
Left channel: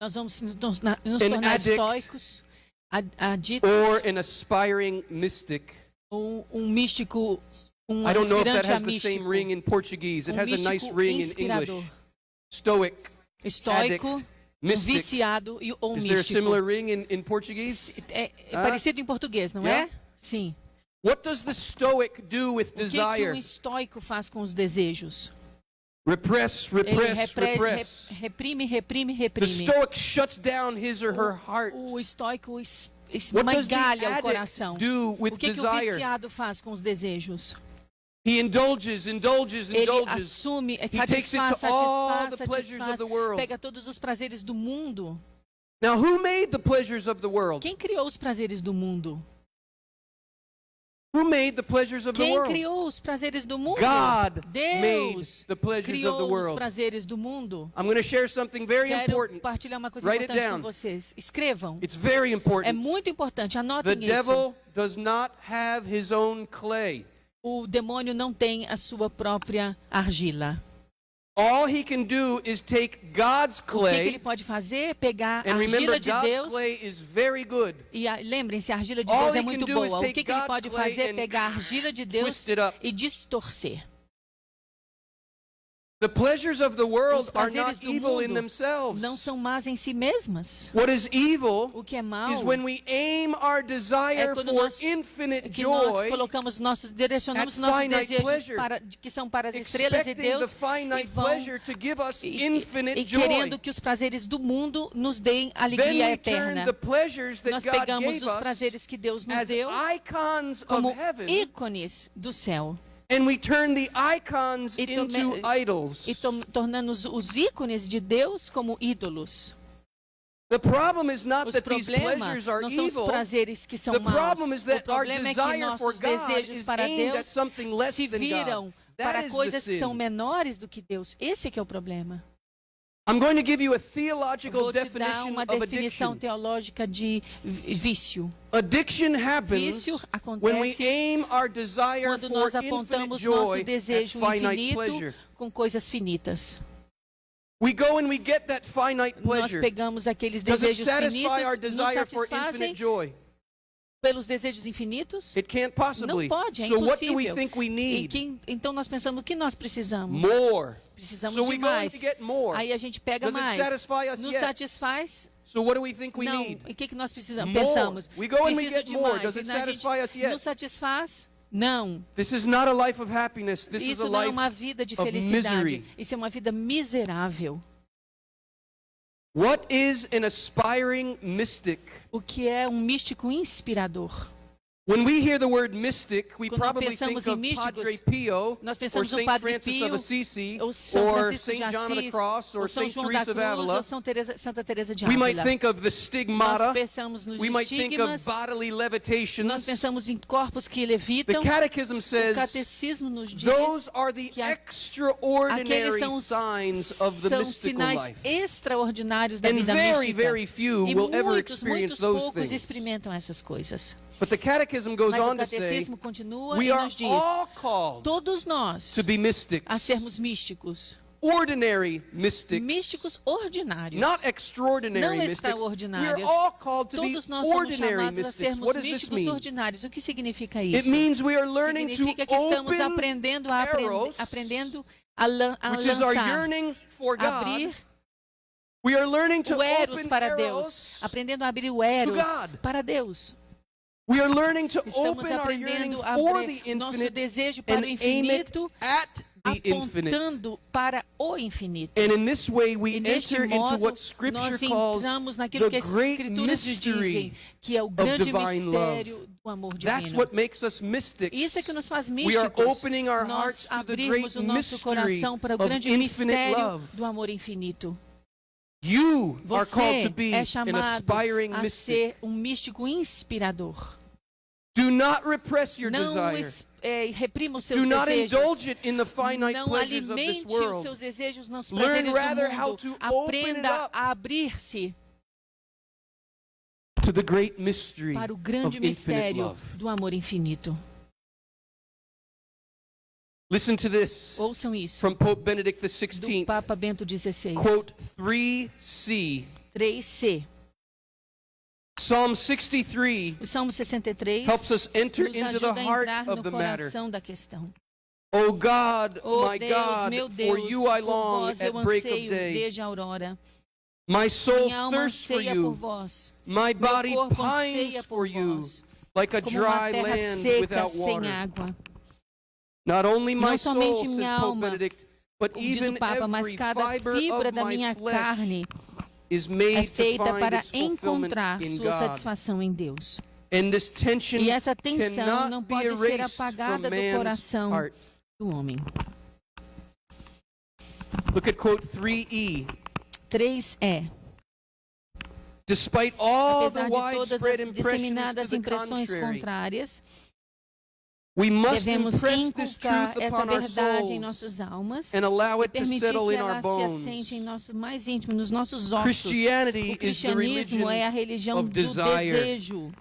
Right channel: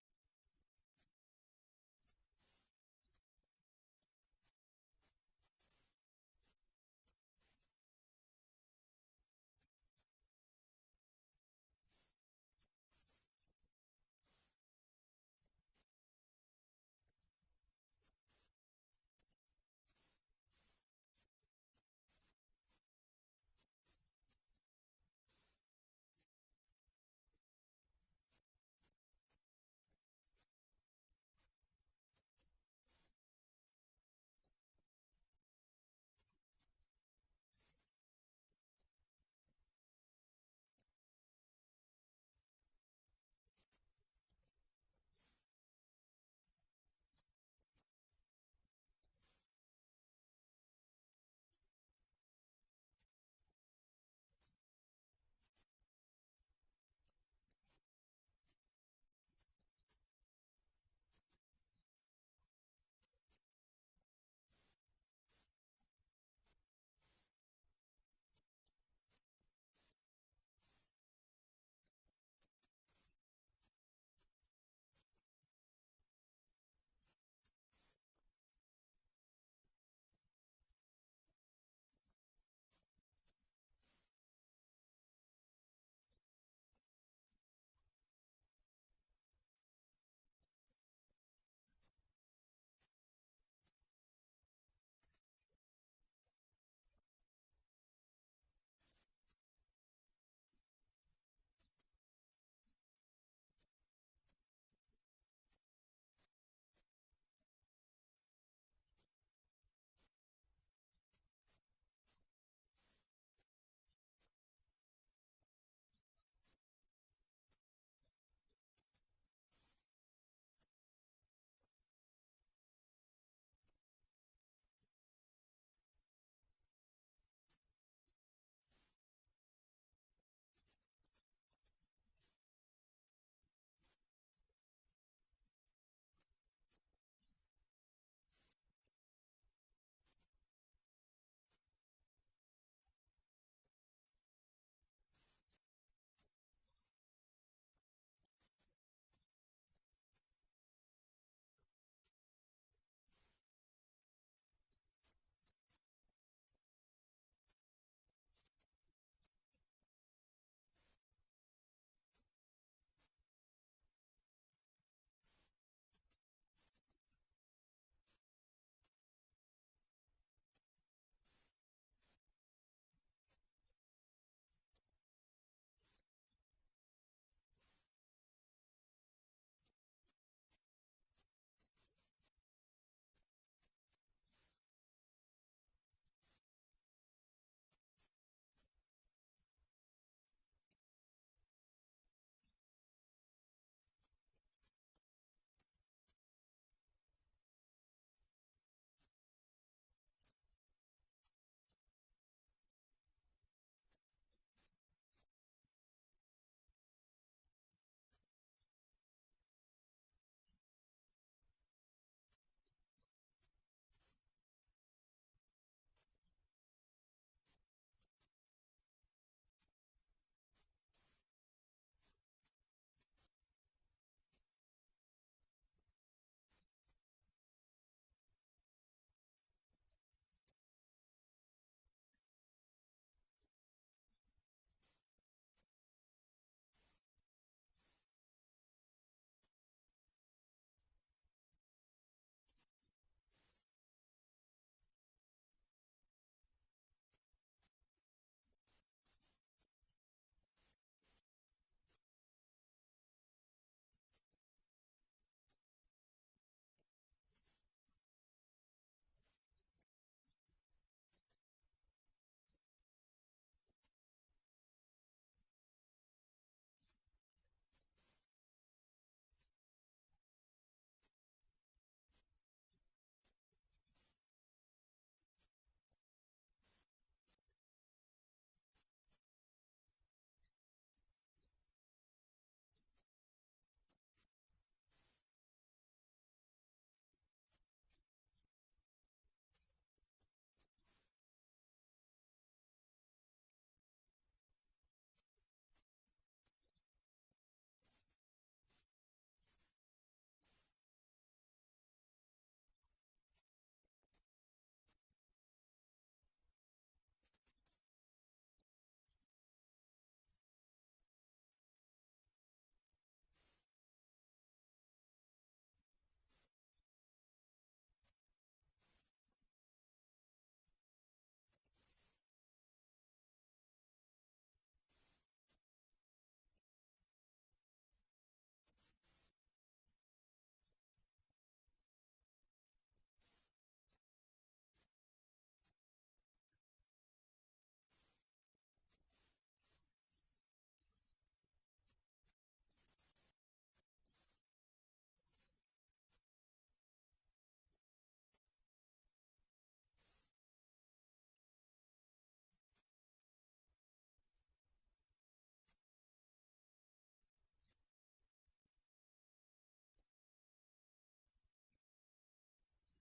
Nós vamos nos An tornar addict. estoicos, aditos, or an aspiring mystic. ou místico, I don't know if that aspirante a has the same místico, ring in Portuguese. It has a nice místico ring in inspirador. English. Stoic, Estoico, addict, mystic. viciado ou Is there a místico. similar ring in Portuguese? É Ah? parecido em português, não Yeah? é? Sim. What does the stoic do with O que desire? um estoico faz com os desejos? Repress, Ele repress, repress. reprime, reprime, The reprime. stoic shuts down his or her heart. O estoico What does the esmagalha o addict coração. do with O que o desire? viciado faz com os desejos? He indulges, indulges, Ele indulges. assume, He takes it satisfaz, to all the satisfaz, pleasures of satisfaz, the world. pega todos os prazeres do mundo. Now, who made the pleasures of the world? Quem criou os prazeres do mundo? Who made the pleasures of the Quem world? criou os prazeres do mundo? God made Deus the pleasures of the criou os world. prazeres do mundo. I'm going to share something very Quero important. compartilhar uma coisa Write it importante com down. vocês. Escrevam. It's very É important. muito importante. The Anotem isso. devil does not have his own clay. O demônio não tem a sua própria argila. All he can do is take God's O que ele clay, pode fazer? Pegar a and remember, argila de God's Deus. clay is very good. E lembrem-se, a argila de All Deus he é can muito do is boa. O take que ele God's pode clay fazer? and Pegar a argila de Deus twist it up. e distorcer. The pleasures of the world Os are prazeres not do evil in mundo themselves. não são más em si mesmas. What is evil O que é mal is when we aim our é desire quando for nós, infinite que nós joy, direcionamos at nossos finite desejos pleasure, que são para as estrelas e expecting the Deus finite e vão pleasure to give us infinite e joy. querendo que os prazeres do mundo nos deem Then alegria we turn eterna. the pleasures that Nós God pegamos gave os us prazeres que Deus nos as deu icons of como heaven, ícones do céu and we turn the icons E into idols. e tornando os ícones de Deus como ídolos. The problem is not Os that these problemas pleasures are não são os evil. prazeres que são The maus. problem is O that our problema é que desire for nossos God desejos is para aimed at Deus something less se than viram God. That para is coisas the que são sin. menores do que Deus. Esse que é o problema. I'm going to give you a Eu theological vou te dar definition uma of definição addiction. teológica de vício. Addiction happens Vício when we acontece aim our desire quando for nós infinite apontamos joy nosso at desejo finite infinito pleasure. com coisas finitas. We go and we get that finite Nós pleasure. pegamos aqueles Does it desejos satisfy our finitos, nos desire for satisfazem infinite joy? pelos desejos infinitos? It can't possibly. Não pode, é So what do we impossível. think we E need? então nós pensamos o que nós precisamos. More. Precisamos So de we go and mais. to get more. Aí a gente pega Does it mais. satisfy us Nos yet? satisfaz? So what do we think we Não. need? O que nós precisamos? More. Pensamos. We go and we Preciso get de more. mais. Does E it a gente satisfy us yet? nos satisfaz? Não. This is not a life of happiness. This is a Isso não é life uma vida de of felicidade. misery. Isso é uma vida miserável. What is an aspiring mystic? O que é um místico inspirador? When we hear the word mystic, we Quando probably pensamos think em of místicos, Padre Pio, nós or pensamos no Saint Padre Francis Pio, of Assisi, ou São or Francisco de Saint John of the Assis, Cross, or ou São Saint João da Teresa of Cruz, ou Avila. Santa Teresa de We might Ávila. think of the Nós stigmata. pensamos nos We might think of estigmas, bodily nós levitations. pensamos em corpos que The levitam. Catechism O says catecismo nos diz those are the que aqueles extraordinary são os signs of the são mystical sinais life. extraordinários da And vida very, mística. very few E will ever muitos experience those poucos things. experimentam essas coisas. But the Catechism goes Mas o on to say, catecismo continua we e are nos diz, all called todos nós, to be mystics. a sermos místicos. Ordinary mystics. Místicos ordinários. Not extraordinary Não mystics. We are extraordinários. all called to be Todos nós somos ordinary chamados a mystics. sermos What does this místicos mean? ordinários. O que significa It isso? means we are learning to Significa que estamos open aprendendo a eros, aprendendo a which is our lançar, yearning for God. abrir We are learning to o eros open para Deus, eros. aprendendo a abrir o eros God. para Deus. We are learning to Estamos open our yearning aprendendo a for abrir the nosso infinite desejo para and o aim it infinito, at the infinite. apontando para o infinito. And in this way we E neste enter into modo, what Scripture nós calls entramos naquilo que the as great Escrituras nos dizem, mystery que é o grande divine mistério do amor That's divino. what makes us mystics. Isso é que nos faz We are místicos. opening our hearts Nós to the great abrimos o nosso mystery coração para o of grande infinite mistério love. do amor infinito. You are called to Você be é an chamado aspiring a mystic. ser um místico inspirador. Do not repress your Não desire. reprima os seus Do not desejos. indulge it in the finite Não pleasures of this alimente os world. seus desejos nos Learn prazeres rather do how mundo. to open it Aprenda up a abrir-se to the great mystery para o of grande infinite mistério love. do amor infinito. Listen to this Ouçam isso. from Pope Benedict Do XVI. Papa Bento XVI. Quote 3c. 3c. Psalm 63 O Salmo 63 helps us enter nos into the ajuda a heart entrar of no the matter. coração da questão. O God, Oh my Deus, God, meu for Deus, you I por long vós at eu break of anseio day. desde a aurora. My soul Minha alma thirsts for anseia por you. vós. My Meu body corpo pines anseia for por you, vós. like a Como uma dry terra land seca without sem water. água. Not only my Não soul, somente says minha Pope alma, Benedict, but Como diz even o Papa, mas every cada fiber fibra of da my minha flesh carne is é made to feita find para its fulfillment encontrar in sua God. satisfação em Deus. And this tension E essa tensão cannot não be pode ser erased from apagada do man's coração heart. do homem. Look at quote 3e. 3e. Despite all the Apesar de todas widespread as impressions disseminadas to the impressões contrary, contrárias, we must devemos impress this inculcar truth essa upon our verdade em souls nossas almas and allow e it to permitir settle que in our ela se bones. assente em nosso mais íntimo, nos nossos ossos. Christianity O is the cristianismo é a religion religião of do desire. desejo,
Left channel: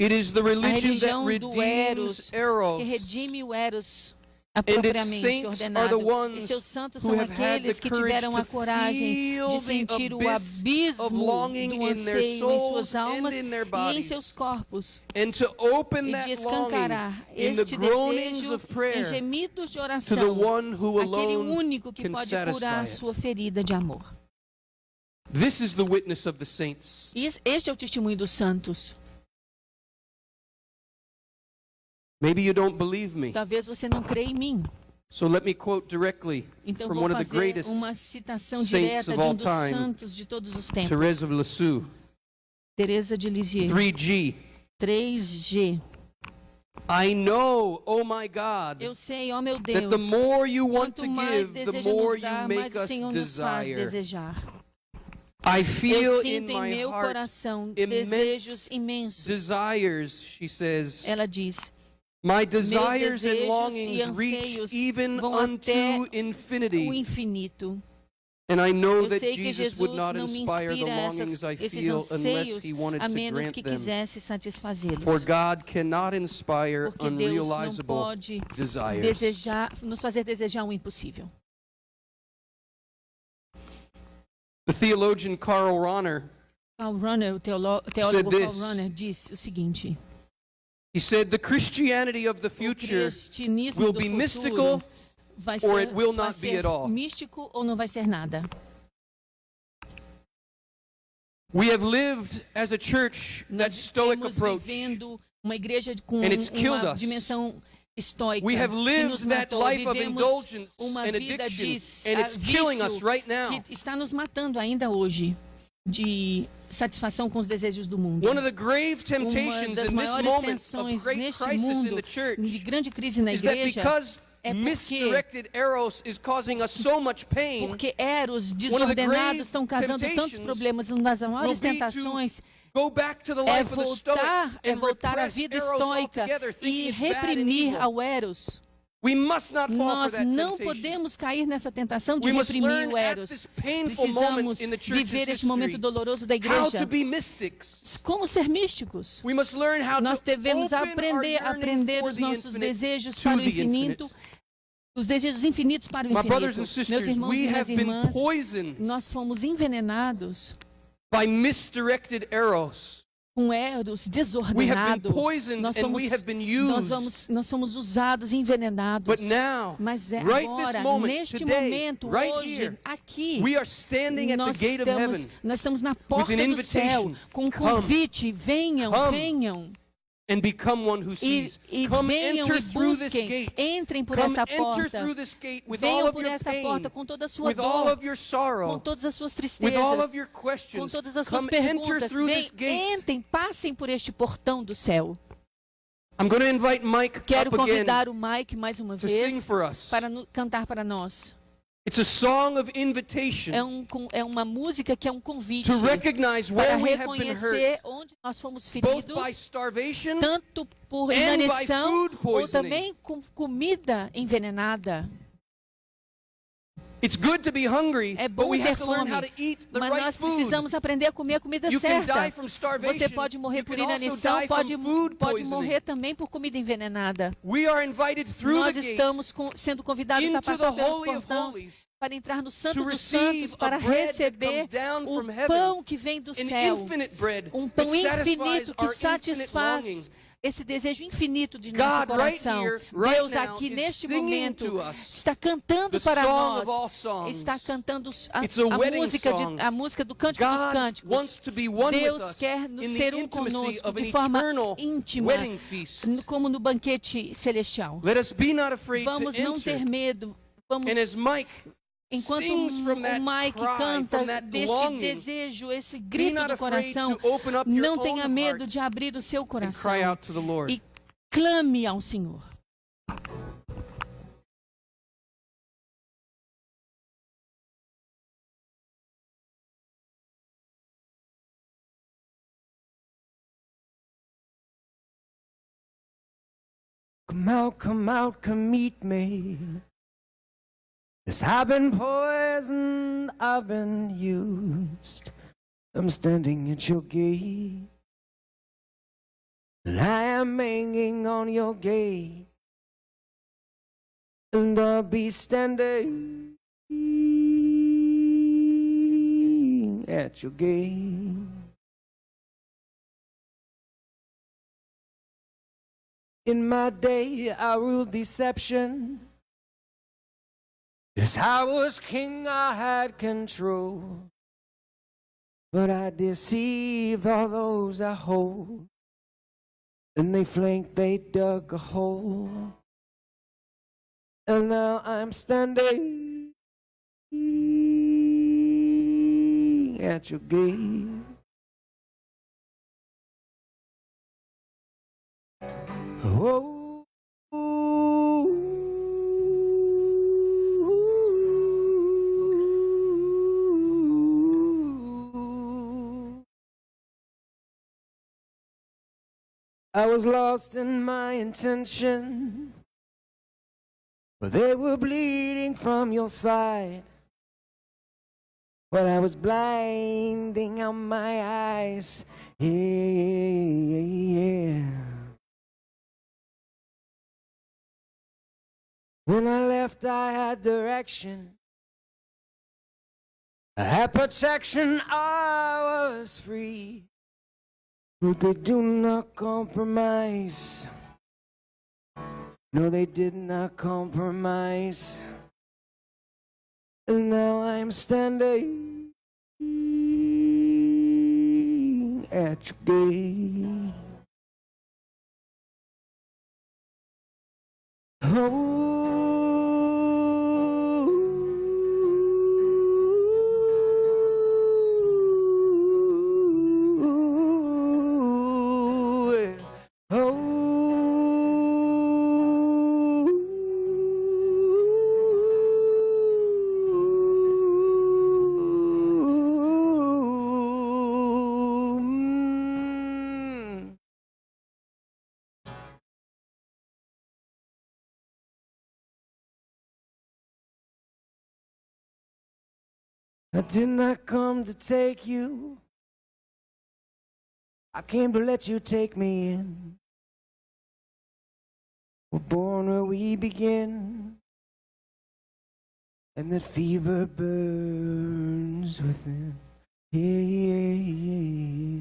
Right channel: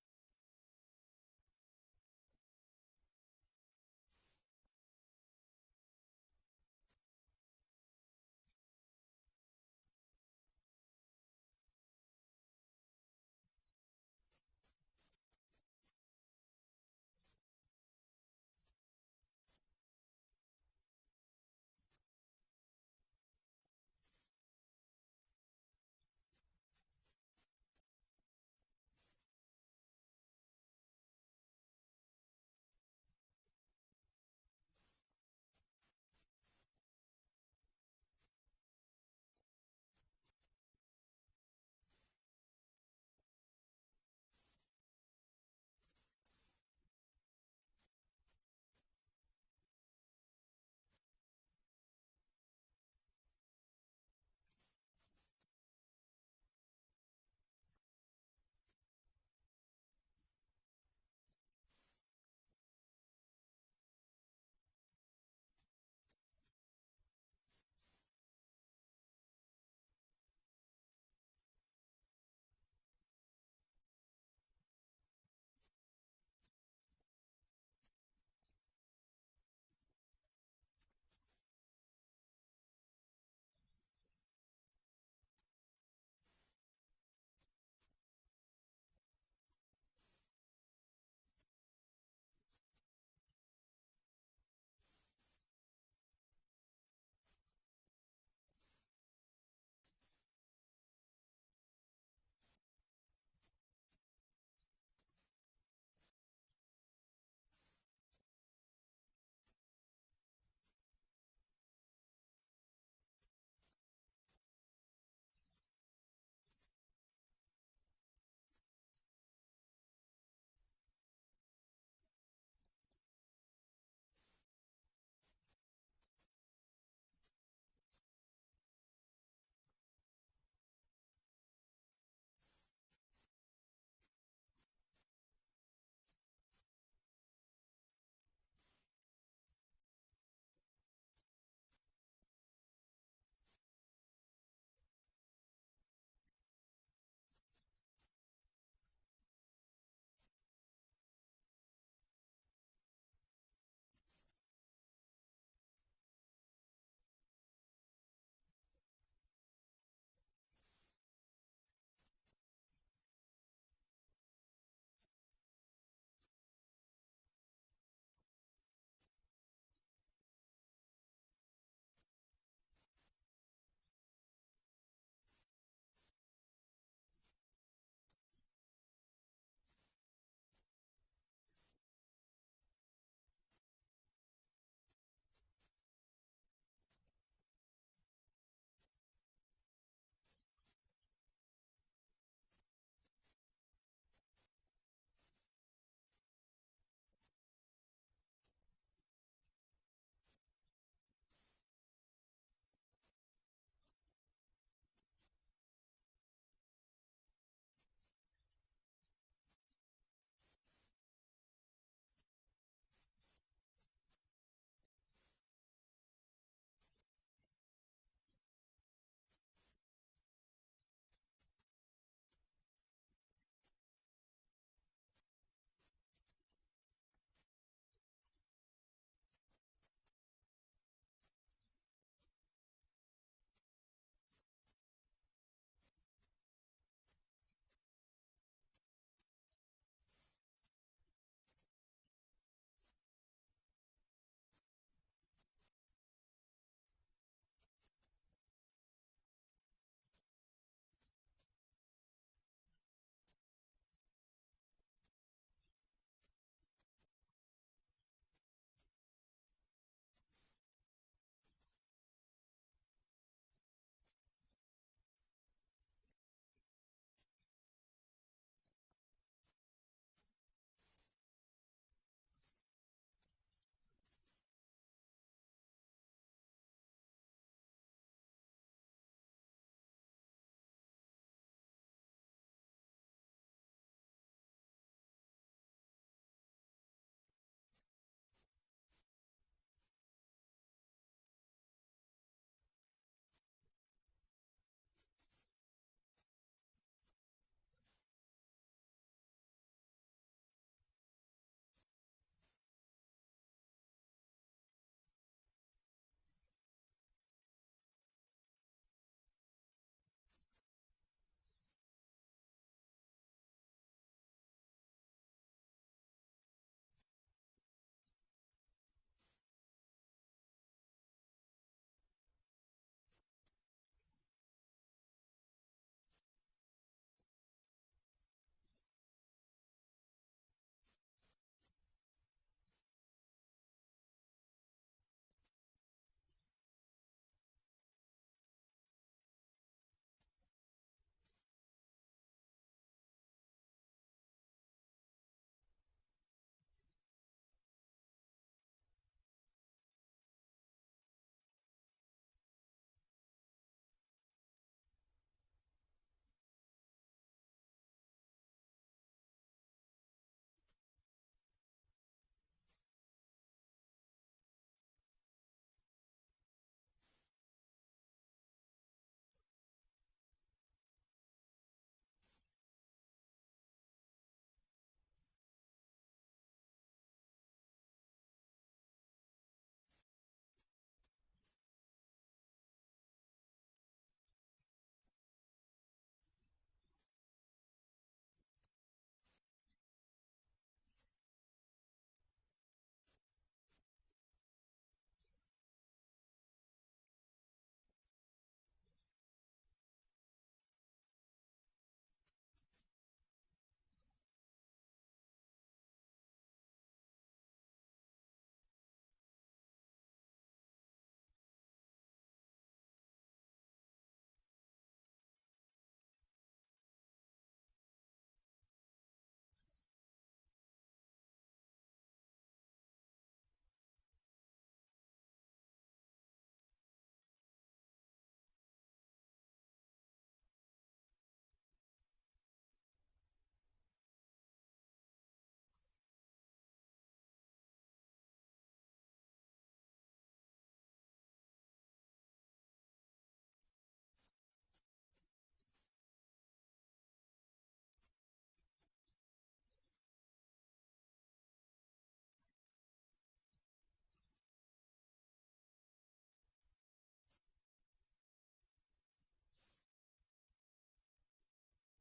It is the a religion that religião do redeems que eros. redime o eros And its apropriadamente saints are the ordenado. ones E seus santos who são have had the aqueles que courage tiveram a to coragem feel de the sentir o abyss of abismo longing do in their anseio em souls suas and almas in their e em bodies, seus corpos, and to open e that de longing escancarar in the este groanings desejo of em prayer gemidos de to the oração, one who aquele alone único que can pode satisfy curar a it. sua ferida de amor. This is the witness of the saints. Este é o testemunho dos santos. Maybe you don't believe me. Talvez você não creia em mim. So let me quote directly Então from vou one of the fazer greatest, uma citação saints direta of de all um dos time, santos de todos os tempos. Thérèse of Lisieux. Teresa de Lisieux. 3G. 3G. I know, oh my God, Eu sei, ó meu that the Deus, more you want quanto to mais give, the deseja more nos you dar, mais make o us Senhor nos faz desire. desejar. I Eu feel in sinto em my meu heart coração immense desejos imensos. desires, she says. Ela diz, My meus desires and desejos e longings reach anseios even vão até unto o infinity. infinito. And I know Eu that sei que Jesus would Jesus not não me inspire the inspira longings I esses feel unless anseios he wanted a to menos grant que them. quisesse satisfazê-los. For God cannot inspire Porque Deus não unrealizable pode desires. nos fazer desejar o impossível. The theologian Karl Rahner, Paul Runner, o teólogo Said Paul this. Runner, disse o seguinte: he said, the Christianity of the o future cristianismo will do be futuro mystical vai or ser, it will vai not be ser at all. místico ou não vai ser nada. We have lived as a church that Nós stoic estamos approach. vivendo uma igreja com And it's killed uma us. dimensão estoica We have que nos lived that matou. life of Vivemos indulgence uma and vida addiction, de and it's killing us vício right now. que está nos matando ainda hoje, de satisfação com os desejos do mundo. One of the grave Uma temptations das in this maiores moment of tensões great neste crisis in mundo, the church de grande crise na is that igreja, because é misdirected eros is causing us so much pain, porque eros one of the desordenados grave estão causando tantos temptations problemas. Uma das maiores will be to tentações go back to the é life of the stoic and voltar à repress vida eros estoica altogether, thinking e it's bad and reprimir evil. ao eros. We must not fall for Nós that não temptation. podemos cair nessa tentação de We must reprimir learn o at eros. this painful moment Precisamos in the church's viver este momento history doloroso da how igreja. to be mystics. Como ser místicos? We must learn how Nós to devemos open aprender our a aprender yearning os for the nossos infinite desejos to para o the infinito, infinite. os desejos infinitos para o My brothers infinito. and sisters, Meus irmãos we e minhas have been irmãs, poisoned nós fomos envenenados by misdirected eros. com eros We have been desordenado. poisoned Nós and fomos, we have been nós fomos usados, envenenados. But now, Mas right this agora, moment, neste today, momento, right hoje, here, aqui, we are standing at the gate of heaven nós estamos na porta an do céu invitation. com um Come. convite. Venham, Come. venham. and become one who E, sees. e Come venham enter e through this busquem. gate. Entrem por Come esta enter porta. through this gate with all Venham of por your esta pain, porta com toda a sua with all dor, of your sorrow, com todas as suas with all tristezas, of your com questions. todas as suas Come enter perguntas. through this gate. Entrem, passem por este portão do céu. I'm going to invite Mike Quero up again convidar o Mike mais uma to sing vez for us. para cantar para nós. It's a song of invitation É uma música que é um convite to recognize para where we have been reconhecer hurt, onde nós fomos both feridos, by starvation tanto por and by inanição food ou poisoning. também com comida envenenada. It's good to be hungry, É but bom we ter have to learn fome, how to eat the mas right nós food. precisamos aprender a comer a comida You can certa. die from starvation. Você pode morrer You por can also inanição, die pode from food poisoning. morrer também por comida envenenada. We are invited through Nós the gate estamos sendo convidados a into the passar pelos Holy of portões Holies para entrar no Santo to dos receive Santos, a para bread that receber comes down o from heaven, pão que vem do an céu, infinite bread um that pão satisfies infinito que our infinite satisfaz longing. esse desejo infinito de nosso God, right coração. here, right Deus now, aqui is neste singing momento to us está cantando the para song of nós, all songs. está cantando It's a wedding song. a música do Cântico dos God Cânticos. wants to be one with Deus us quer in ser the conosco intimacy of an de forma eternal íntima, wedding feast. como no banquete celestial. Let us be not afraid Vamos to não enter. ter medo. Vamos, And as Mike enquanto sings from o that Mike cry, canta from that deste longing, desejo, esse be grito not do afraid coração, to open up your não own tenha medo heart de abrir o seu and coração cry out to the Lord. e clame ao Senhor. Come out, come meet me. 'Cause I've been poisoned, I've been used. I'm standing at your gate, and I am hanging on your gate, and I'll be standing at your gate. In my day, I ruled deception. Yes, I was king, I had control. But I deceived all those I hold. And they flanked, they dug a hole. And now I'm standing at your gate. Oh, I was lost in my intention, but they were bleeding from your side. But I was blinding out my eyes. Yeah. When I left, I had direction. I had protection, I was free. But they do not compromise. No, they did not compromise. And now I'm standing at your gate. I did not come to take you. I came to let you take me in. We're born where we begin, and that fever burns within. Yeah.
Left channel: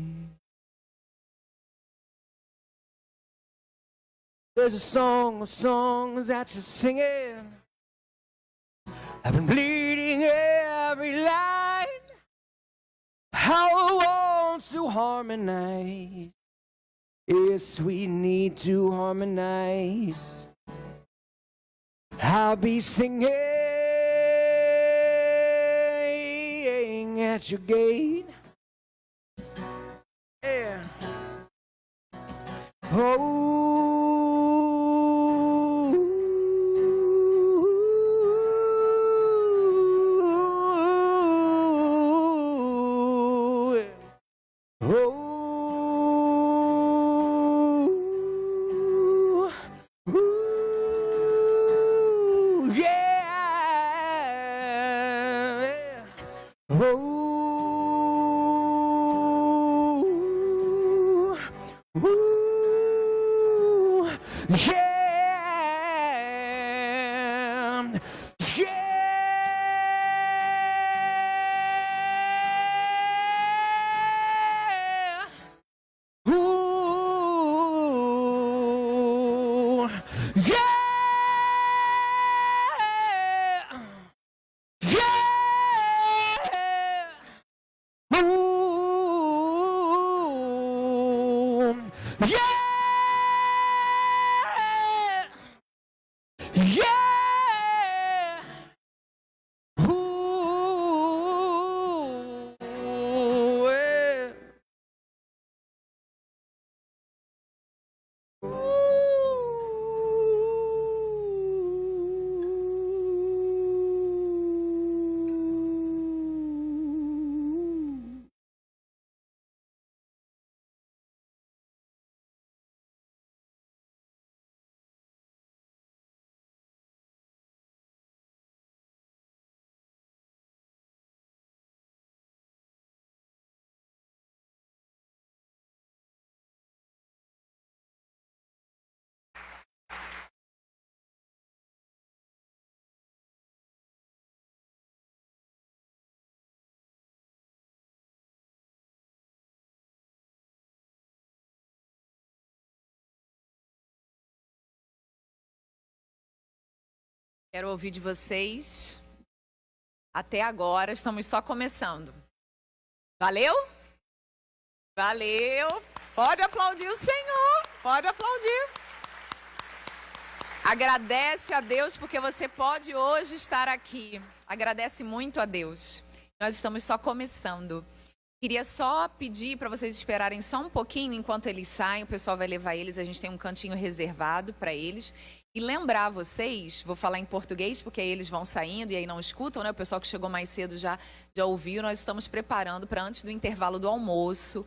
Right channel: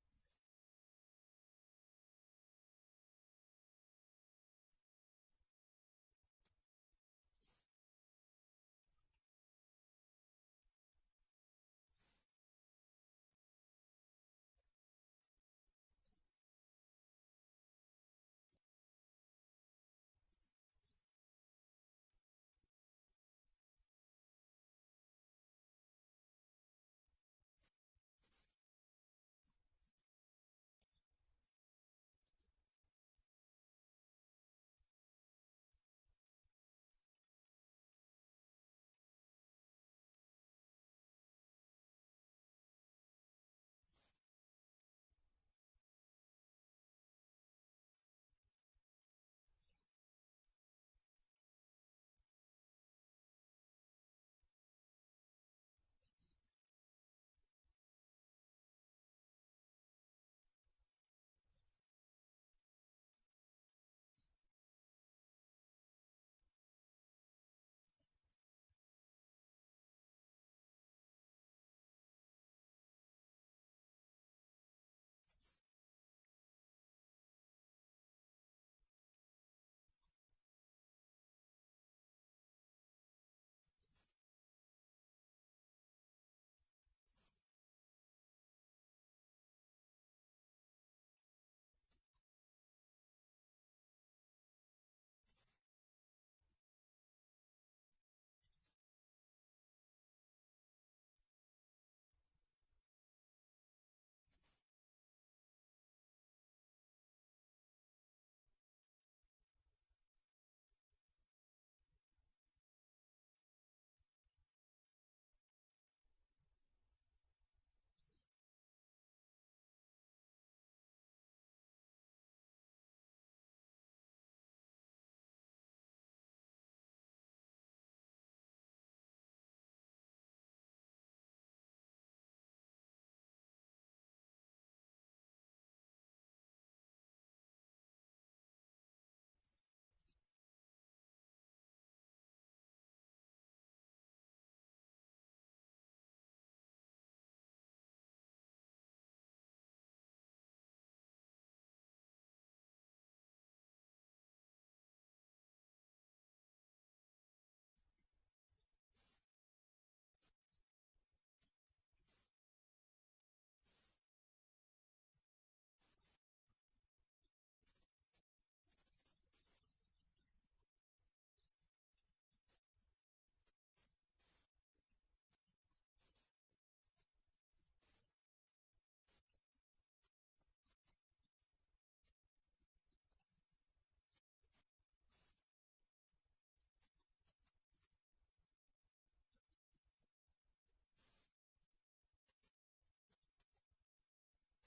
There's a song of songs that you're singing. I've been bleeding every line. How I want to harmonize. Yes, we need to harmonize. I'll be singing at your gate. Yeah. Quero ouvir de vocês. Até agora, estamos só começando. Valeu? Valeu. Pode aplaudir o Senhor. Pode aplaudir. Agradece a Deus porque você pode hoje estar aqui. Agradece muito a Deus. Nós estamos só começando. Queria só pedir para vocês esperarem só um pouquinho enquanto eles saem. O pessoal vai levar eles. A gente tem um cantinho reservado para eles. E lembrar vocês, vou falar em português, porque aí eles vão saindo e aí não escutam, né? O pessoal que chegou mais cedo já ouviu. Nós estamos preparando para antes do intervalo do almoço.